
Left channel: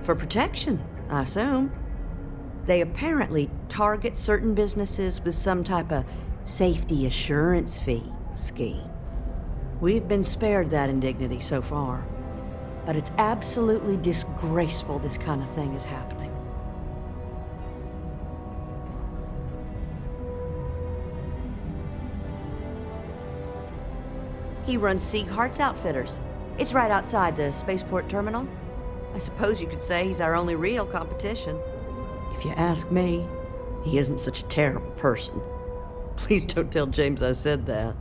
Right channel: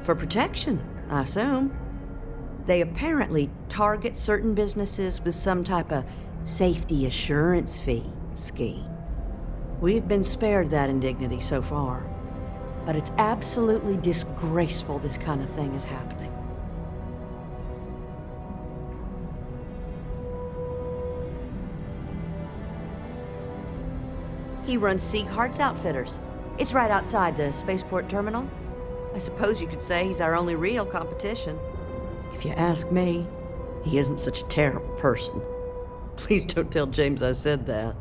For protection, I assume. They apparently target certain businesses with some type of safety assurance fee scheme. We've been spared that indignity so far, but it's absolutely disgraceful this kind of thing is happening. He runs Sieghart's Outfitters. It's right outside the spaceport terminal. I suppose you could say he's our only real competition. If you ask me, he isn't such a terrible person. Please don't tell James I said that.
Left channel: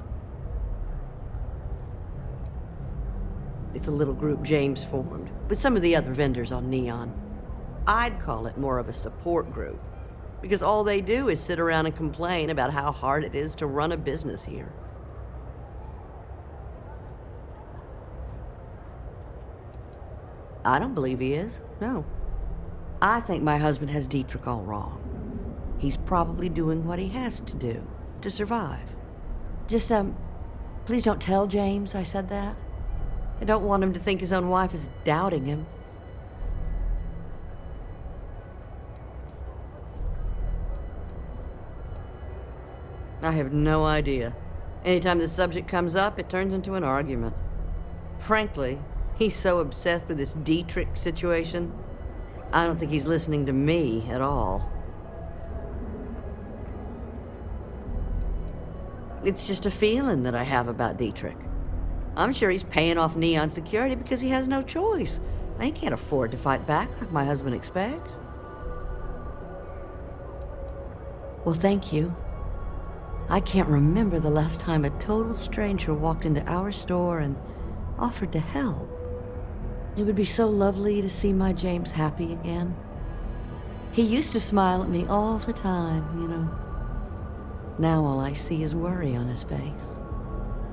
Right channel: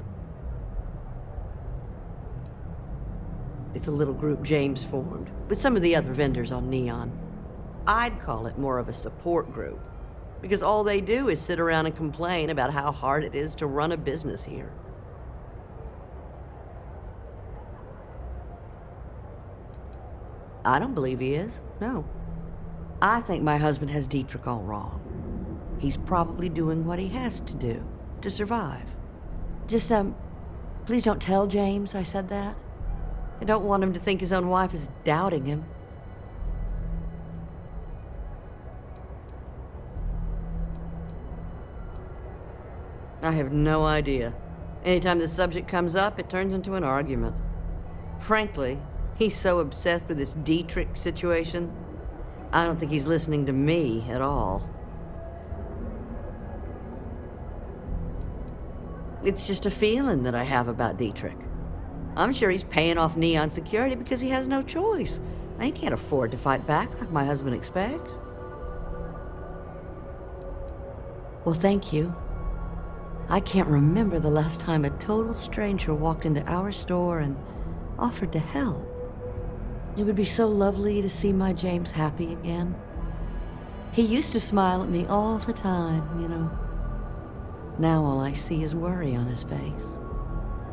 It's a little group James formed, with some of the other vendors on Neon. I'd call it more of a support group, because all they do is sit around and complain about how hard it is to run a business here. I don't believe he is, no. I think my husband has Dietrich all wrong. He's probably doing what he has to do to survive. Just, please don't tell James I said that. I don't want him to think his own wife is doubting him. I have no idea. Anytime the subject comes up, it turns into an argument. Frankly, he's so obsessed with this Dietrich situation, I don't think he's listening to me at all. It's just a feeling that I have about Dietrich. I'm sure he's paying off Neon security because he has no choice. He can't afford to fight back like my husband expects. Well, thank you. I can't remember the last time a total stranger walked into our store and offered to help. It would be so lovely to see my James happy again. He used to smile at me all the time, you know. Now all I see is worry on his face.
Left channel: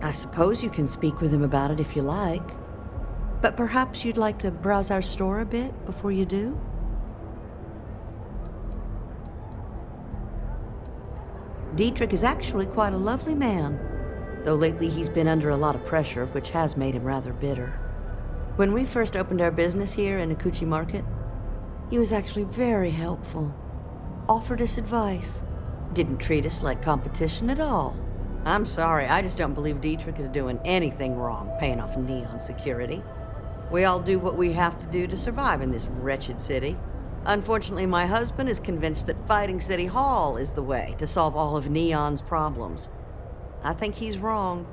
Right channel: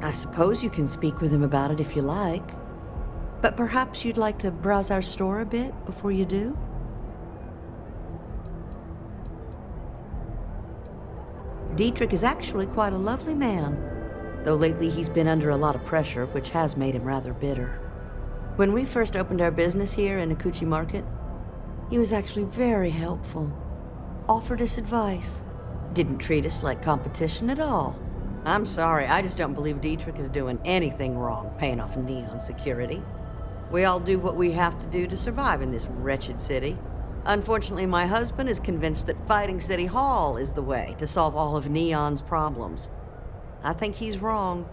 I suppose you can speak with him about it if you like, but perhaps you'd like to browse our store a bit before you do? Dietrich is actually quite a lovely man, though lately he's been under a lot of pressure, which has made him rather bitter. When we first opened our business here in Akuchi Market, he was actually very helpful. Offered us advice. Didn't treat us like competition at all. I'm sorry, I just don't believe Dietrich is doing anything wrong paying off Neon security. We all do what we have to do to survive in this wretched city. Unfortunately, my husband is convinced that fighting City Hall is the way to solve all of Neon's problems. I think he's wrong.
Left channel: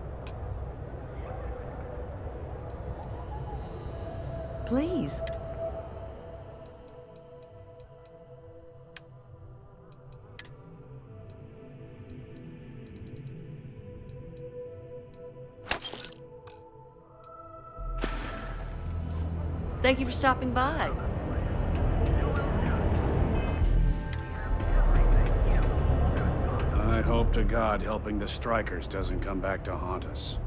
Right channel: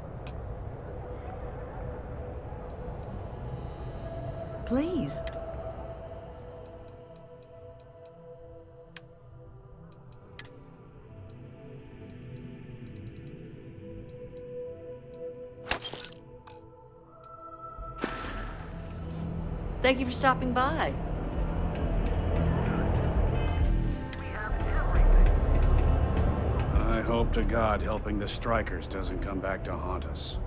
Please. Thank you for stopping by. I hope to God helping the strikers doesn't come back to haunt us.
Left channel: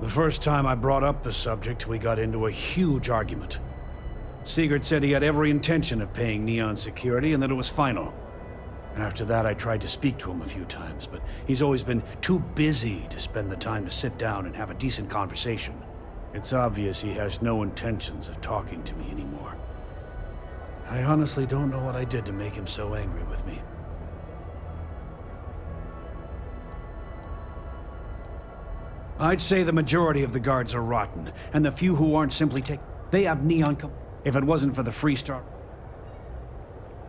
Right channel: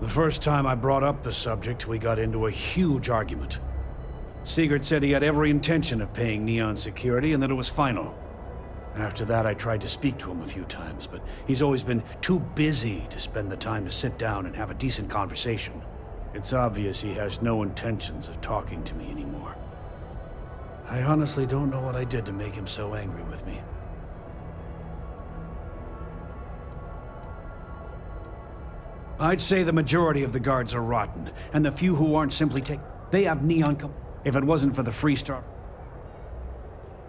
The first time I brought up the subject, we got into a huge argument. Sieghart said he had every intention of paying Neon security and that it was final. After that, I tried to speak to him a few times, but he's always been too busy to spend the time to sit down and have a decent conversation. It's obvious he has no intentions of talking to me anymore. I honestly don't know what I did to make him so angry with me. I'd say the majority of the guards are rotten, and the few who aren't simply they have Neon If it wasn't for the Freestar...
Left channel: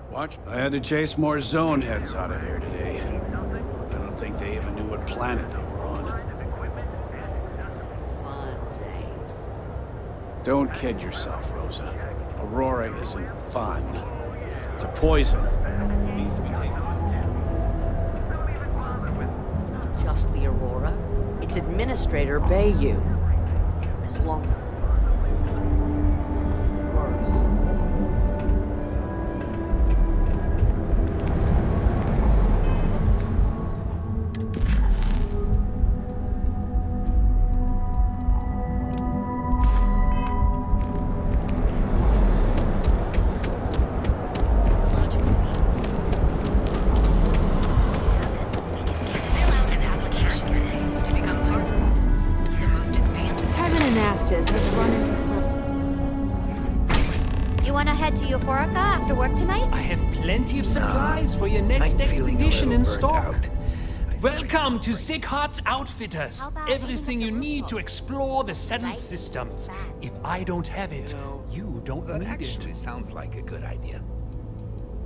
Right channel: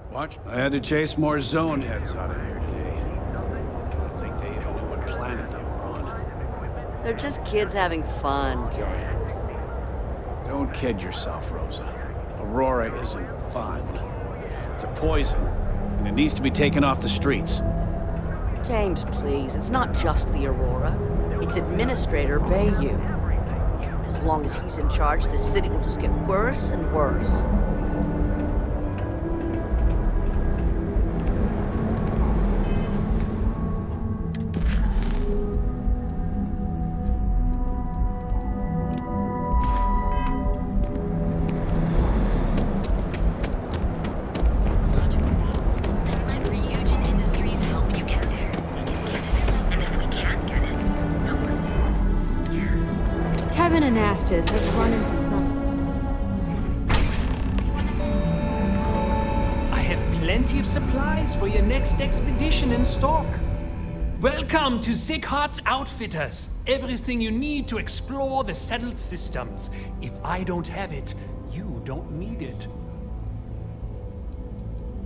Watch. I had to chase more zone heads out of here today. I don't think they even knew what planet they were on. They're just kids having fun, James. Don't kid yourself, Rosa. Aurora isn't fun. It's a poison, and it needs to be taken off the streets. James, please. It's not just the Aurora. It's Administrator Bayou. As long as he's in charge, this city will just get worse and worse. Tevin and Astis have run into something. You wanna head to Euphorica after work tonight? I have plenty of supplies for your next expedition in stock. Welcome to Sieghart's Outfitters. Everything you need to explore the settled systems. If I don't have it, you don't need it. Sounds like a good idea.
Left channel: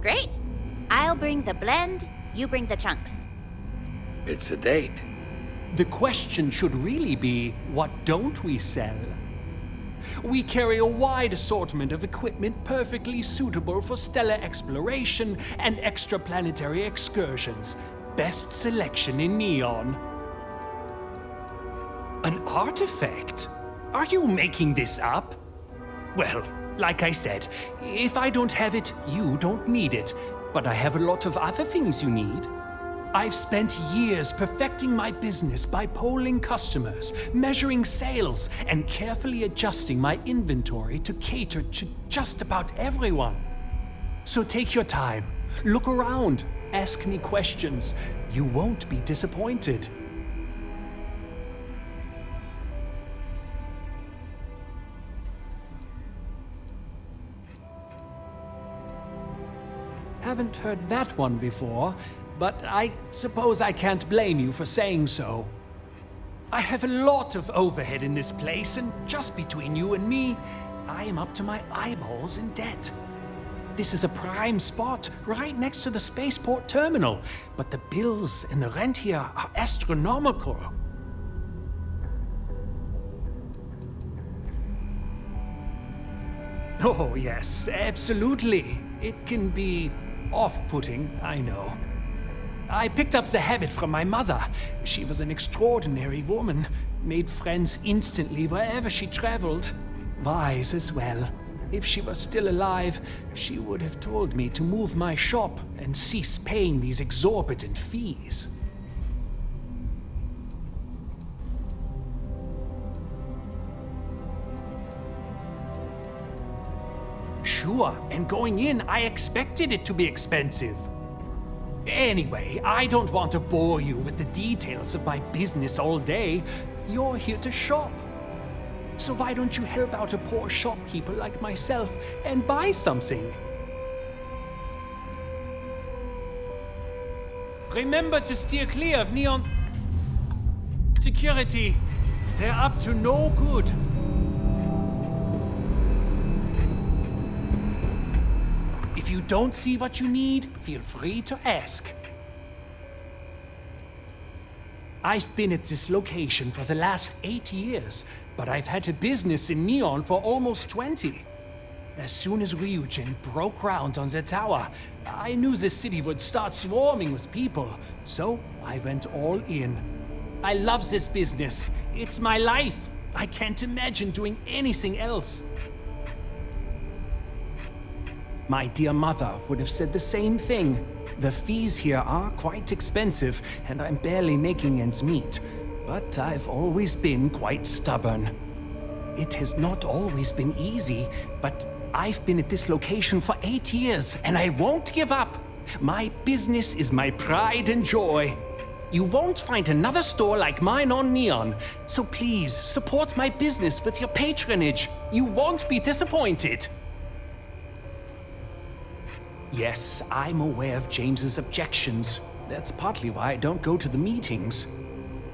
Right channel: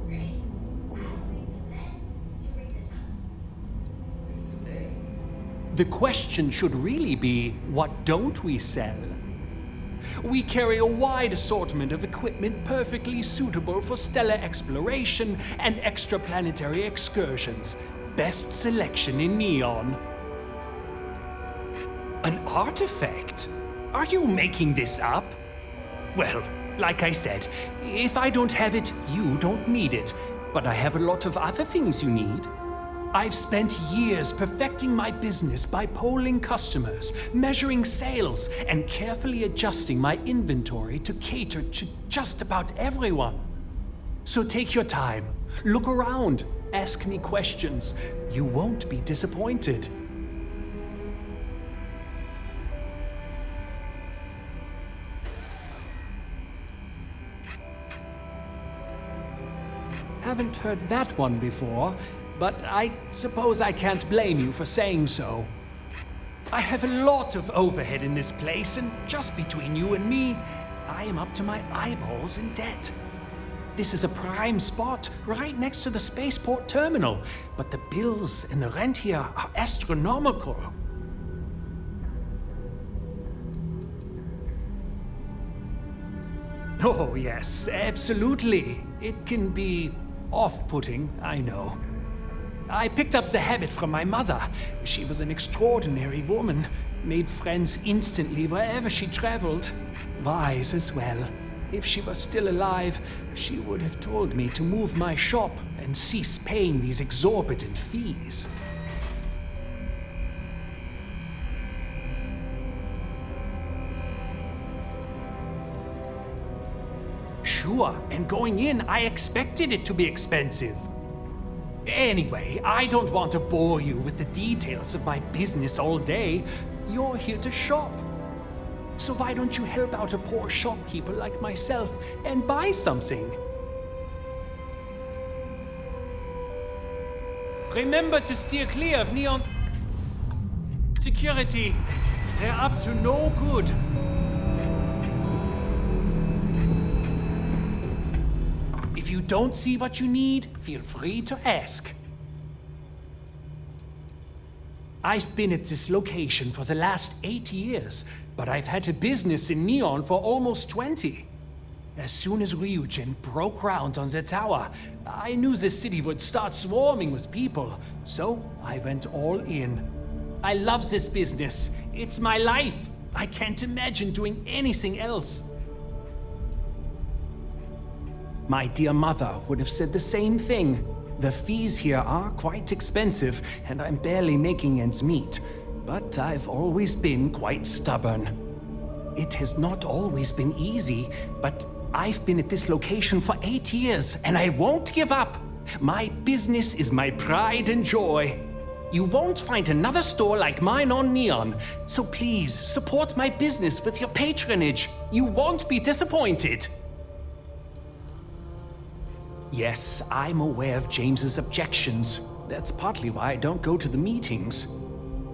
Great. I'll bring the blend, you bring the chunks. It's a date. The question should really be, what don't we sell? We carry a wide assortment of equipment perfectly suitable for stellar exploration and extraplanetary excursions. Best selection in Neon. An artifact? Are you making this up? Well, like I said, if I don't have it, you don't need it. But I have a lot of other things you need. I've spent years perfecting my business by polling customers, measuring sales, and carefully adjusting my inventory to cater to just about everyone. So take your time, look around, ask me questions. You won't be disappointed. Haven't heard that one before, but I suppose I can't blame you for saying so. I have a lot of overhead in this place, and just between you and me, I am up to my eyeballs in debt. This is a prime spot right next to the spaceport terminal, but the bills and the rent here are astronomical. Oh, yes, absolutely. It can be off-putting, I know. I picked up the habit from my mother. She was an extraordinary woman, made friends instantly wherever she traveled. Wise as well. If she was still alive, she would have told me to move my shop and cease paying these exorbitant fees. Sure, and going in, I expected it to be expensive. Anyway, I don't want to bore you with the details of my business all day. You're here to shop. So why don't you help out a poor shopkeeper like myself and buy something? Remember to steer clear of Neon security. They're up to no good. If you don't see what you need, feel free to ask. I've been at this location for the last 8 years, but I've had a business in Neon for almost 20. As soon as Ryujin broke ground on the tower, I knew the city would start swarming with people, so I went all in. I love this business. It's my life. I can't imagine doing anything else. My dear mother would have said the same thing. The fees here are quite expensive, and I'm barely making ends meet. But I've always been quite stubborn. It has not always been easy, but I've been at this location for 8 years, and I won't give up. My business is my pride and joy. You won't find another store like mine on Neon, so please support my business with your patronage. You won't be disappointed. Yes, I'm aware of James's objections. That's partly why I don't go to the meetings.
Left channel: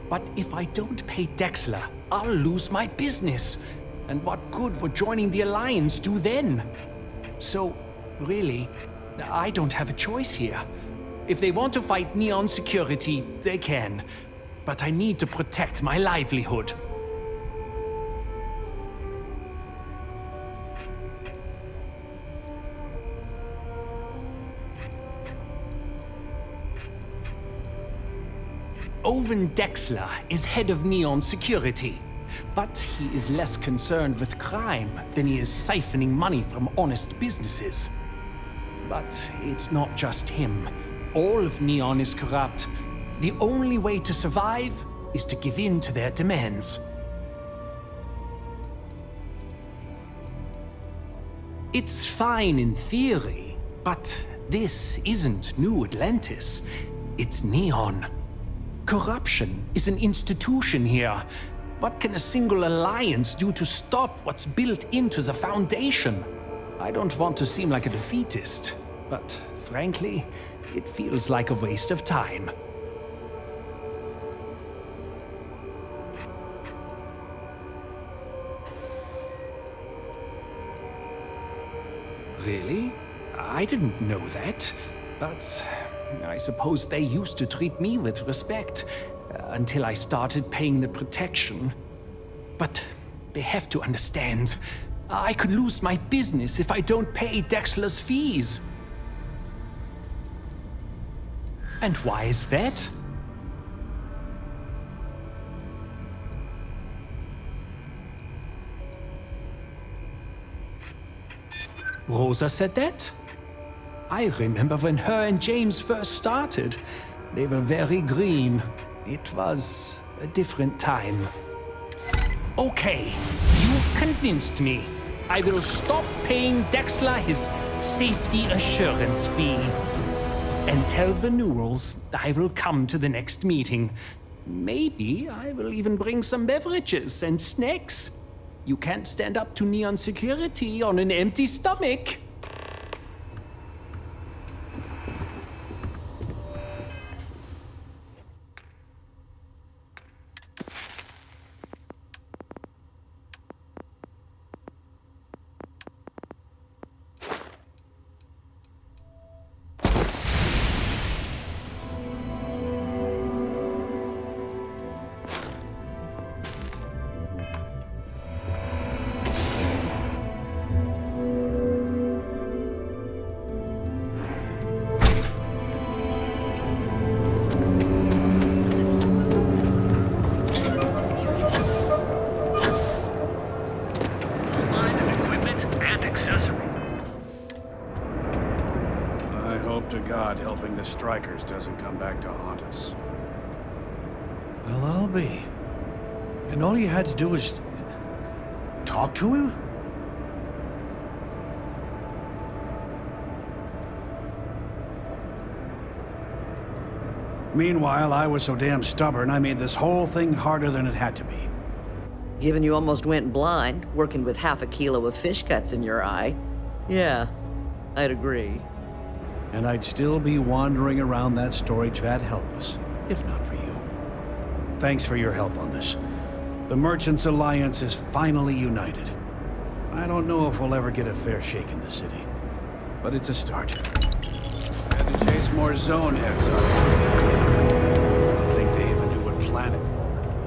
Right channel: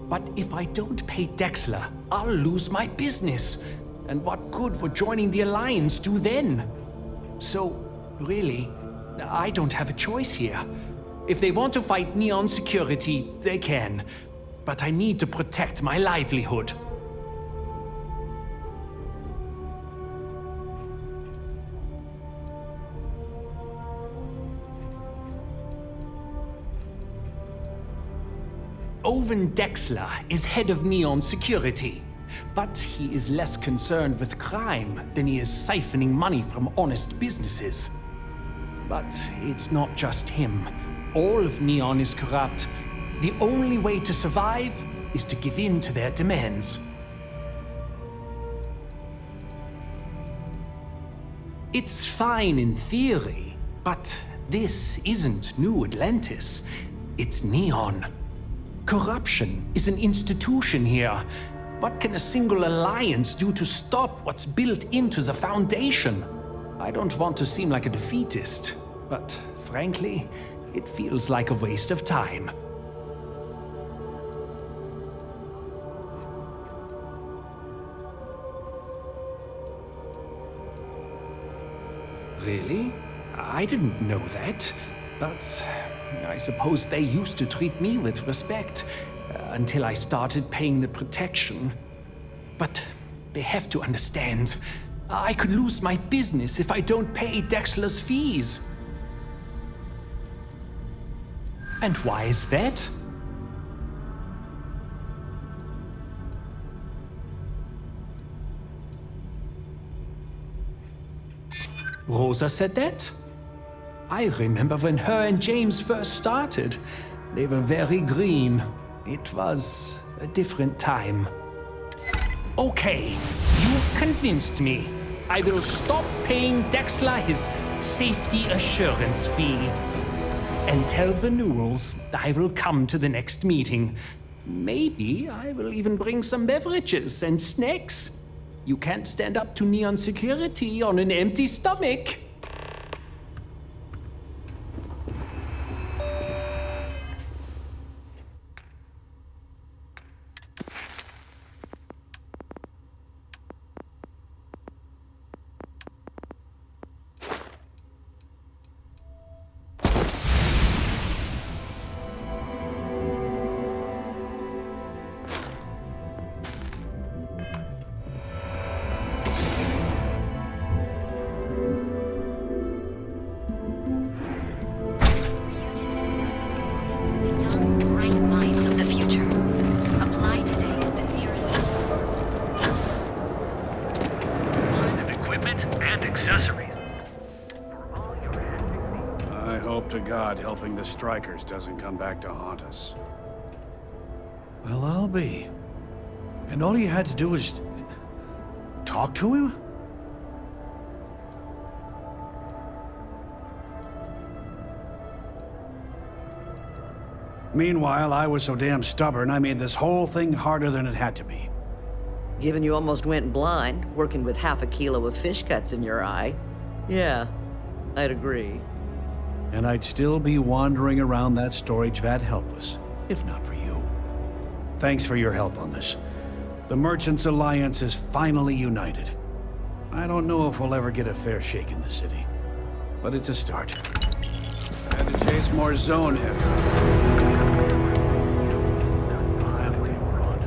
But if I don't pay Dexler, I'll lose my business. And what good would joining the Alliance do then? So, really, I don't have a choice here. If they want to fight Neon security, they can. But I need to protect my livelihood. Owen Dexler is head of Neon Security, but he is less concerned with crime than he is siphoning money from honest businesses. But it's not just him. All of Neon is corrupt. The only way to survive is to give in to their demands. It's fine in theory, but this isn't New Atlantis. It's Neon. Corruption is an institution here. What can a single alliance do to stop what's built into the foundation? I don't want to seem like a defeatist, but frankly, it feels like a waste of time. Really? I didn't know that, but I suppose they used to treat me with respect until I started paying the protection. But they have to understand, I could lose my business if I don't pay Dexler's fees. And why is that? Rosa said that? I remember when her and James first started. They were very green. It was a different time. Okay, you've convinced me. I will stop paying Dexler his safety assurance fee. And tell the Newells I will come to the next meeting. Maybe I will even bring some beverages and snacks. You can't stand up to Neon Security on an empty stomach. To God, helping the strikers doesn't come back to haunt us. Well, I'll be. And all you had to do was talk to him? Meanwhile, I was so damn stubborn, I made this whole thing harder than it had to be. Given you almost went blind, working with half a kilo of fish guts in your eye. Yeah, I'd agree. And I'd still be wandering around that storage vat helpless, if not for you. Thanks for your help on this. The Merchants Alliance is finally united. I don't know if we'll ever get a fair shake in the city, but it's a start. I had to chase more zone heads out of here. I don't think they even knew what planet they were on.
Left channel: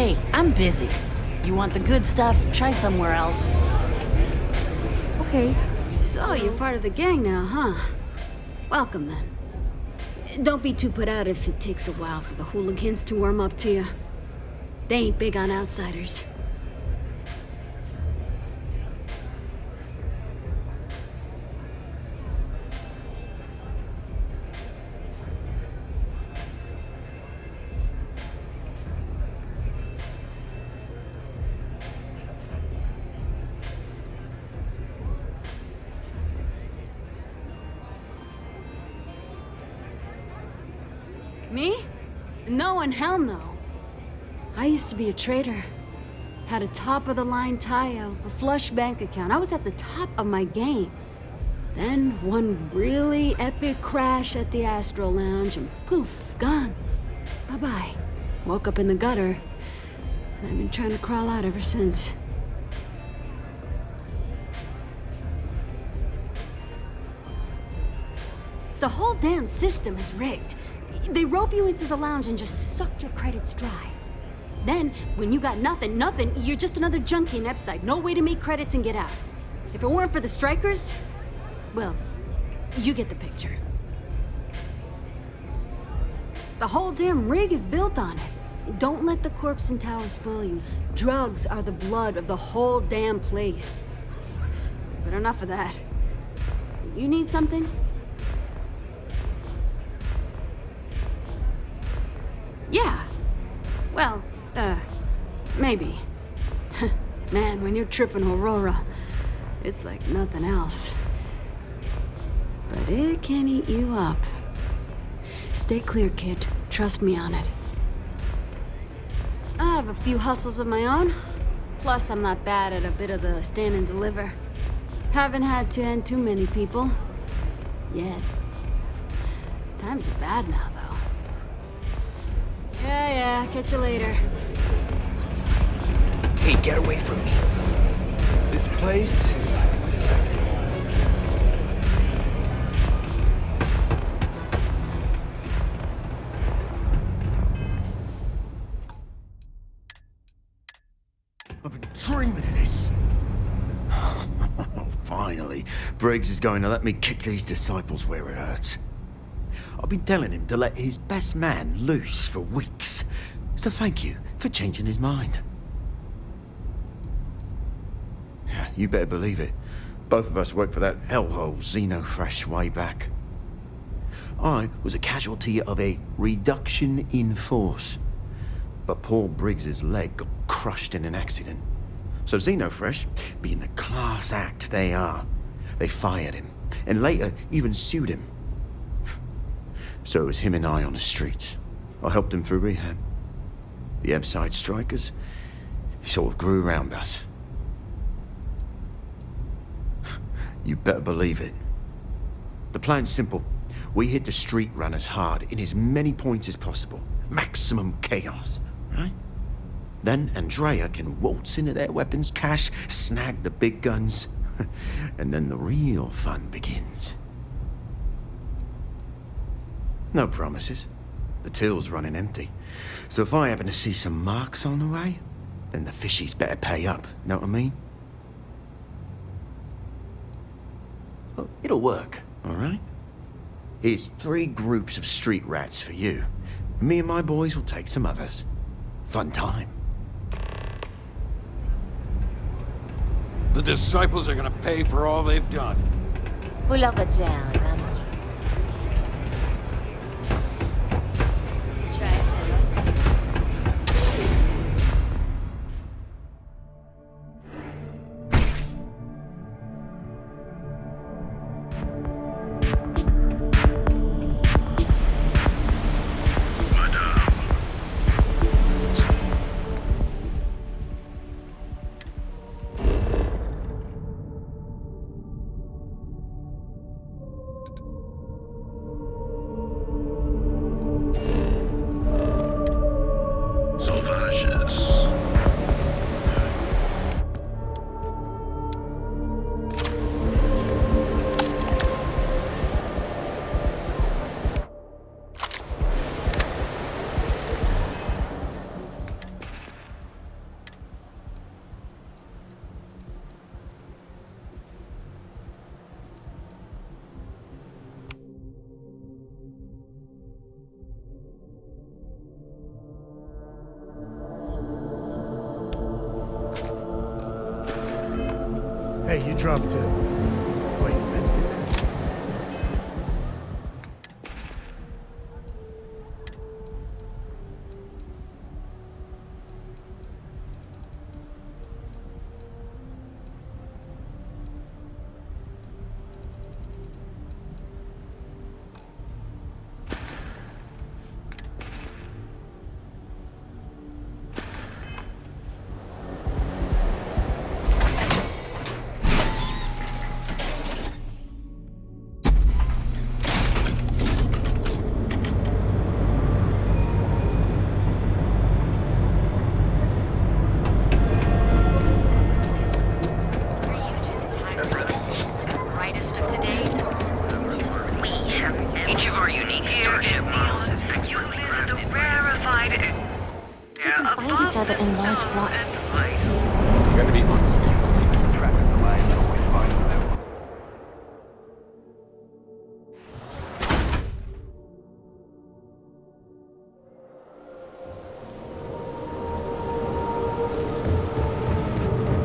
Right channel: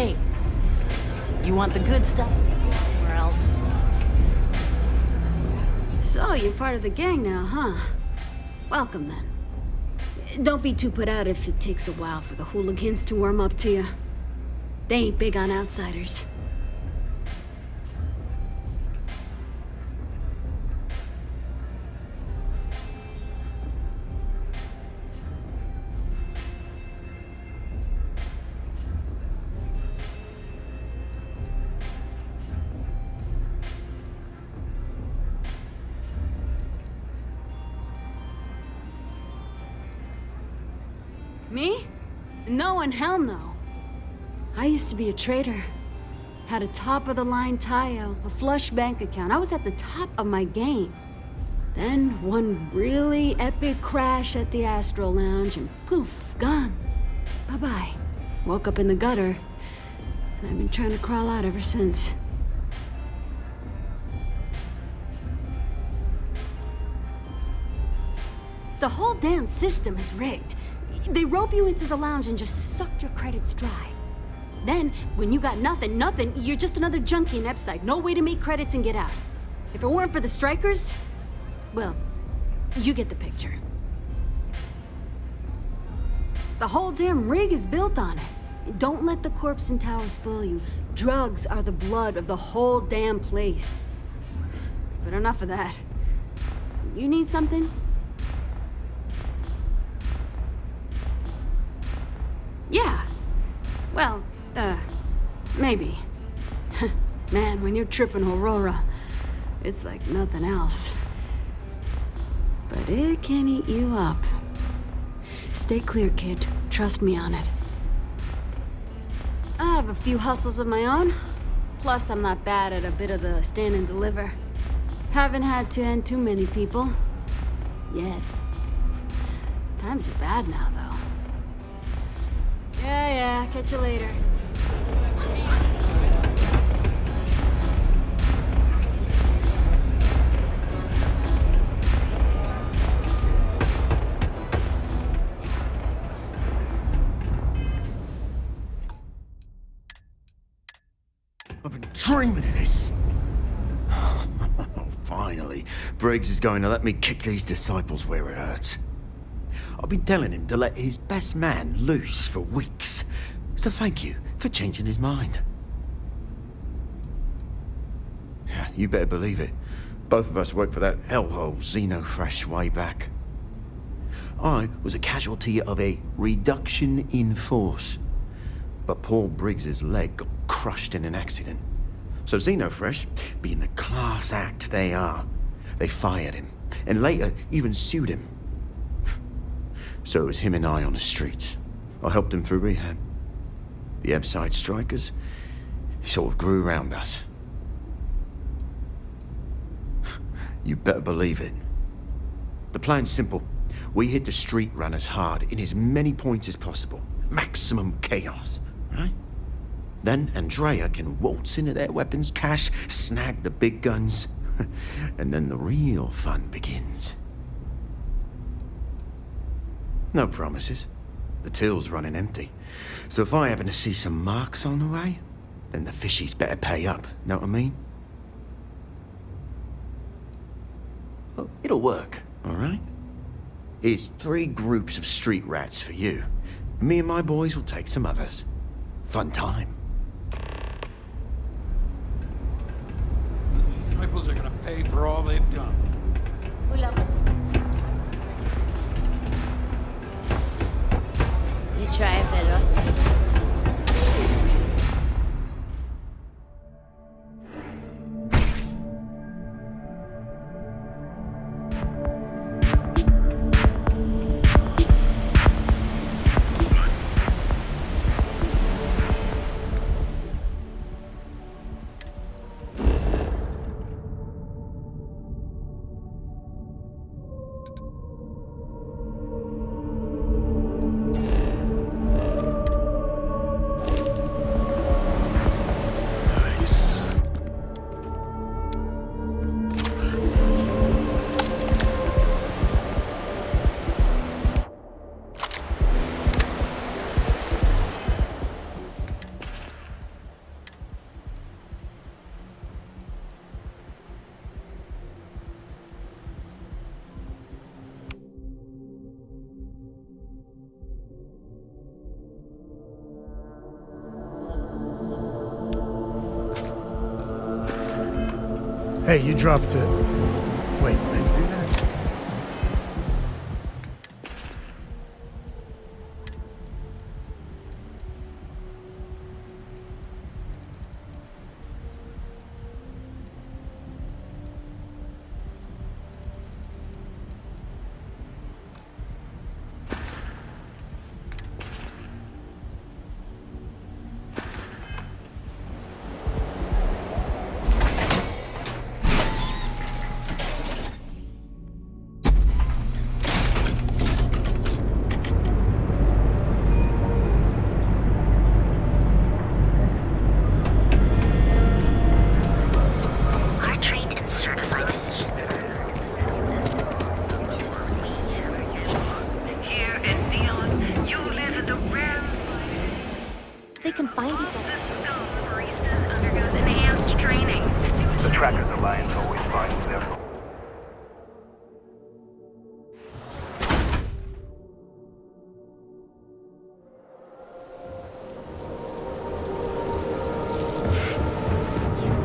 Hey, I'm busy. You want the good stuff? Try somewhere else. Okay. So, you're part of the gang now, huh? Welcome, then. Don't be too put out if it takes a while for the hooligans to warm up to you. They ain't big on outsiders. Me? No and hell no. I used to be a trader. Had a top-of-the-line Tayo, a flush bank account. I was at the top of my game. Then one really epic crash at the Astro Lounge and poof, gone. Bye-bye. Woke up in the gutter, and I've been trying to crawl out ever since. The whole damn system is rigged. They rope you into the lounge and just suck your credits dry. Then, when you got nothing, you're just another junkie in Epside. No way to make credits and get out. If it weren't for the strikers, well, you get the picture. The whole damn rig is built on it. Don't let the corpse and towers fool you. Drugs are the blood of the whole damn place. But enough of that. You need something? Yeah. Well, maybe. Man, when you're tripping Aurora, it's like nothing else. But it can eat you up. Stay clear, kid. Trust me on it. I have a few hustles of my own. Plus, I'm not bad at a bit of the stand and deliver. Haven't had to end too many people. Yet. Times are bad now, though. Yeah, catch you later. Hey, get away from me. This place is like my second I've been dreaming of this. Finally, Briggs is going to let me kick these disciples where it hurts. I've been telling him to let his best man loose for weeks. So thank you for changing his mind. You better believe it. Both of us worked for that hellhole Xenofresh way back. I was a casualty of a reduction in force. But Paul Briggs's leg got crushed in an accident. So Xenofresh, being the class act they are, they fired him, and later even sued him. So it was him and I on the streets. I helped him through rehab. The Epside strikers sort of grew around us. You better believe it. The plan's simple. We hit the street runners hard in as many points as possible. Maximum chaos, right? Then Andrea can waltz into their weapons cache, snag the big guns, and then the real fun begins. No promises. The till's running empty. So if I happen to see some marks on the way, then the fishies better pay up, know what I mean? Well, it'll work, all right? Here's 3 groups of street rats for you. Me and my boys will take some others. Fun time. The disciples are gonna pay for all they've done. Pull up a jam. You try velocity. Hey, you dropped it. Wait, let's do that. They can find each other in large flocks. The Trackers Alliance always finds them.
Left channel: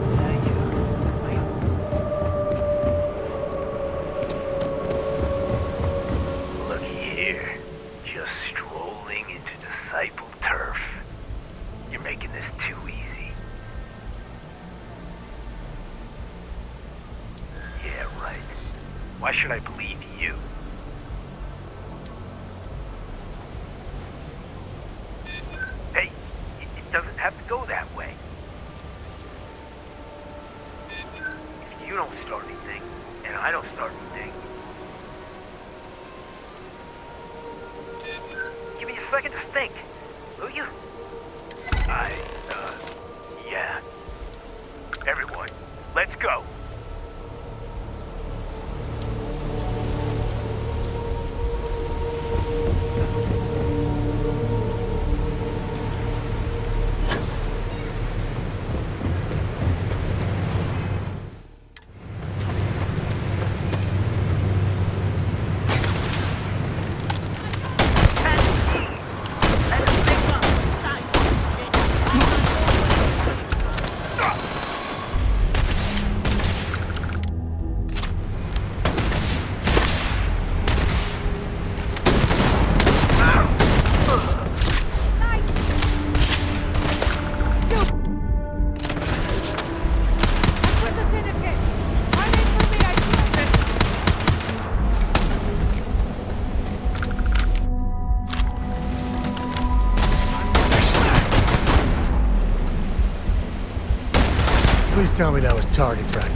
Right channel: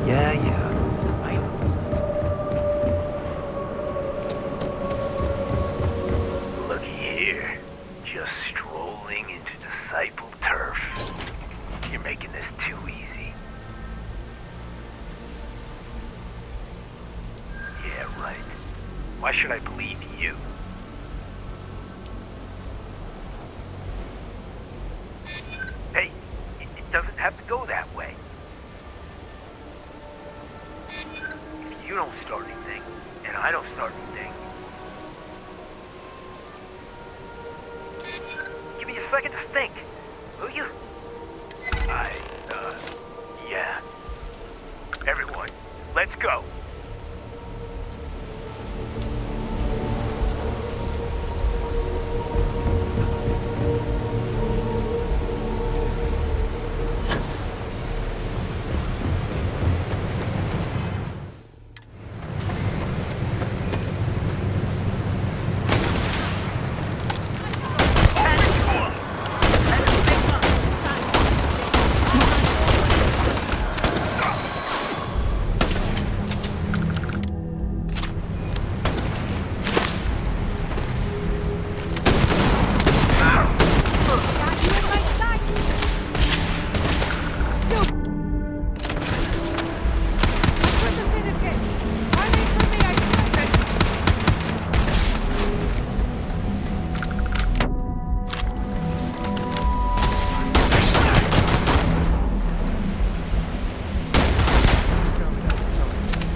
Yeah. I know this place. Looky here. Just strolling into Disciple turf. You're making this too easy. Yeah, right. Why should I believe you? Hey, it doesn't have to go that way. If you don't start anything, and I don't start anything, give me a second to think, will you? Yeah. Everyone, let's go. Please tell me that was target practice.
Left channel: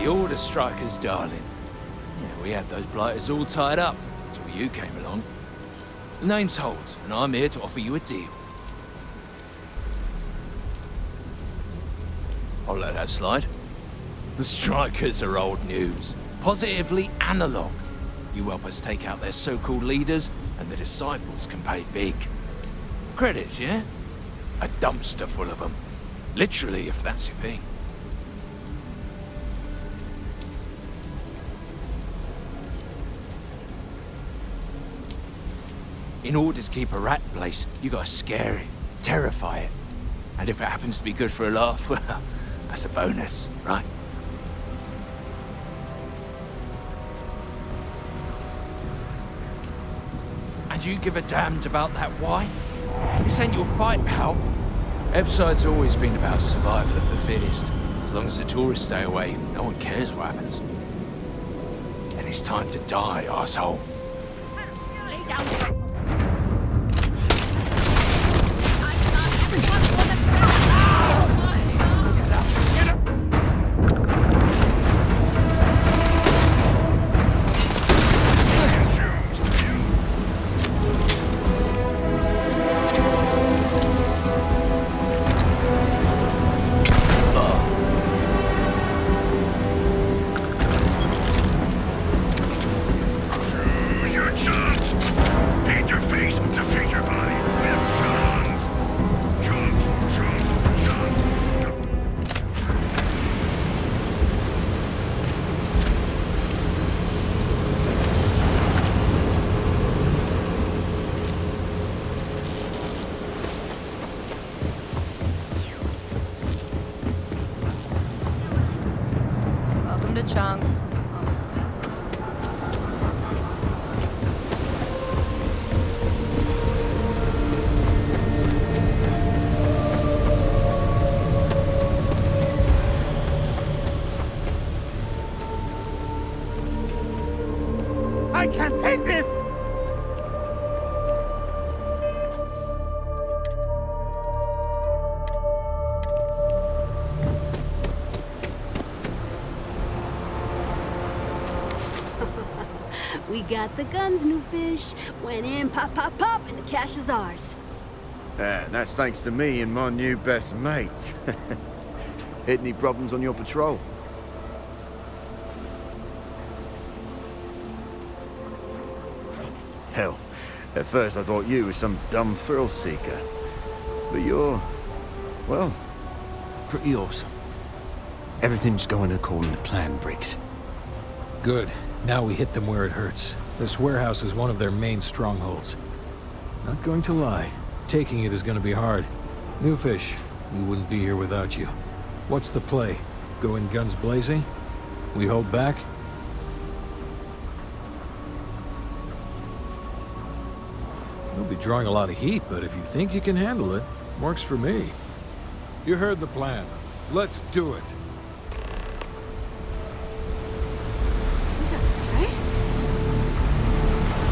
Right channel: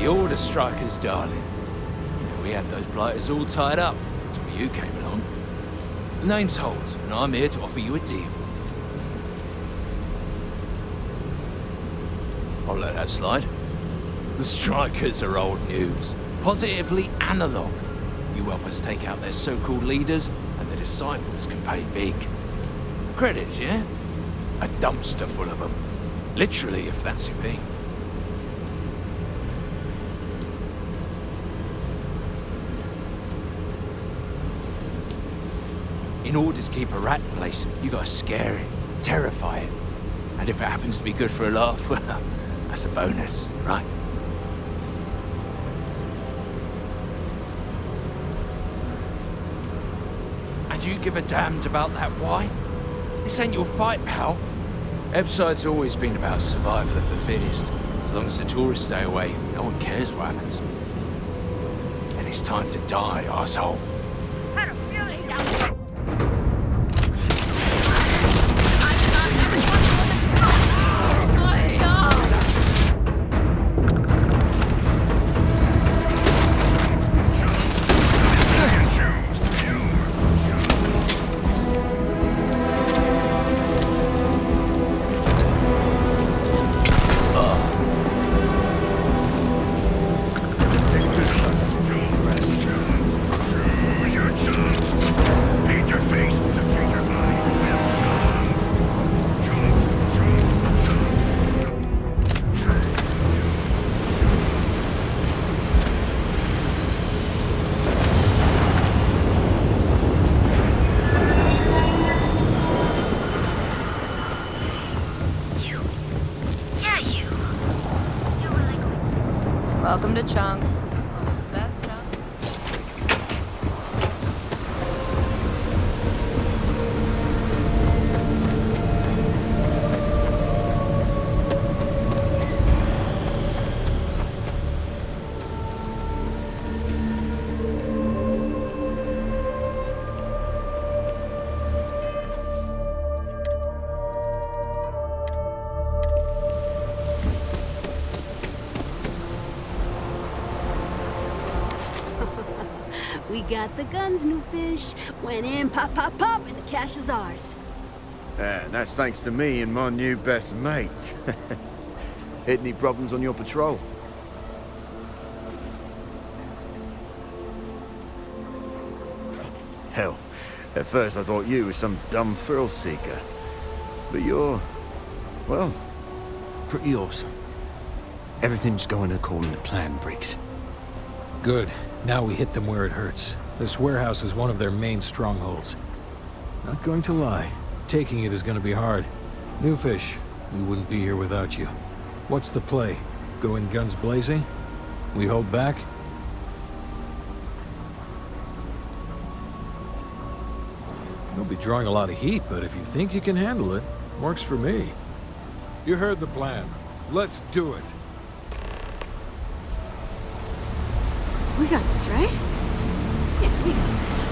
You're the Strikers, darling. Yeah, we had those blighters all tied up until you came along. The name's Holt, and I'm here to offer you a deal. I'll let that slide. The Strikers are old news. Positively analog. You help us take out their so-called leaders, and the disciples can pay big. Credits, yeah? A dumpster full of them. Literally, if that's your thing. In order to keep a rat in place, you gotta scare it, terrify it. And if it happens to be good for a laugh, well, that's a bonus, right? And you give a damned about that why? This ain't your fight, pal. Episode's always been about survival of the fittest. As long as the tourists stay away, no one cares what happens. And it's time to die, arsehole. Welcome to Chunks. I can't take this! We got the guns, new fish. Went in, pop, pop, pop, and the cash is ours. And that's thanks to me and my new best mate. Hit any problems on your patrol? Hell, at first I thought you were some dumb thrill seeker. But you're, well, pretty awesome. Everything's going according to plan, Briggs. Good. Now we hit them where it hurts. This warehouse is one of their main strongholds. Not going to lie, taking it is going to be hard. New fish, we wouldn't be here without you. What's the play? Go in guns blazing? We hold back? You'll be drawing a lot of heat, but if you think you can handle it, works for me. You heard the plan. Let's do it. We got this, right? Yeah, we got this.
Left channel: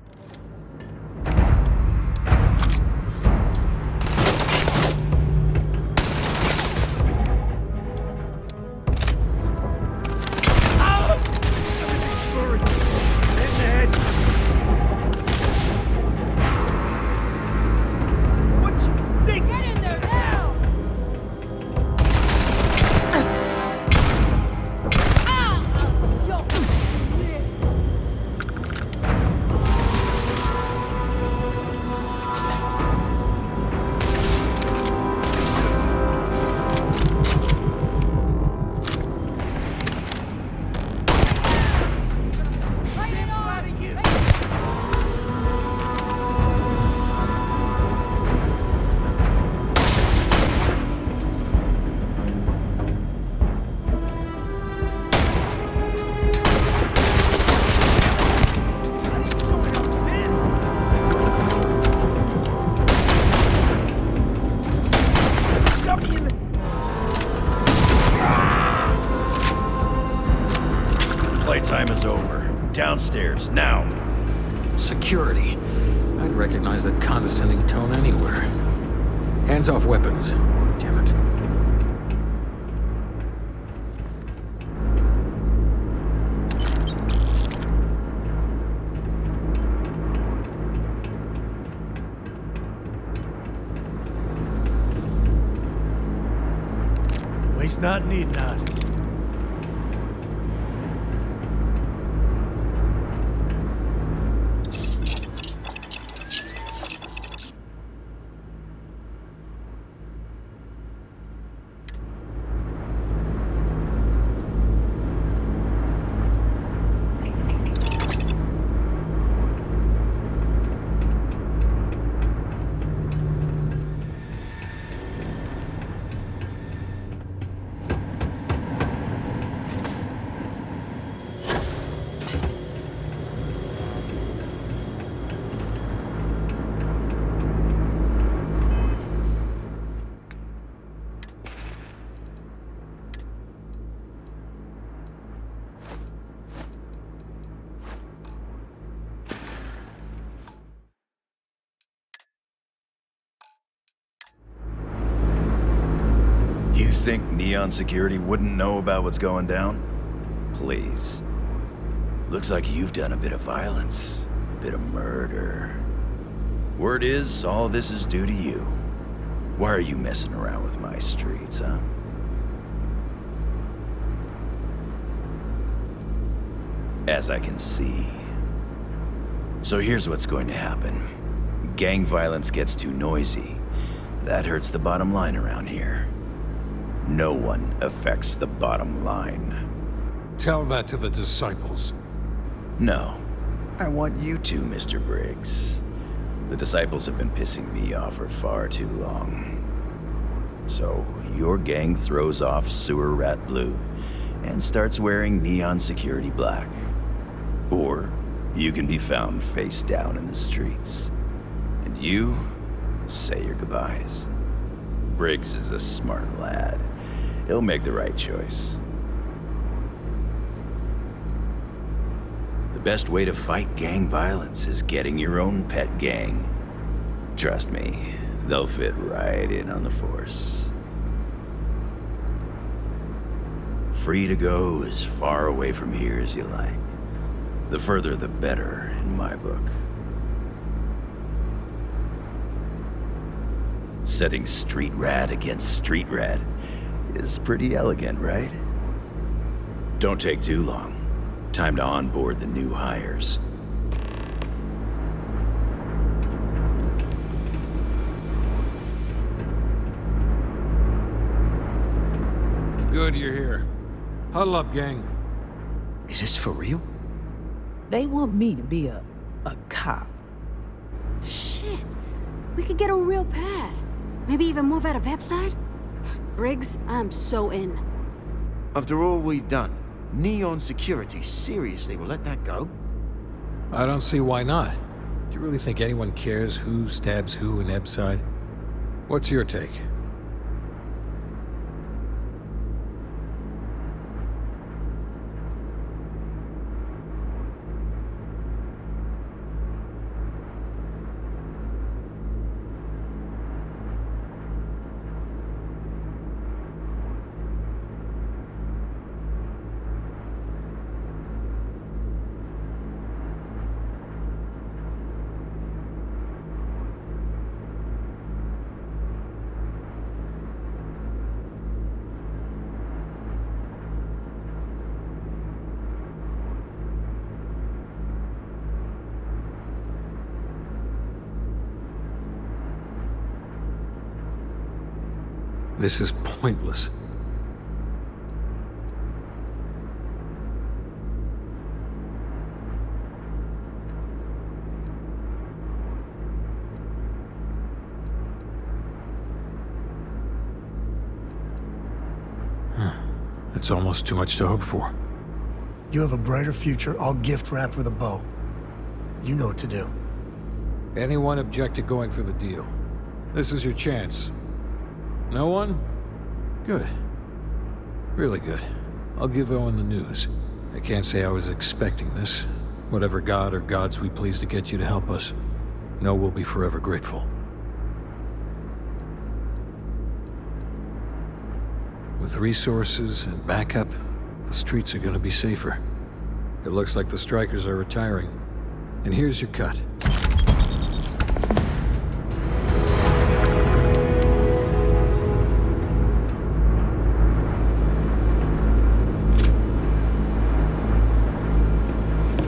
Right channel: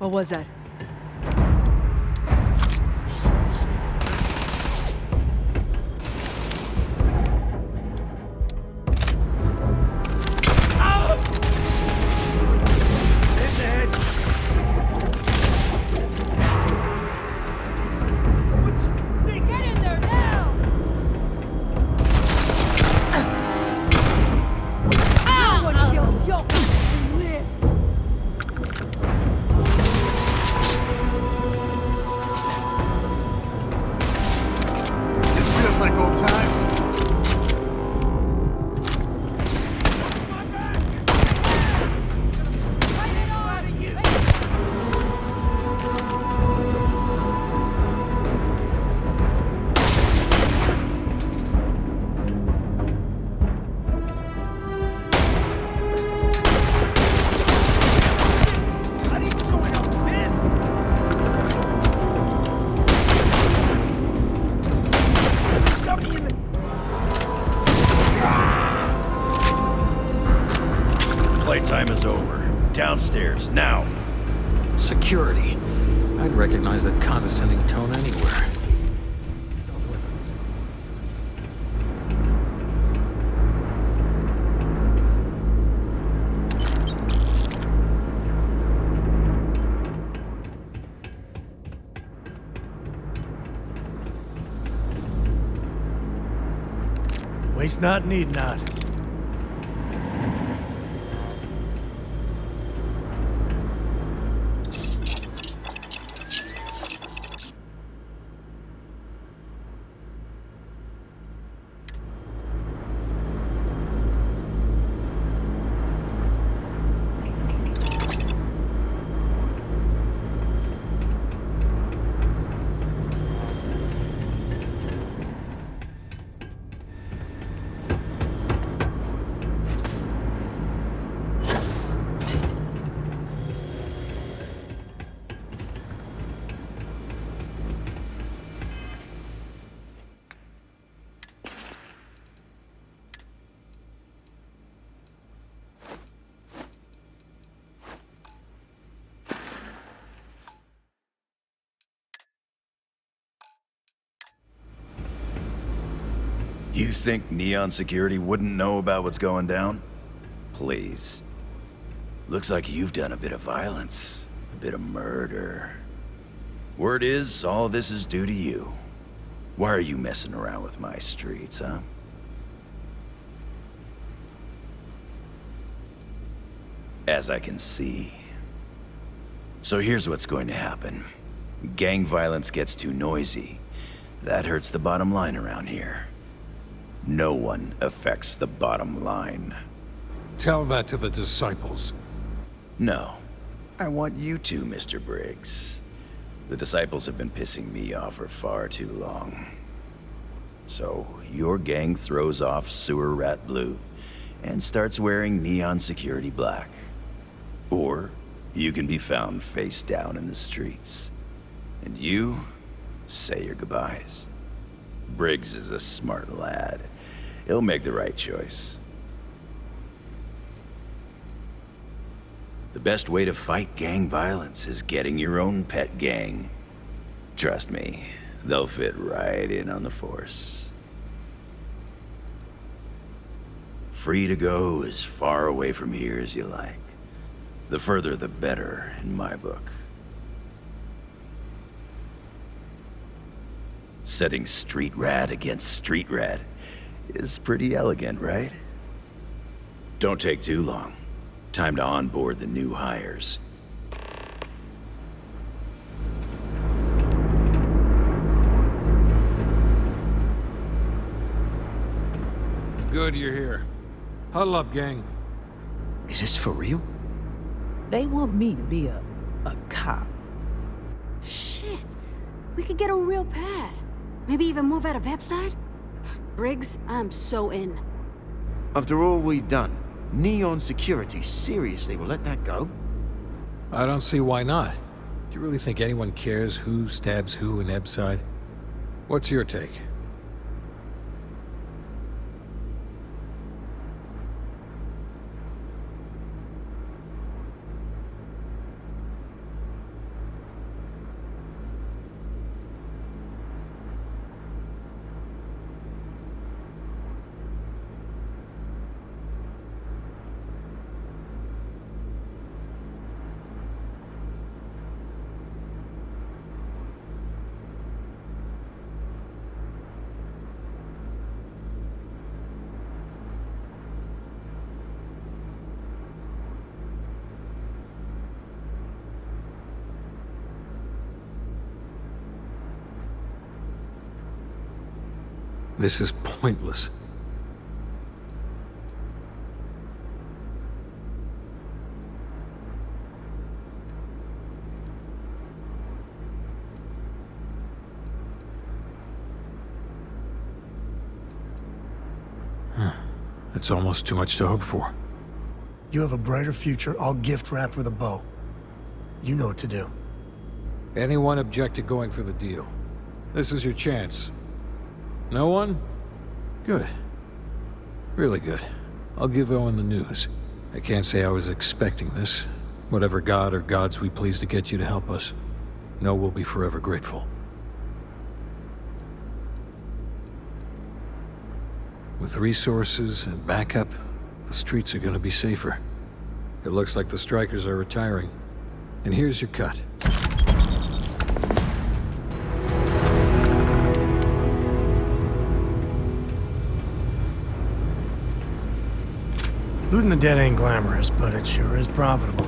What was that? Playtime is over. Downstairs, now. Security. I'd recognize that condescending tone anywhere. Hands off weapons. Damn it. Waste not, need not. You think Neon Security wouldn't know about what's going down? Please. Looks like you've done a bit of violence, a bit of murder. Word is, all this is due to you. Why are you messing around with my streets, huh? As I can see. So here's what's going to happen. Gang violence gets too noisy. That hurts the bottom line around here. No one affects the bottom line. Tell that to the disciples. No. I want you to, Mr. Briggs. The disciples have been pissing me off for far too long. So, your gang throws off Sewer Rat Blue and starts wearing Neon Security Black. Or, you can be found face down in the streets. And you say your goodbyes. Briggs is a smart lad. He'll make the right choice. The best way to fight gang violence is getting your own pet gang. Trust me, they'll fit right in on the force. Free to go as far away from here as you like. The further the better, in my book. Setting street rat against street rat is pretty elegant, right? Don't take too long. Time to onboard the new hires. Good you're here. Huddle up, gang. Is this for real? They want me to be a cop. Shit. We could get a real pad. Maybe even move out of Epside? Briggs, I'm so in. After all we've done, Neon Security seriously will let that go? I don't see why not. Do you really think anyone cares who stabs who in Ebside? What's your take? This is pointless. It's almost too much to hope for. You have a brighter future, all gift wrapped with a bow. You know what to do. Anyone object to going for the deal? This is your chance. No one? Good. Really good. I'll give Owen the news. I can't say I was expecting this. Whatever god or gods we please to get you to help us, know we'll be forever grateful. With resources and backup, the streets are gonna be safer. It looks like the strikers are retiring. And here's your cut. Looting the dead ain't glamorous, but it sure is profitable.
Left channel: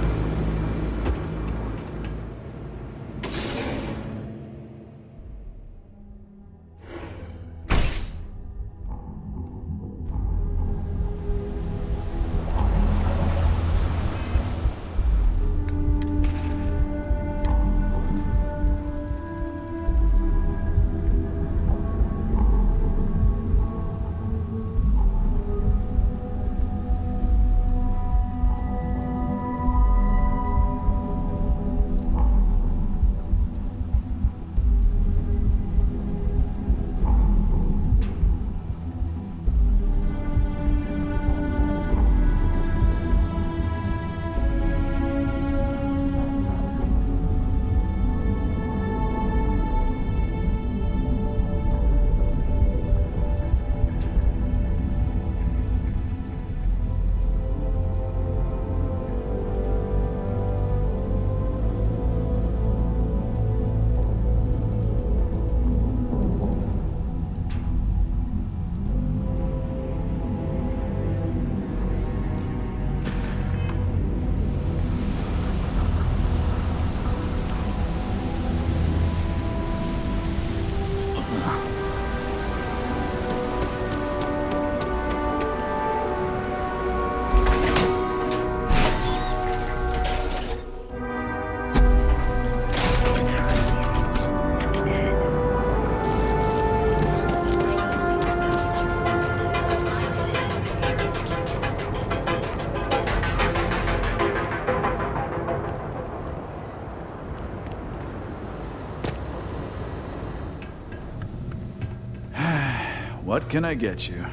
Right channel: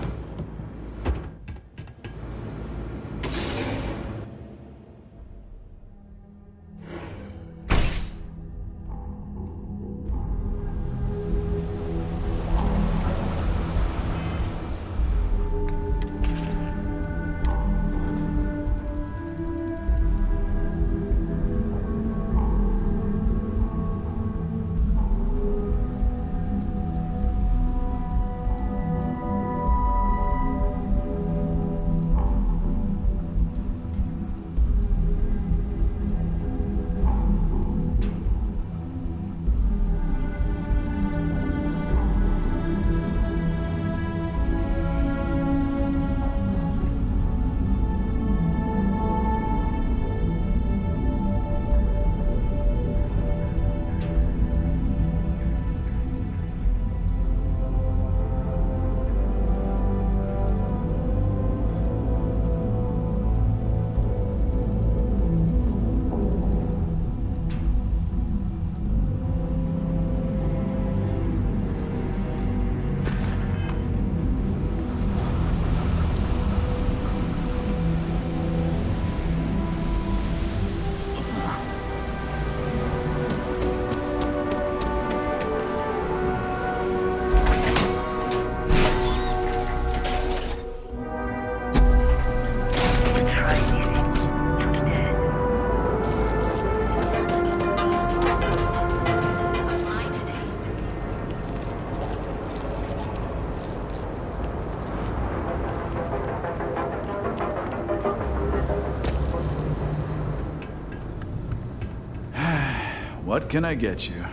What can I get you?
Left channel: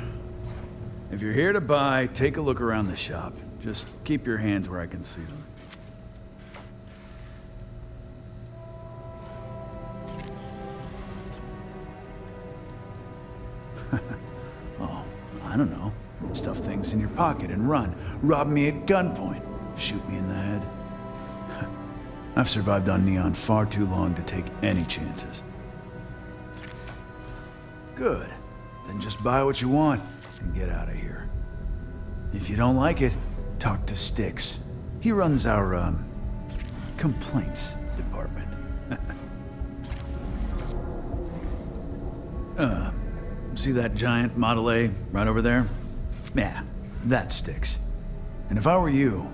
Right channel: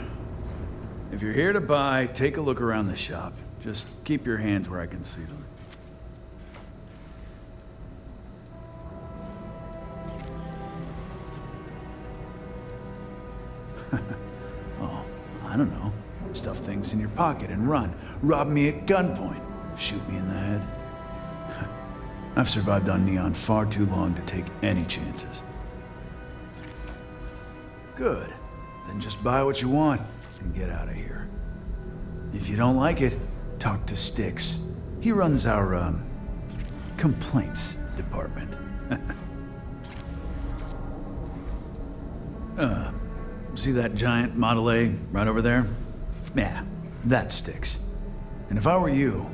If you're here to buy, take a look around the shop. Just keep your hands where I can see them. Oh, I don't know. Stuff things in your pocket and run. Rob me at gunpoint. Shoot me in the head. I've survived on Neon far too long to take any chances. Good. Then just buy what you want and get out of here. If you don't like it, talk to Styx. He runs our, complaints department. See that giant Model A right over there? Yeah, that's Styx. And if I were you,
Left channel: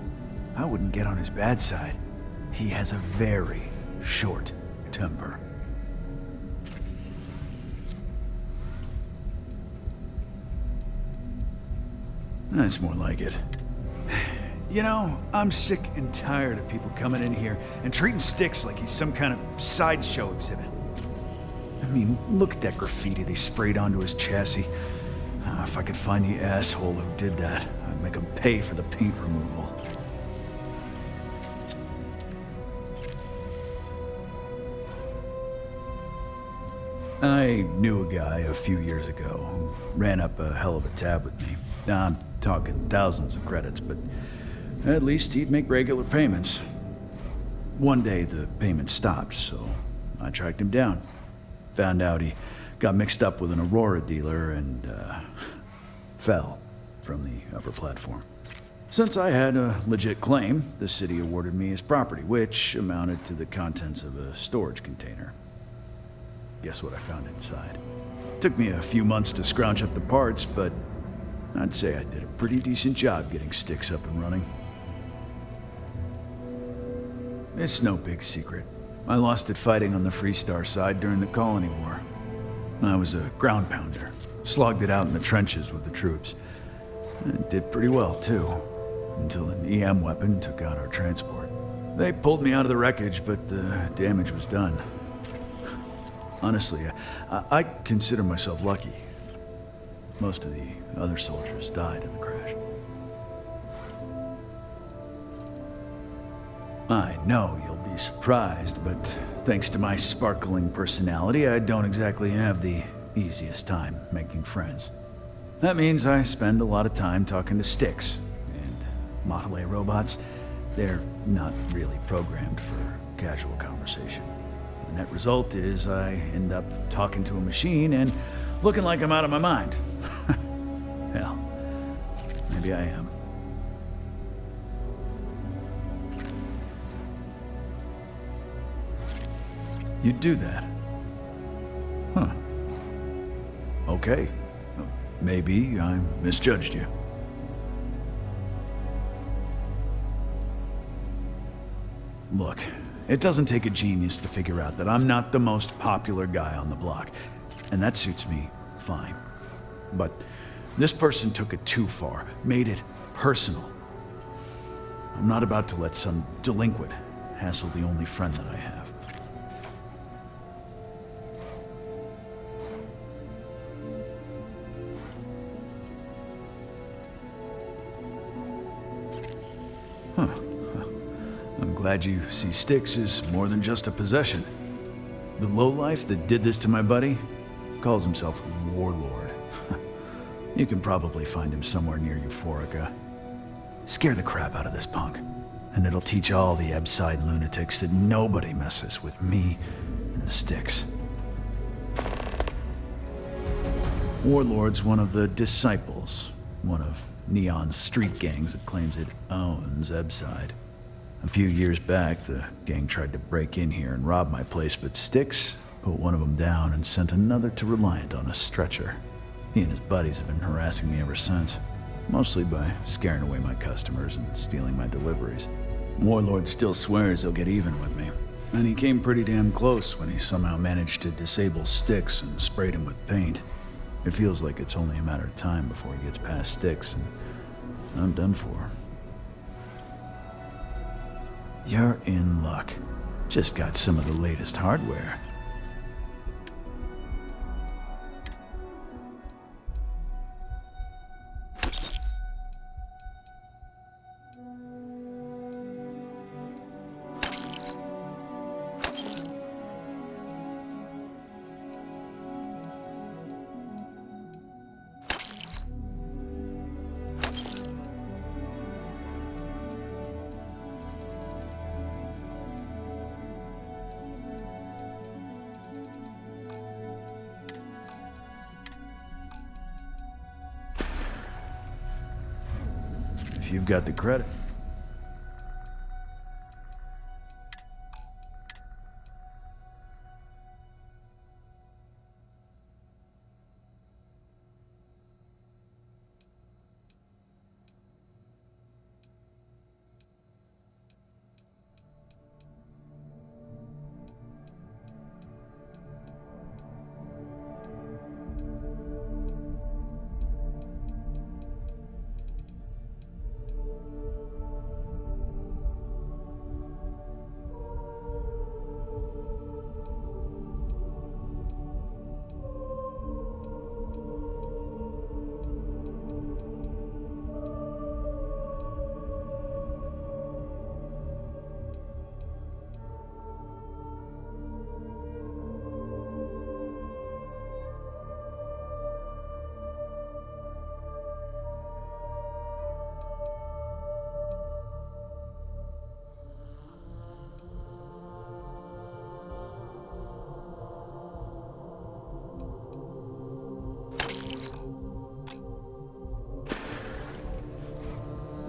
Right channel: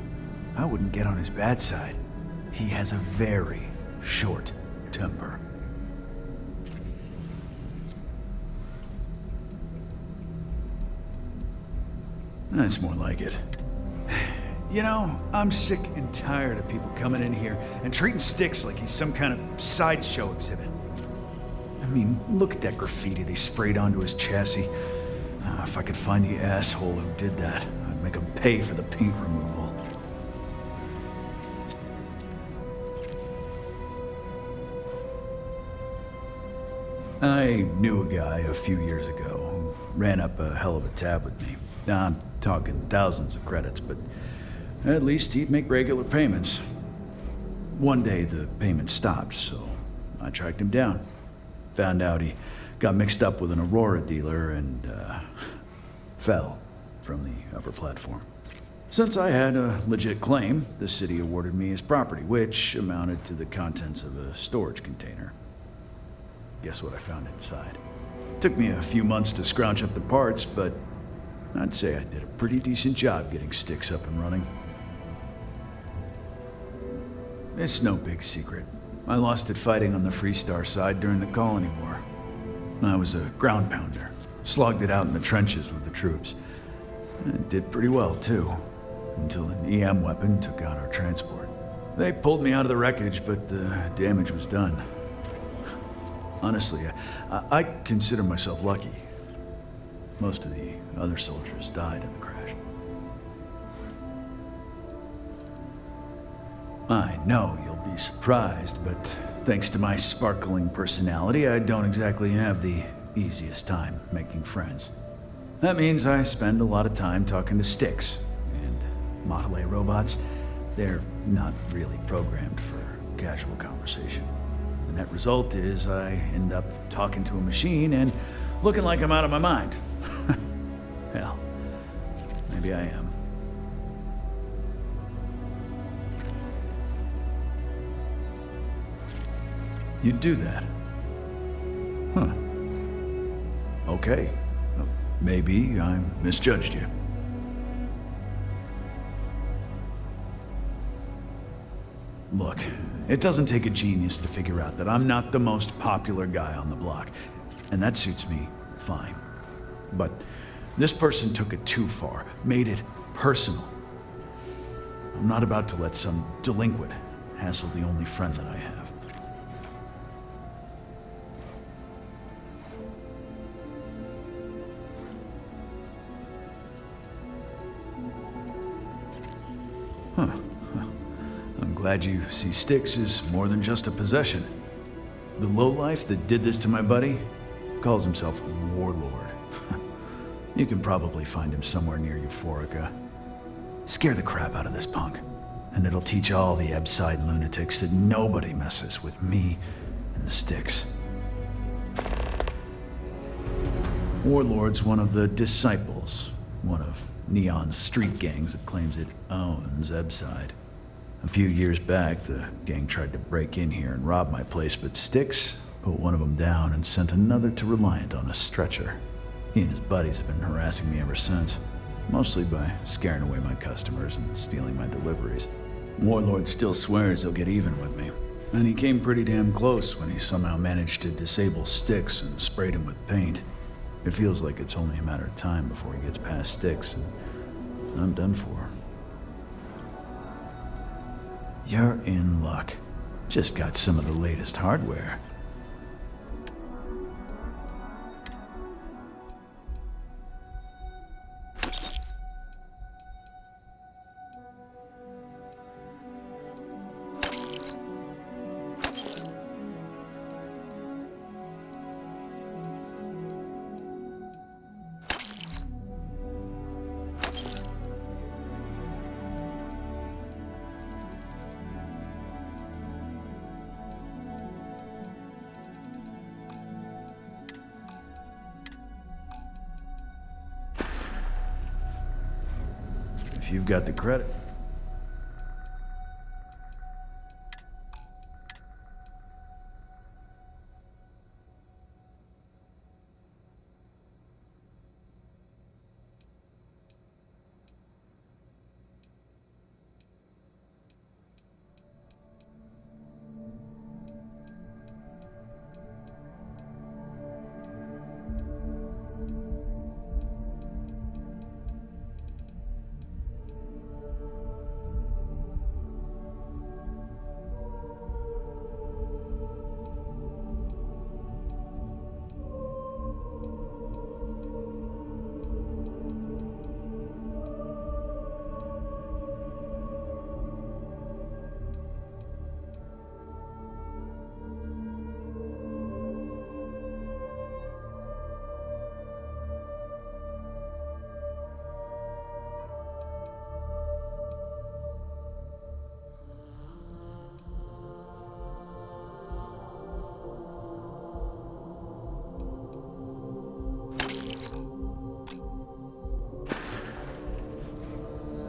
I wouldn't get on his bad side. He has a very short temper. That's more like it. You know, I'm sick and tired of people coming in here and treating Styx like he's some kind of sideshow exhibit. I mean, look at that graffiti they sprayed onto his chassis. If I could find the asshole who did that, I'd make him pay for the paint removal. I knew a guy a few years ago who ran up a hell of a tab with me. Now, I'm talking thousands of credits, but at least he'd make regular payments. One day the payments stopped, so I tracked him down. Found out he got mixed up with an Aurora dealer and fell from the upper platform. Since I had a legit claim, the city awarded me his property, which amounted to the contents of a storage container. Guess what I found inside? Took me a few months to scrounge up the parts, but I'd say I did a pretty decent job getting Styx up and running. It's no big secret. I lost it fighting on the Freestar side during the Colony War. I was a ground pounder. Slogged it out in the trenches with the troops. And did pretty well, too. Until an EM weapon took out our transport. They pulled me out of the wreckage, but the damage was done. Honestly, I consider myself lucky. Most of the other soldiers died in the crash. I know you'll be surprised, but thanks to my sparkling personality, I don't exactly have the easiest time making friends. That means I spend a lot of time talking to Styx, and Model A robots, they're not really programmed for casual conversation. The net result is I end up talking to a machine and looking like I'm out of my mind. Hell, maybe I am. You'd do that? Huh. Okay. Maybe I misjudged you. Look, it doesn't take a genius to figure out that I'm not the most popular guy on the block, and that suits me fine. But this person took it too far, made it personal. I'm not about to let some delinquent hassle the only friend that I have. Huh. I'm glad you see Styx as more than just a possession. The lowlife that did this to my buddy calls himself Warlord. You can probably find him somewhere near Euphorica. Scare the crap out of this punk, and it'll teach all the Ebside lunatics that nobody messes with me and the Styx. Warlord's one of the Disciples, one of Neon's street gangs that claims it owns Ebside. A few years back, the gang tried to break in here and rob my place, but Styx put one of them down and sent another to Reliant on a stretcher. He and his buddies have been harassing me ever since, mostly by scaring away my customers and stealing my deliveries. Warlord still swears he'll get even with me, and he came pretty damn close when he somehow managed to disable Styx and sprayed him with paint. It feels like it's only a matter of time before he gets past Styx, and I'm done for. You're in luck. Just got some of the latest hardware. If you've got the credit.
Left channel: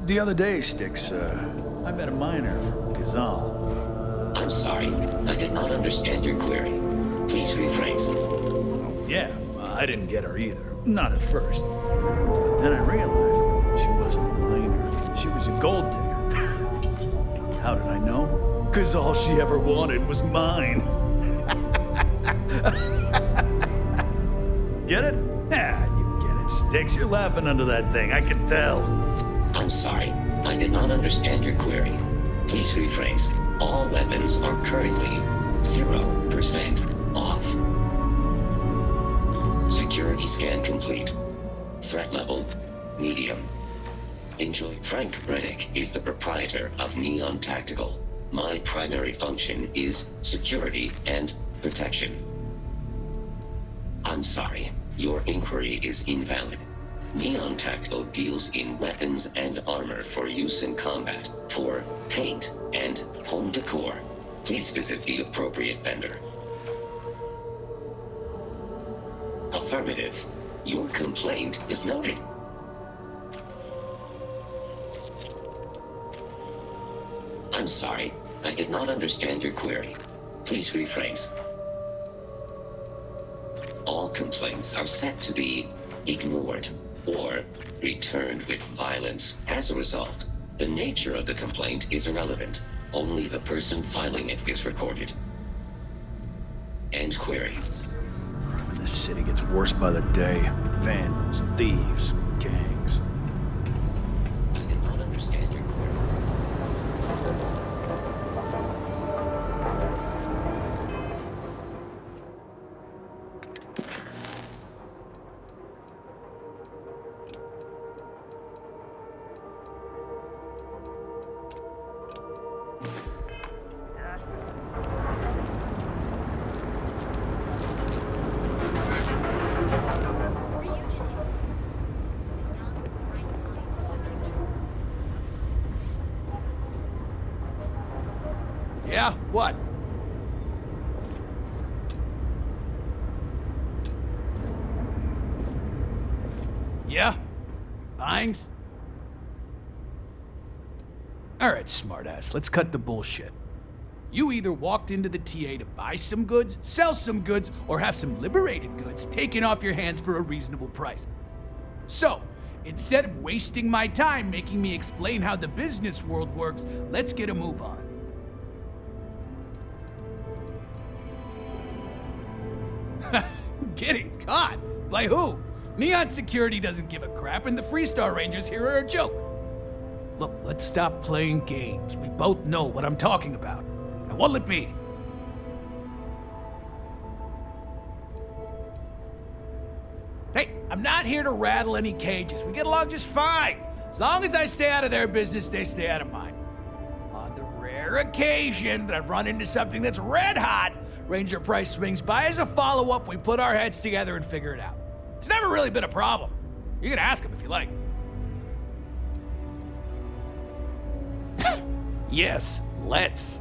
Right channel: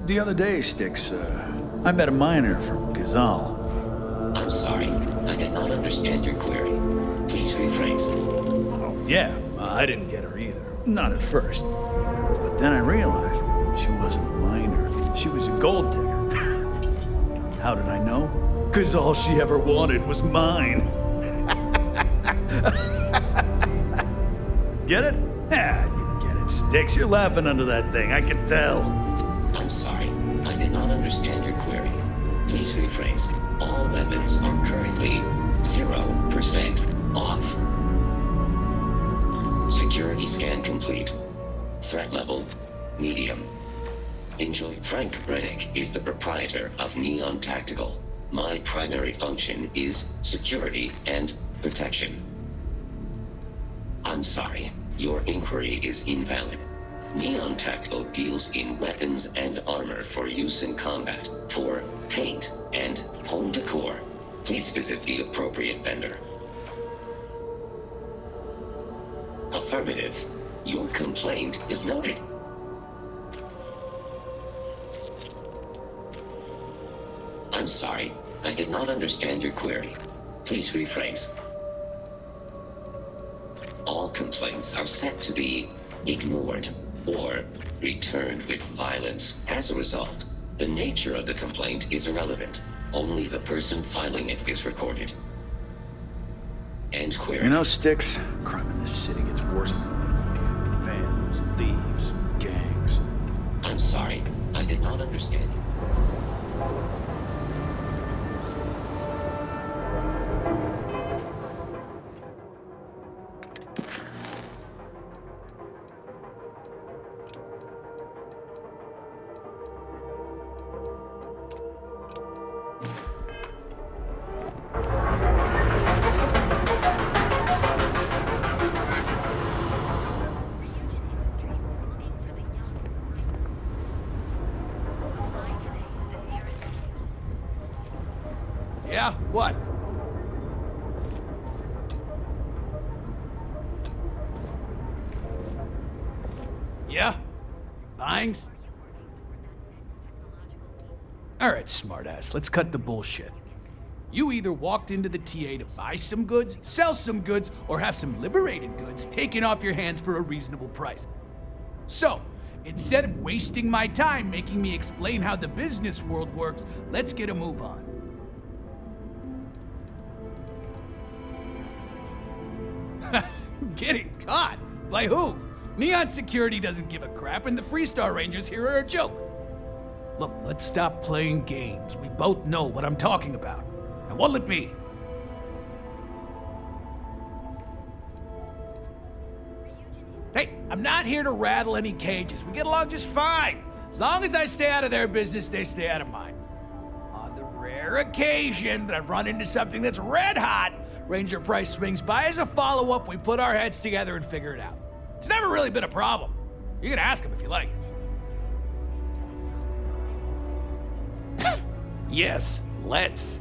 The other day, Styx, I met a miner from Gazal. I'm sorry, I did not understand your query. Please rephrase. Yeah, I didn't get her either. Not at first. But then I realized she wasn't a miner. She was a gold digger. How did I know? 'Cause all she ever wanted was mine. Get it? Yeah, you get it, Sticks. You're laughing under that thing, I can tell. I'm sorry. I did not understand your query. Please rephrase. All weapons are currently 0% off. Security scan complete. Threat level, medium. Enjoy. Frank Rennick is the proprietor of Neon Tactical. My primary function is security and protection. I'm sorry. Your inquiry is invalid. Neon Tactical deals in weapons and armor for use in combat, for paint and home decor. Please visit the appropriate vendor. Affirmative. Your complaint is noted. I'm sorry. I did not understand your query. Please rephrase. All complaints are set to be ignored or returned with violence. As a result, the nature of the complaint is irrelevant. Only the person filing it is recorded. End query. You know, Sticks, crime in this city gets worse by the day. Vandals, thieves, gangs. I'm sorry. I did not understand your query. Yeah? What? Yeah? Buying? Alright, smartass, let's cut the bullshit. You either walked into the TA to buy some goods, sell some goods, or have some liberated goods taken off your hands for a reasonable price. So, instead of wasting my time making me explain how the business world works, let's get a move on. Getting caught? By who? Neon Security doesn't give a crap, and the Freestar Rangers here are a joke. Look, let's stop playing games. We both know what I'm talking about. Now what'll it be? Hey, I'm not here to rattle any cages. We get along just fine. As long as I stay out of their business, they stay out of mine. On the rare occasion that I've run into something that's red hot, Ranger Price swings by as a follow-up, we put our heads together and figure it out. It's never really been a problem. You can ask him if you like. Yes, let's.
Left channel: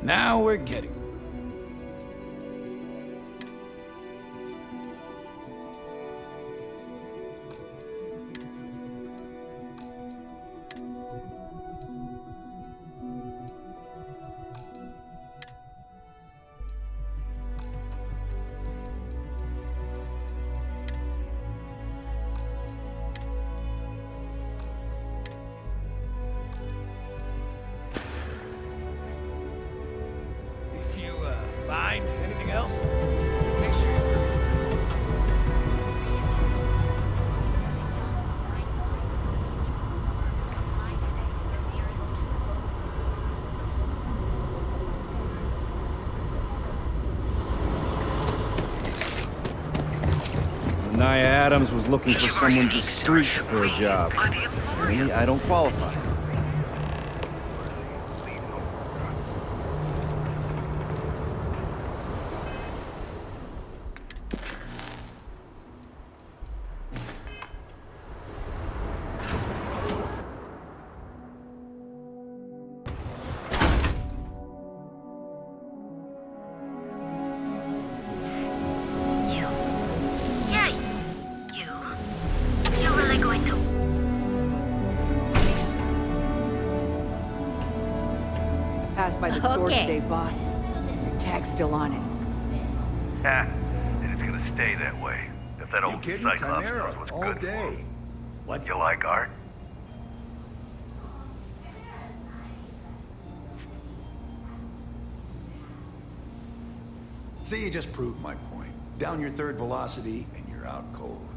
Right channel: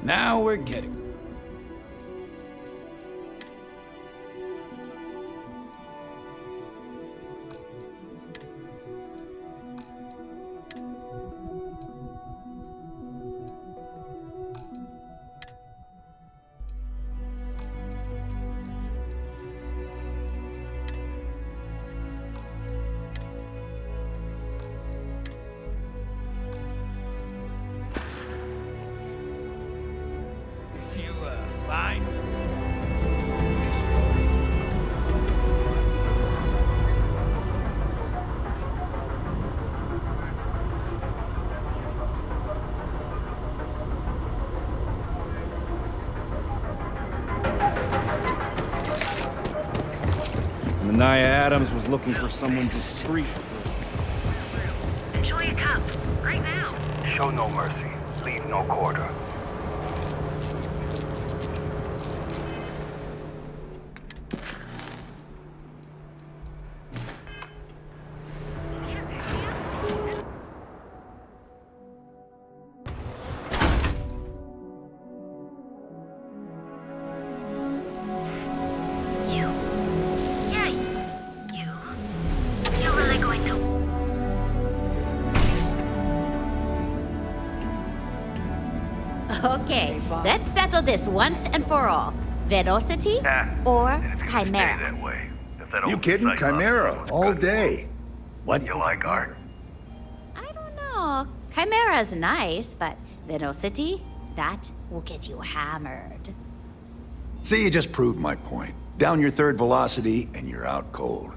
Now we're getting. If you find anything else, make sure you bring it to me. Anaya Adams was looking for someone discreet for a job. Me, I don't qualify. Show no mercy. Leave no quarter. Okay, let's settle this once and for all. Velocity or Chimera? Stay that way. If that You old kidding? Cyclops Chimera, was all good. day. What? You like art? No, Chimera's nice, but Velocity, that will get you hammered. See, you just proved my point. Down your third velocity, and you're out cold.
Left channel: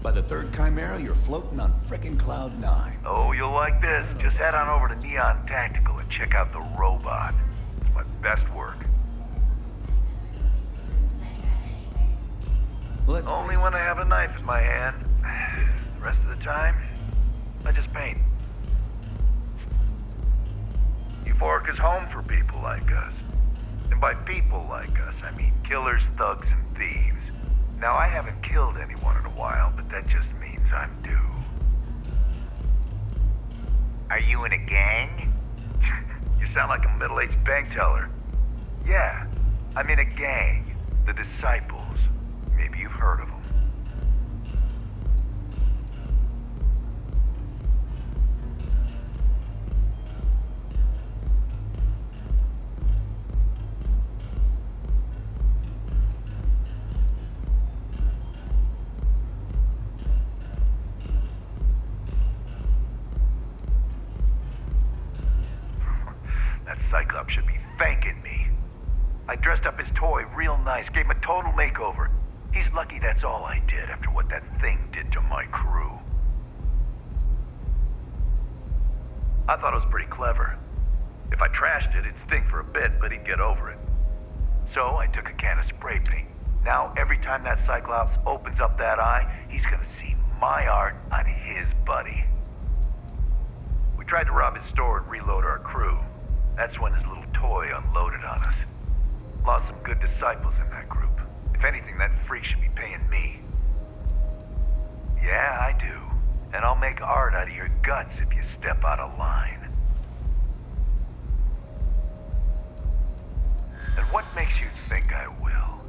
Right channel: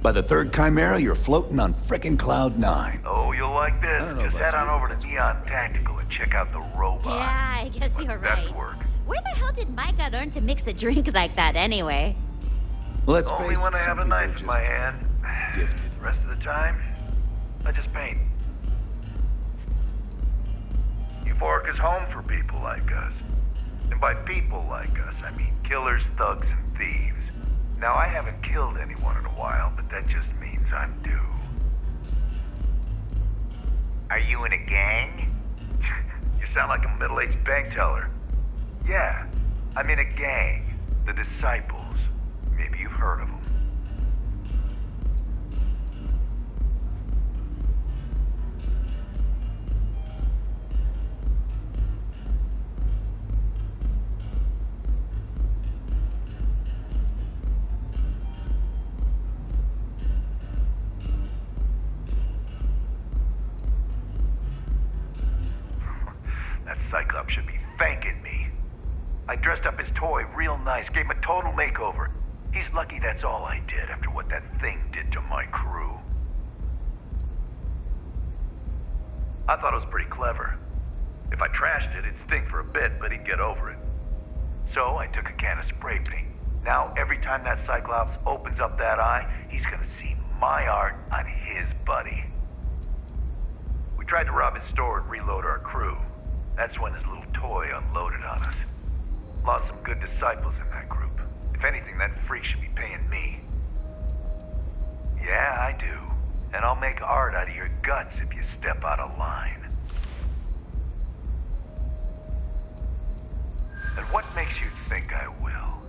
By the third Chimera, you're floating on frickin' Cloud 9. Oh, you'll like this. Just head on over to Neon Tactical and check out the robot. Yeah, I guess you're Best right. work. Where the hell did Micah learn to mix a drink like that anyway? Let's Only face when it, I have some a knife people in my hand. The rest of the time, I just paint. Euphoric is home for people like us. And by people like us, I mean killers, thugs, and thieves. Now, I haven't killed anyone in a while, but that just means I'm due. Are you in a gang? You sound like a middle-aged bank teller. Yeah, I'm in a gang. The Disciples. Maybe you've heard of them. That Cyclops should be thanking me. I dressed up his toy real nice, gave him a total makeover. He's lucky that's all I did after what that thing did to my crew. I thought it was pretty clever. If I trashed it, it'd stink for a bit, but he'd get over it. So I took a can of spray paint. Now, every time that Cyclops opens up that eye, he's gonna see my art on his buddy. We tried to rob his store and reload our crew. That's when his little toy unloaded on us. Lost some good disciples in that group. If anything, that freak should be paying me. Yeah, I do. And I'll make art out of your guts if you step out of line. And what makes you think I will?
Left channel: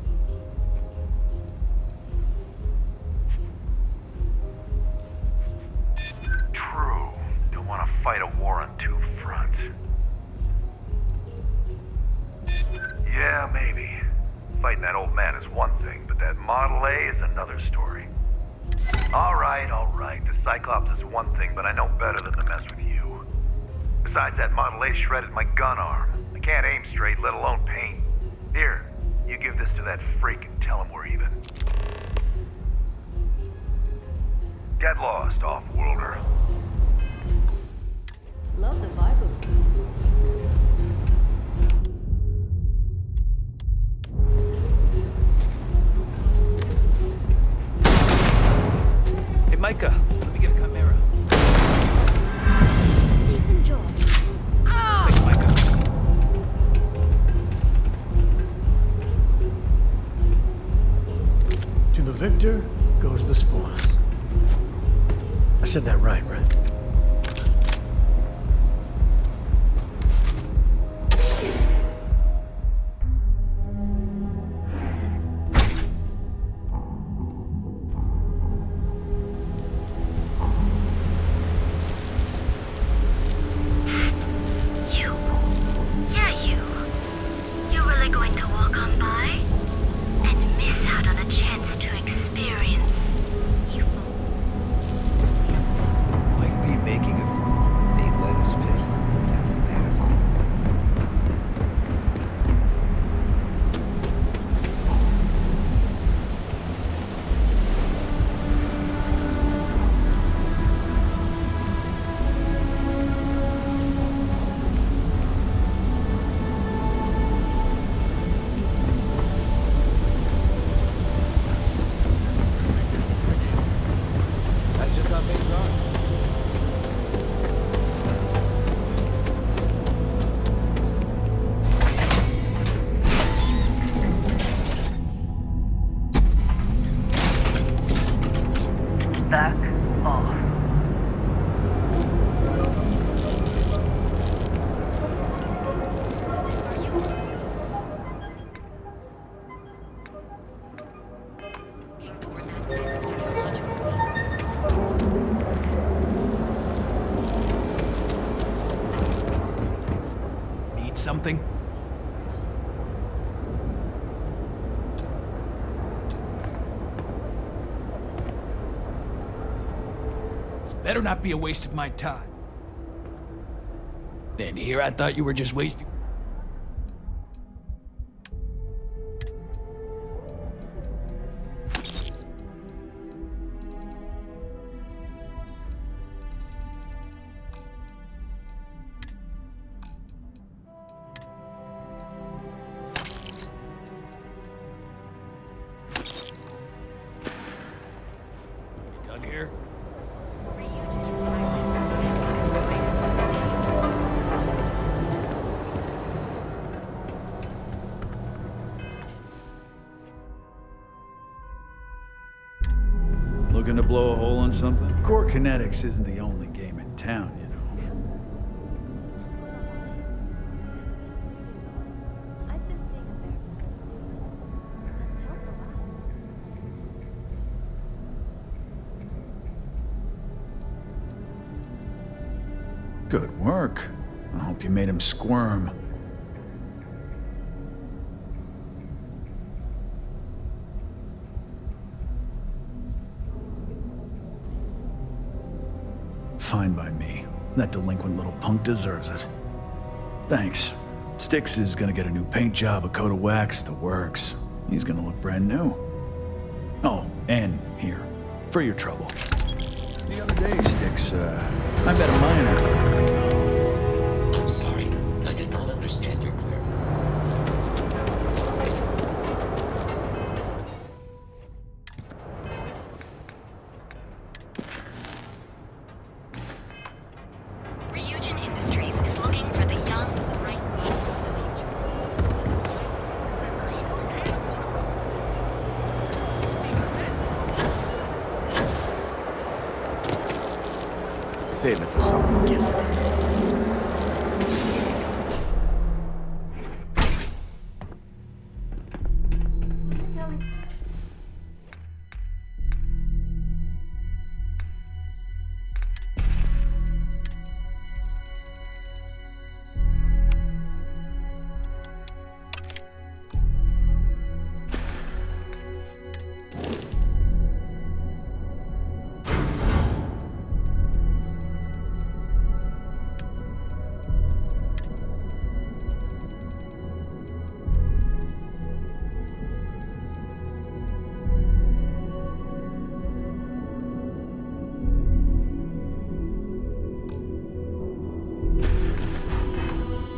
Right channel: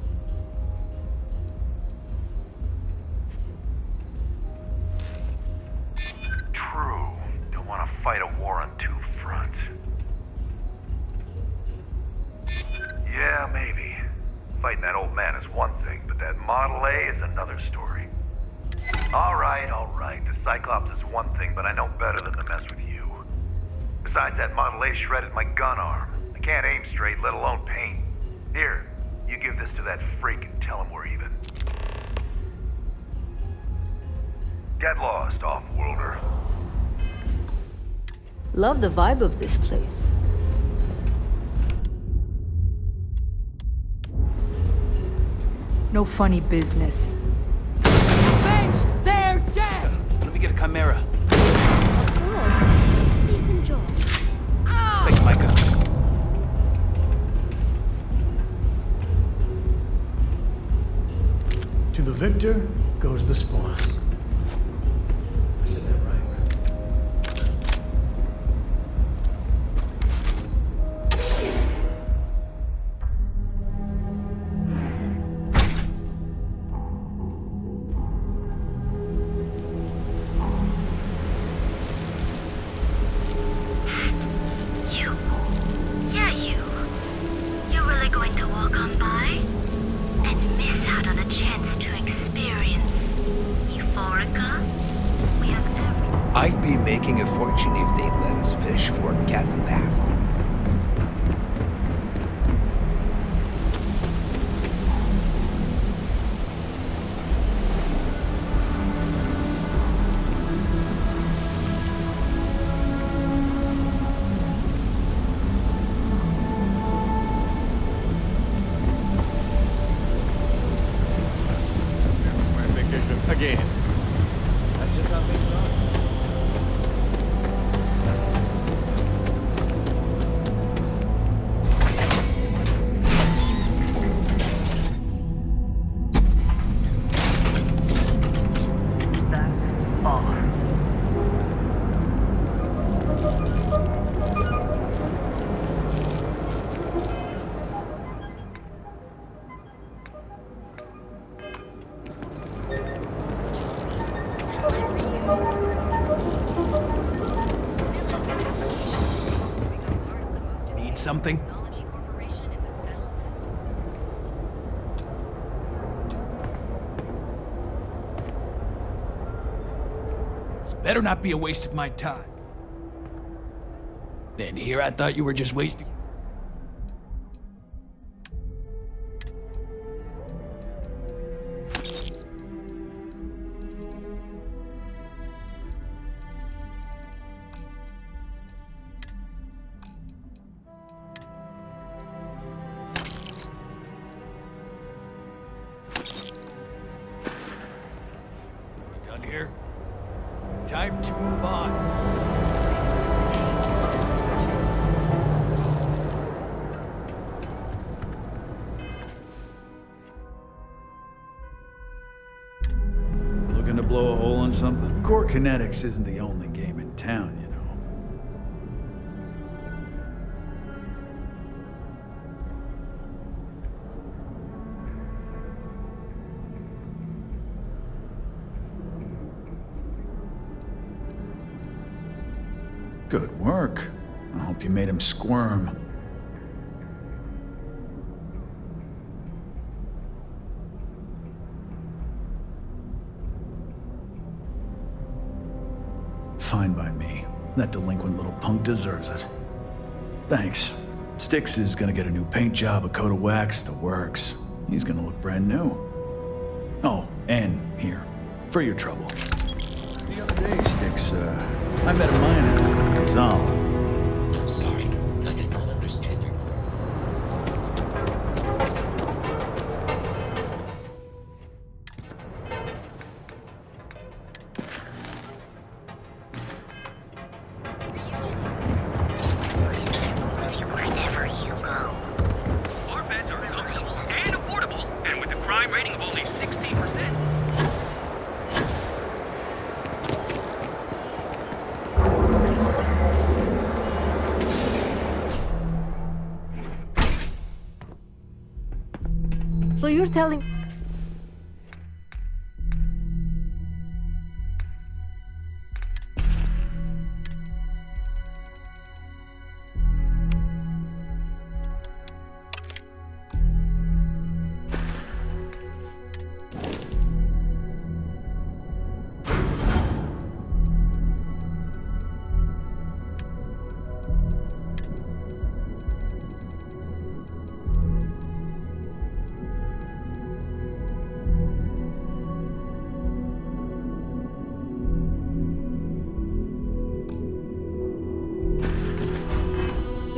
True. Don't want to fight a war on two fronts. Yeah, maybe. Fighting that old man is one thing, but that Model A is another story. All right. The Cyclops is one thing, but I know better than to mess with you. Besides, that Model A shredded my gun arm. I can't aim straight, let alone paint. Here, you give this to that freak and tell him we're even. Get lost, off-worlder. Love the vibe of this place. No funny business. Hey, Micah, let me get a Chimera. Please enjoy. Thanks, Micah. To the victor goes the spoils. I said that right? You really going to walk on by? And miss out on a chance to experience Euphorica? I'd be making a fortune if they'd let us fish for gas and bass. something? This better not be a waste of my time. Then here I thought you were just wasting... Done here? Time to move on. Looking to blow a hole in something? Core Kinetics isn't the only game in town, you know. Good work. I hope you made him squirm. Fine by me. That delinquent little punk deserves it. Thanks. Styx is gonna get a new paint job, a coat of wax, the works. He's gonna look brand new. Oh, and here, for your trouble. The other day, Styx, I met a miner from Kazal. I'm sorry. I did not understand your query. Ryujin Industries is looking for the young right wherever you go. Our beds are reliable and affordable, and with a crime rating of only 60%. Save it for someone who gives a damn. So you're telling...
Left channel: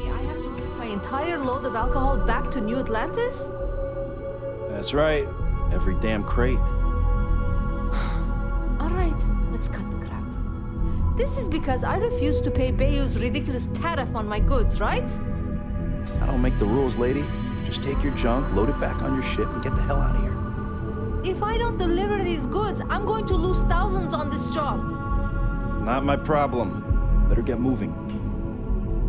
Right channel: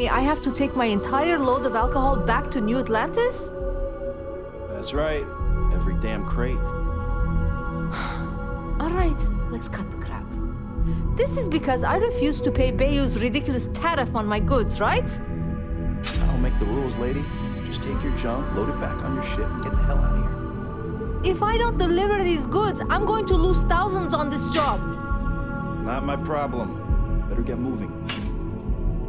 I have to take my entire load of alcohol back to New Atlantis? That's right. Every damn crate. All right, let's cut the crap. This is because I refuse to pay Bayou's ridiculous tariff on my goods, right? I don't make the rules, lady. Just take your junk, load it back on your ship, and get the hell out of here. If I don't deliver these goods, I'm going to lose thousands on this job. Not my problem. Better get moving.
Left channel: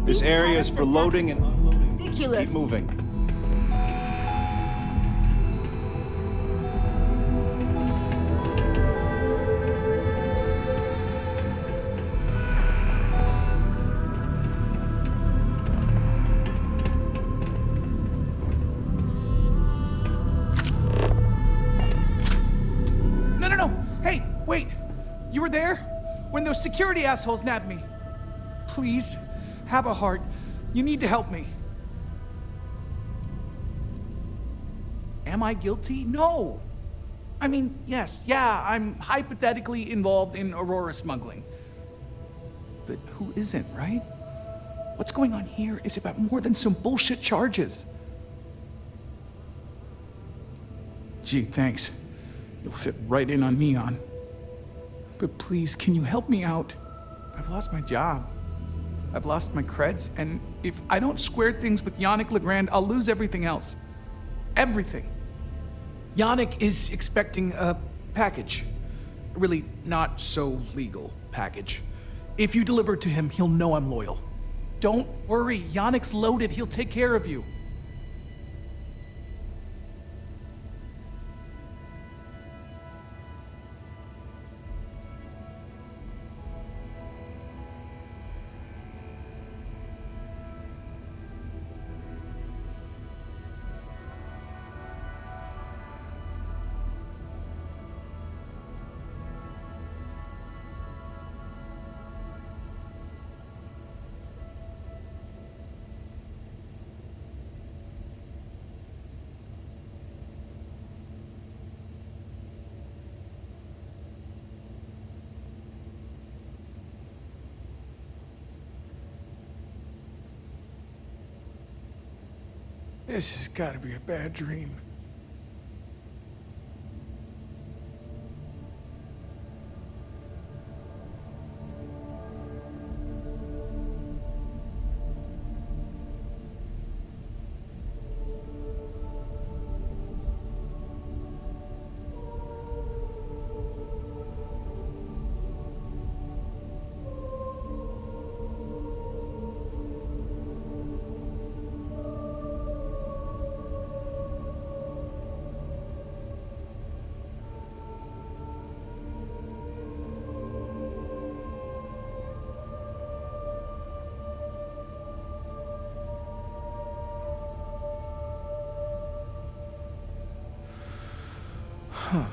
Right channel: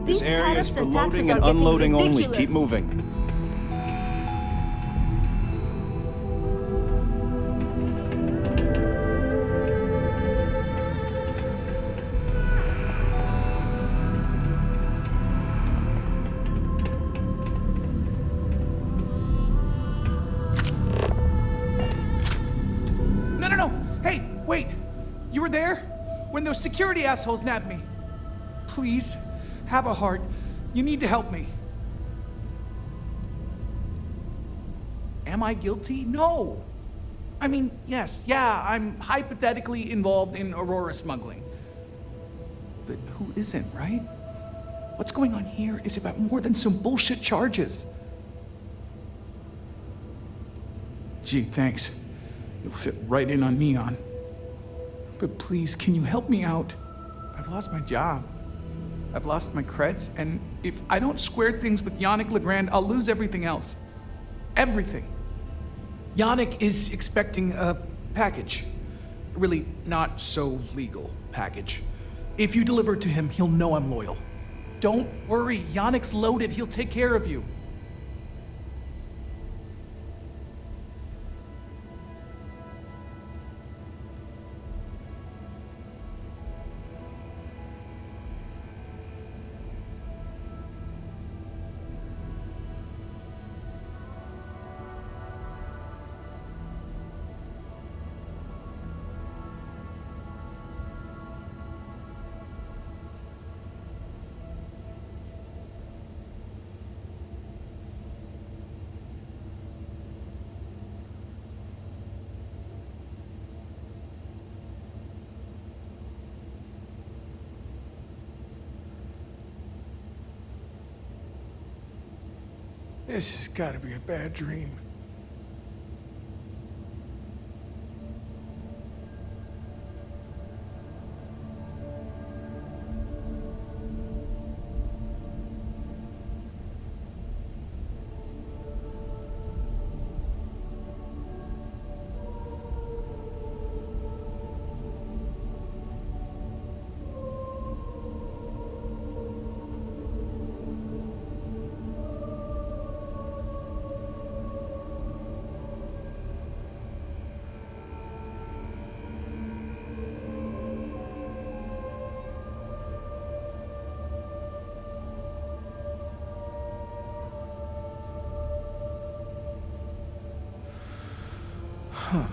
This These area is tariffs for and loading taxes and are getting unloading only. ridiculous. Keep moving. No. Hey, wait. You were there? When those security assholes nabbed me. Please, have a heart. You need to help me. Am I guilty? No. I mean, yes, I'm hypothetically involved in Aurora smuggling. But who isn't, right? What's going on here is about more than some bullshit charges. Gee, thanks. You'll fit right in on Neon. But please, can you help me out? I've lost my job. I've lost my creds, and if I don't square things with Yannick Legrand, I'll lose everything else. Everything. Yannick is expecting a package. A really not so legal package. If you deliver it to him, he'll know I'm loyal. Don't worry, Yannick's loaded. He'll take care of you. This has got to be a bad dream. Huh.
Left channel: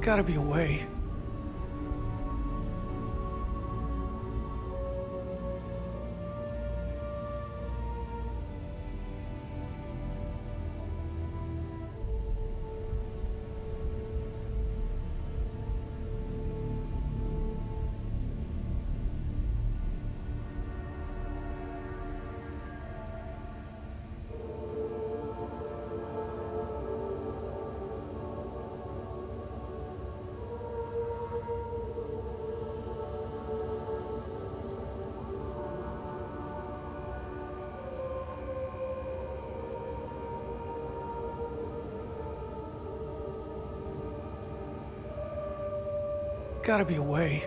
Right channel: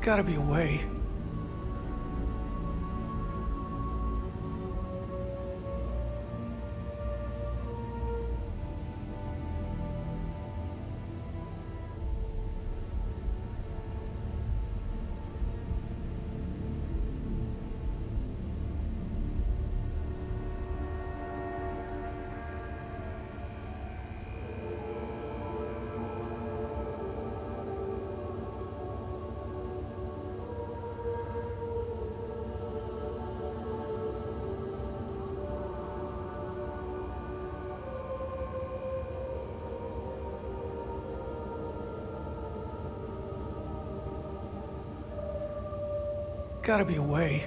Gotta be a way. Gotta be a way.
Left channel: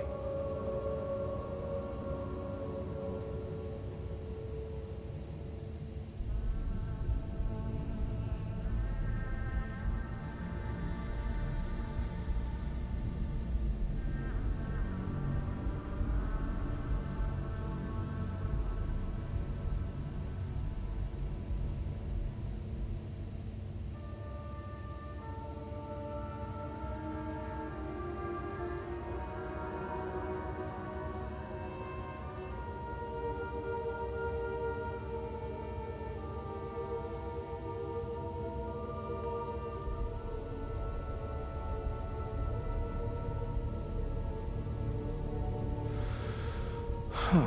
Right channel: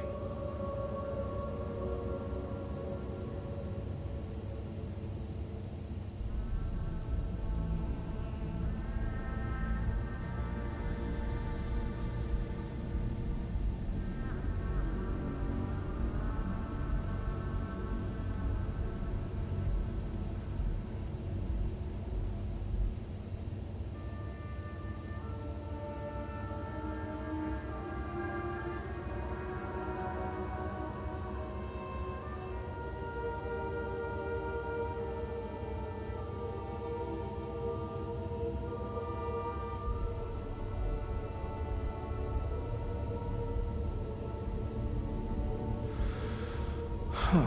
Huh.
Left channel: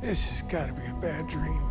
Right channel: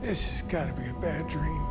This has got to be a bad dream.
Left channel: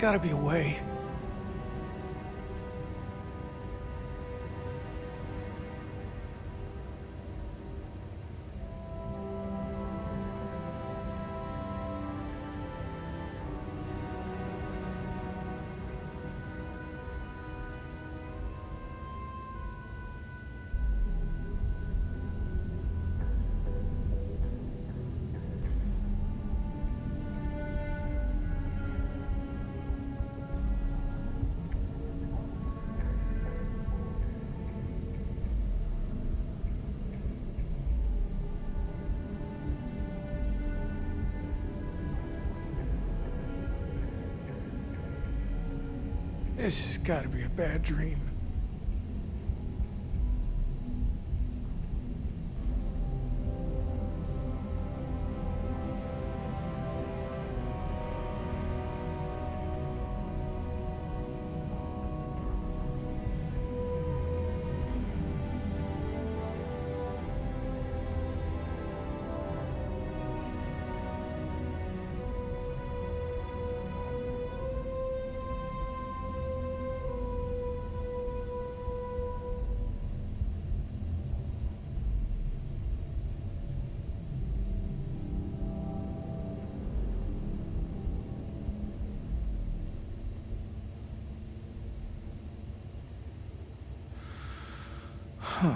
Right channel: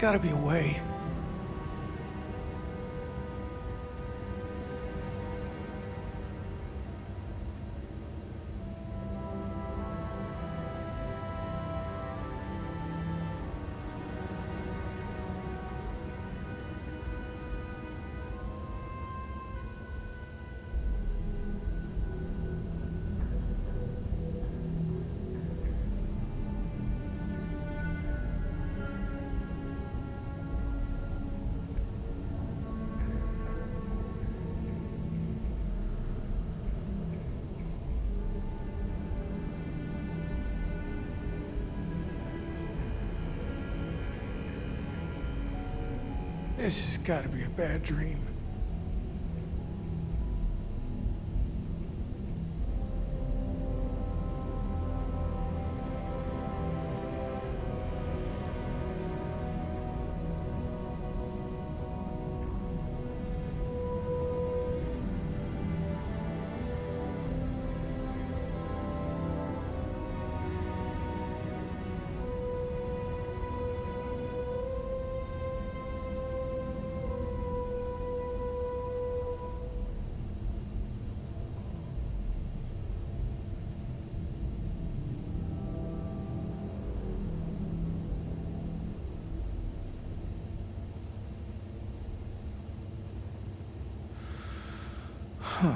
Gotta be a way. This has got to be a bad dream. Huh.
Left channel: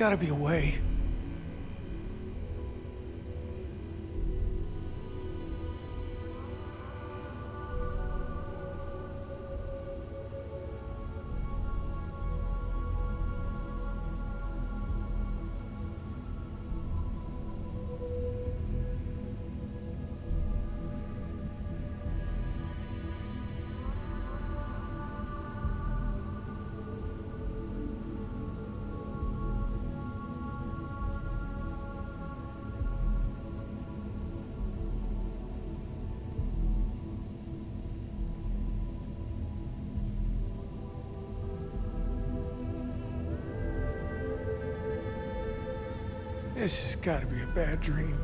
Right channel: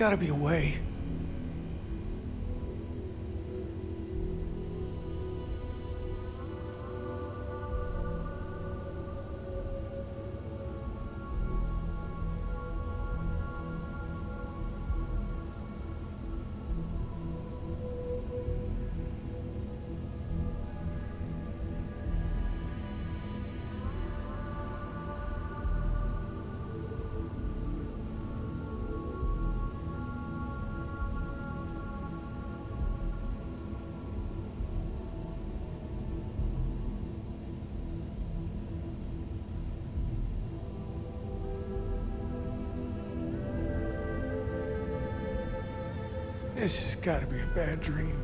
Gotta be a way. This has got to be a bad dream.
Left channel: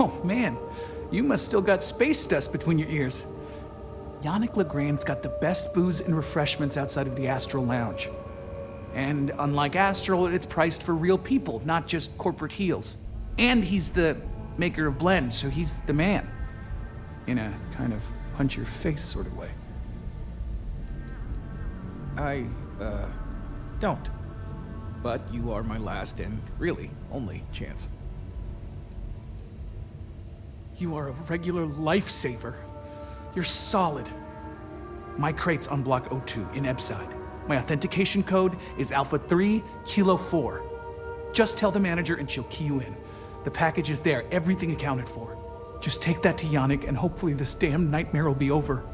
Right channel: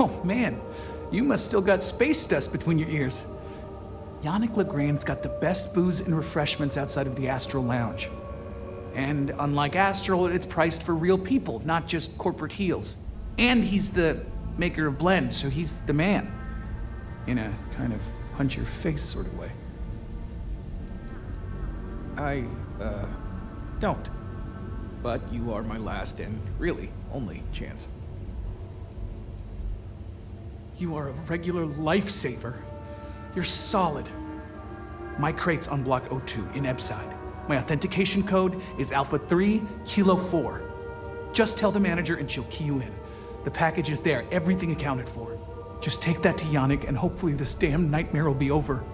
Oh man, you must still got space dust between your ears. Yannick Legrand's got the best booze and refreshments outside of the Astral Lounge. And unlike Astral, it's priced for real people, not just corporate heels. And he's the maker of blends, so he's the man. In a kind of punch-your-face sort of way. I, don't. But you are my last and really only chance. You are a regular lifesaver. You're solid. My crate's on Block O2 in Ebside. My authentication code is Alpha 3 Kilo 4. Just tell the manager and she'll key you in. The package is there, everything accounted for. Just take that to Yannick and hopefully this damn nightmare will be over.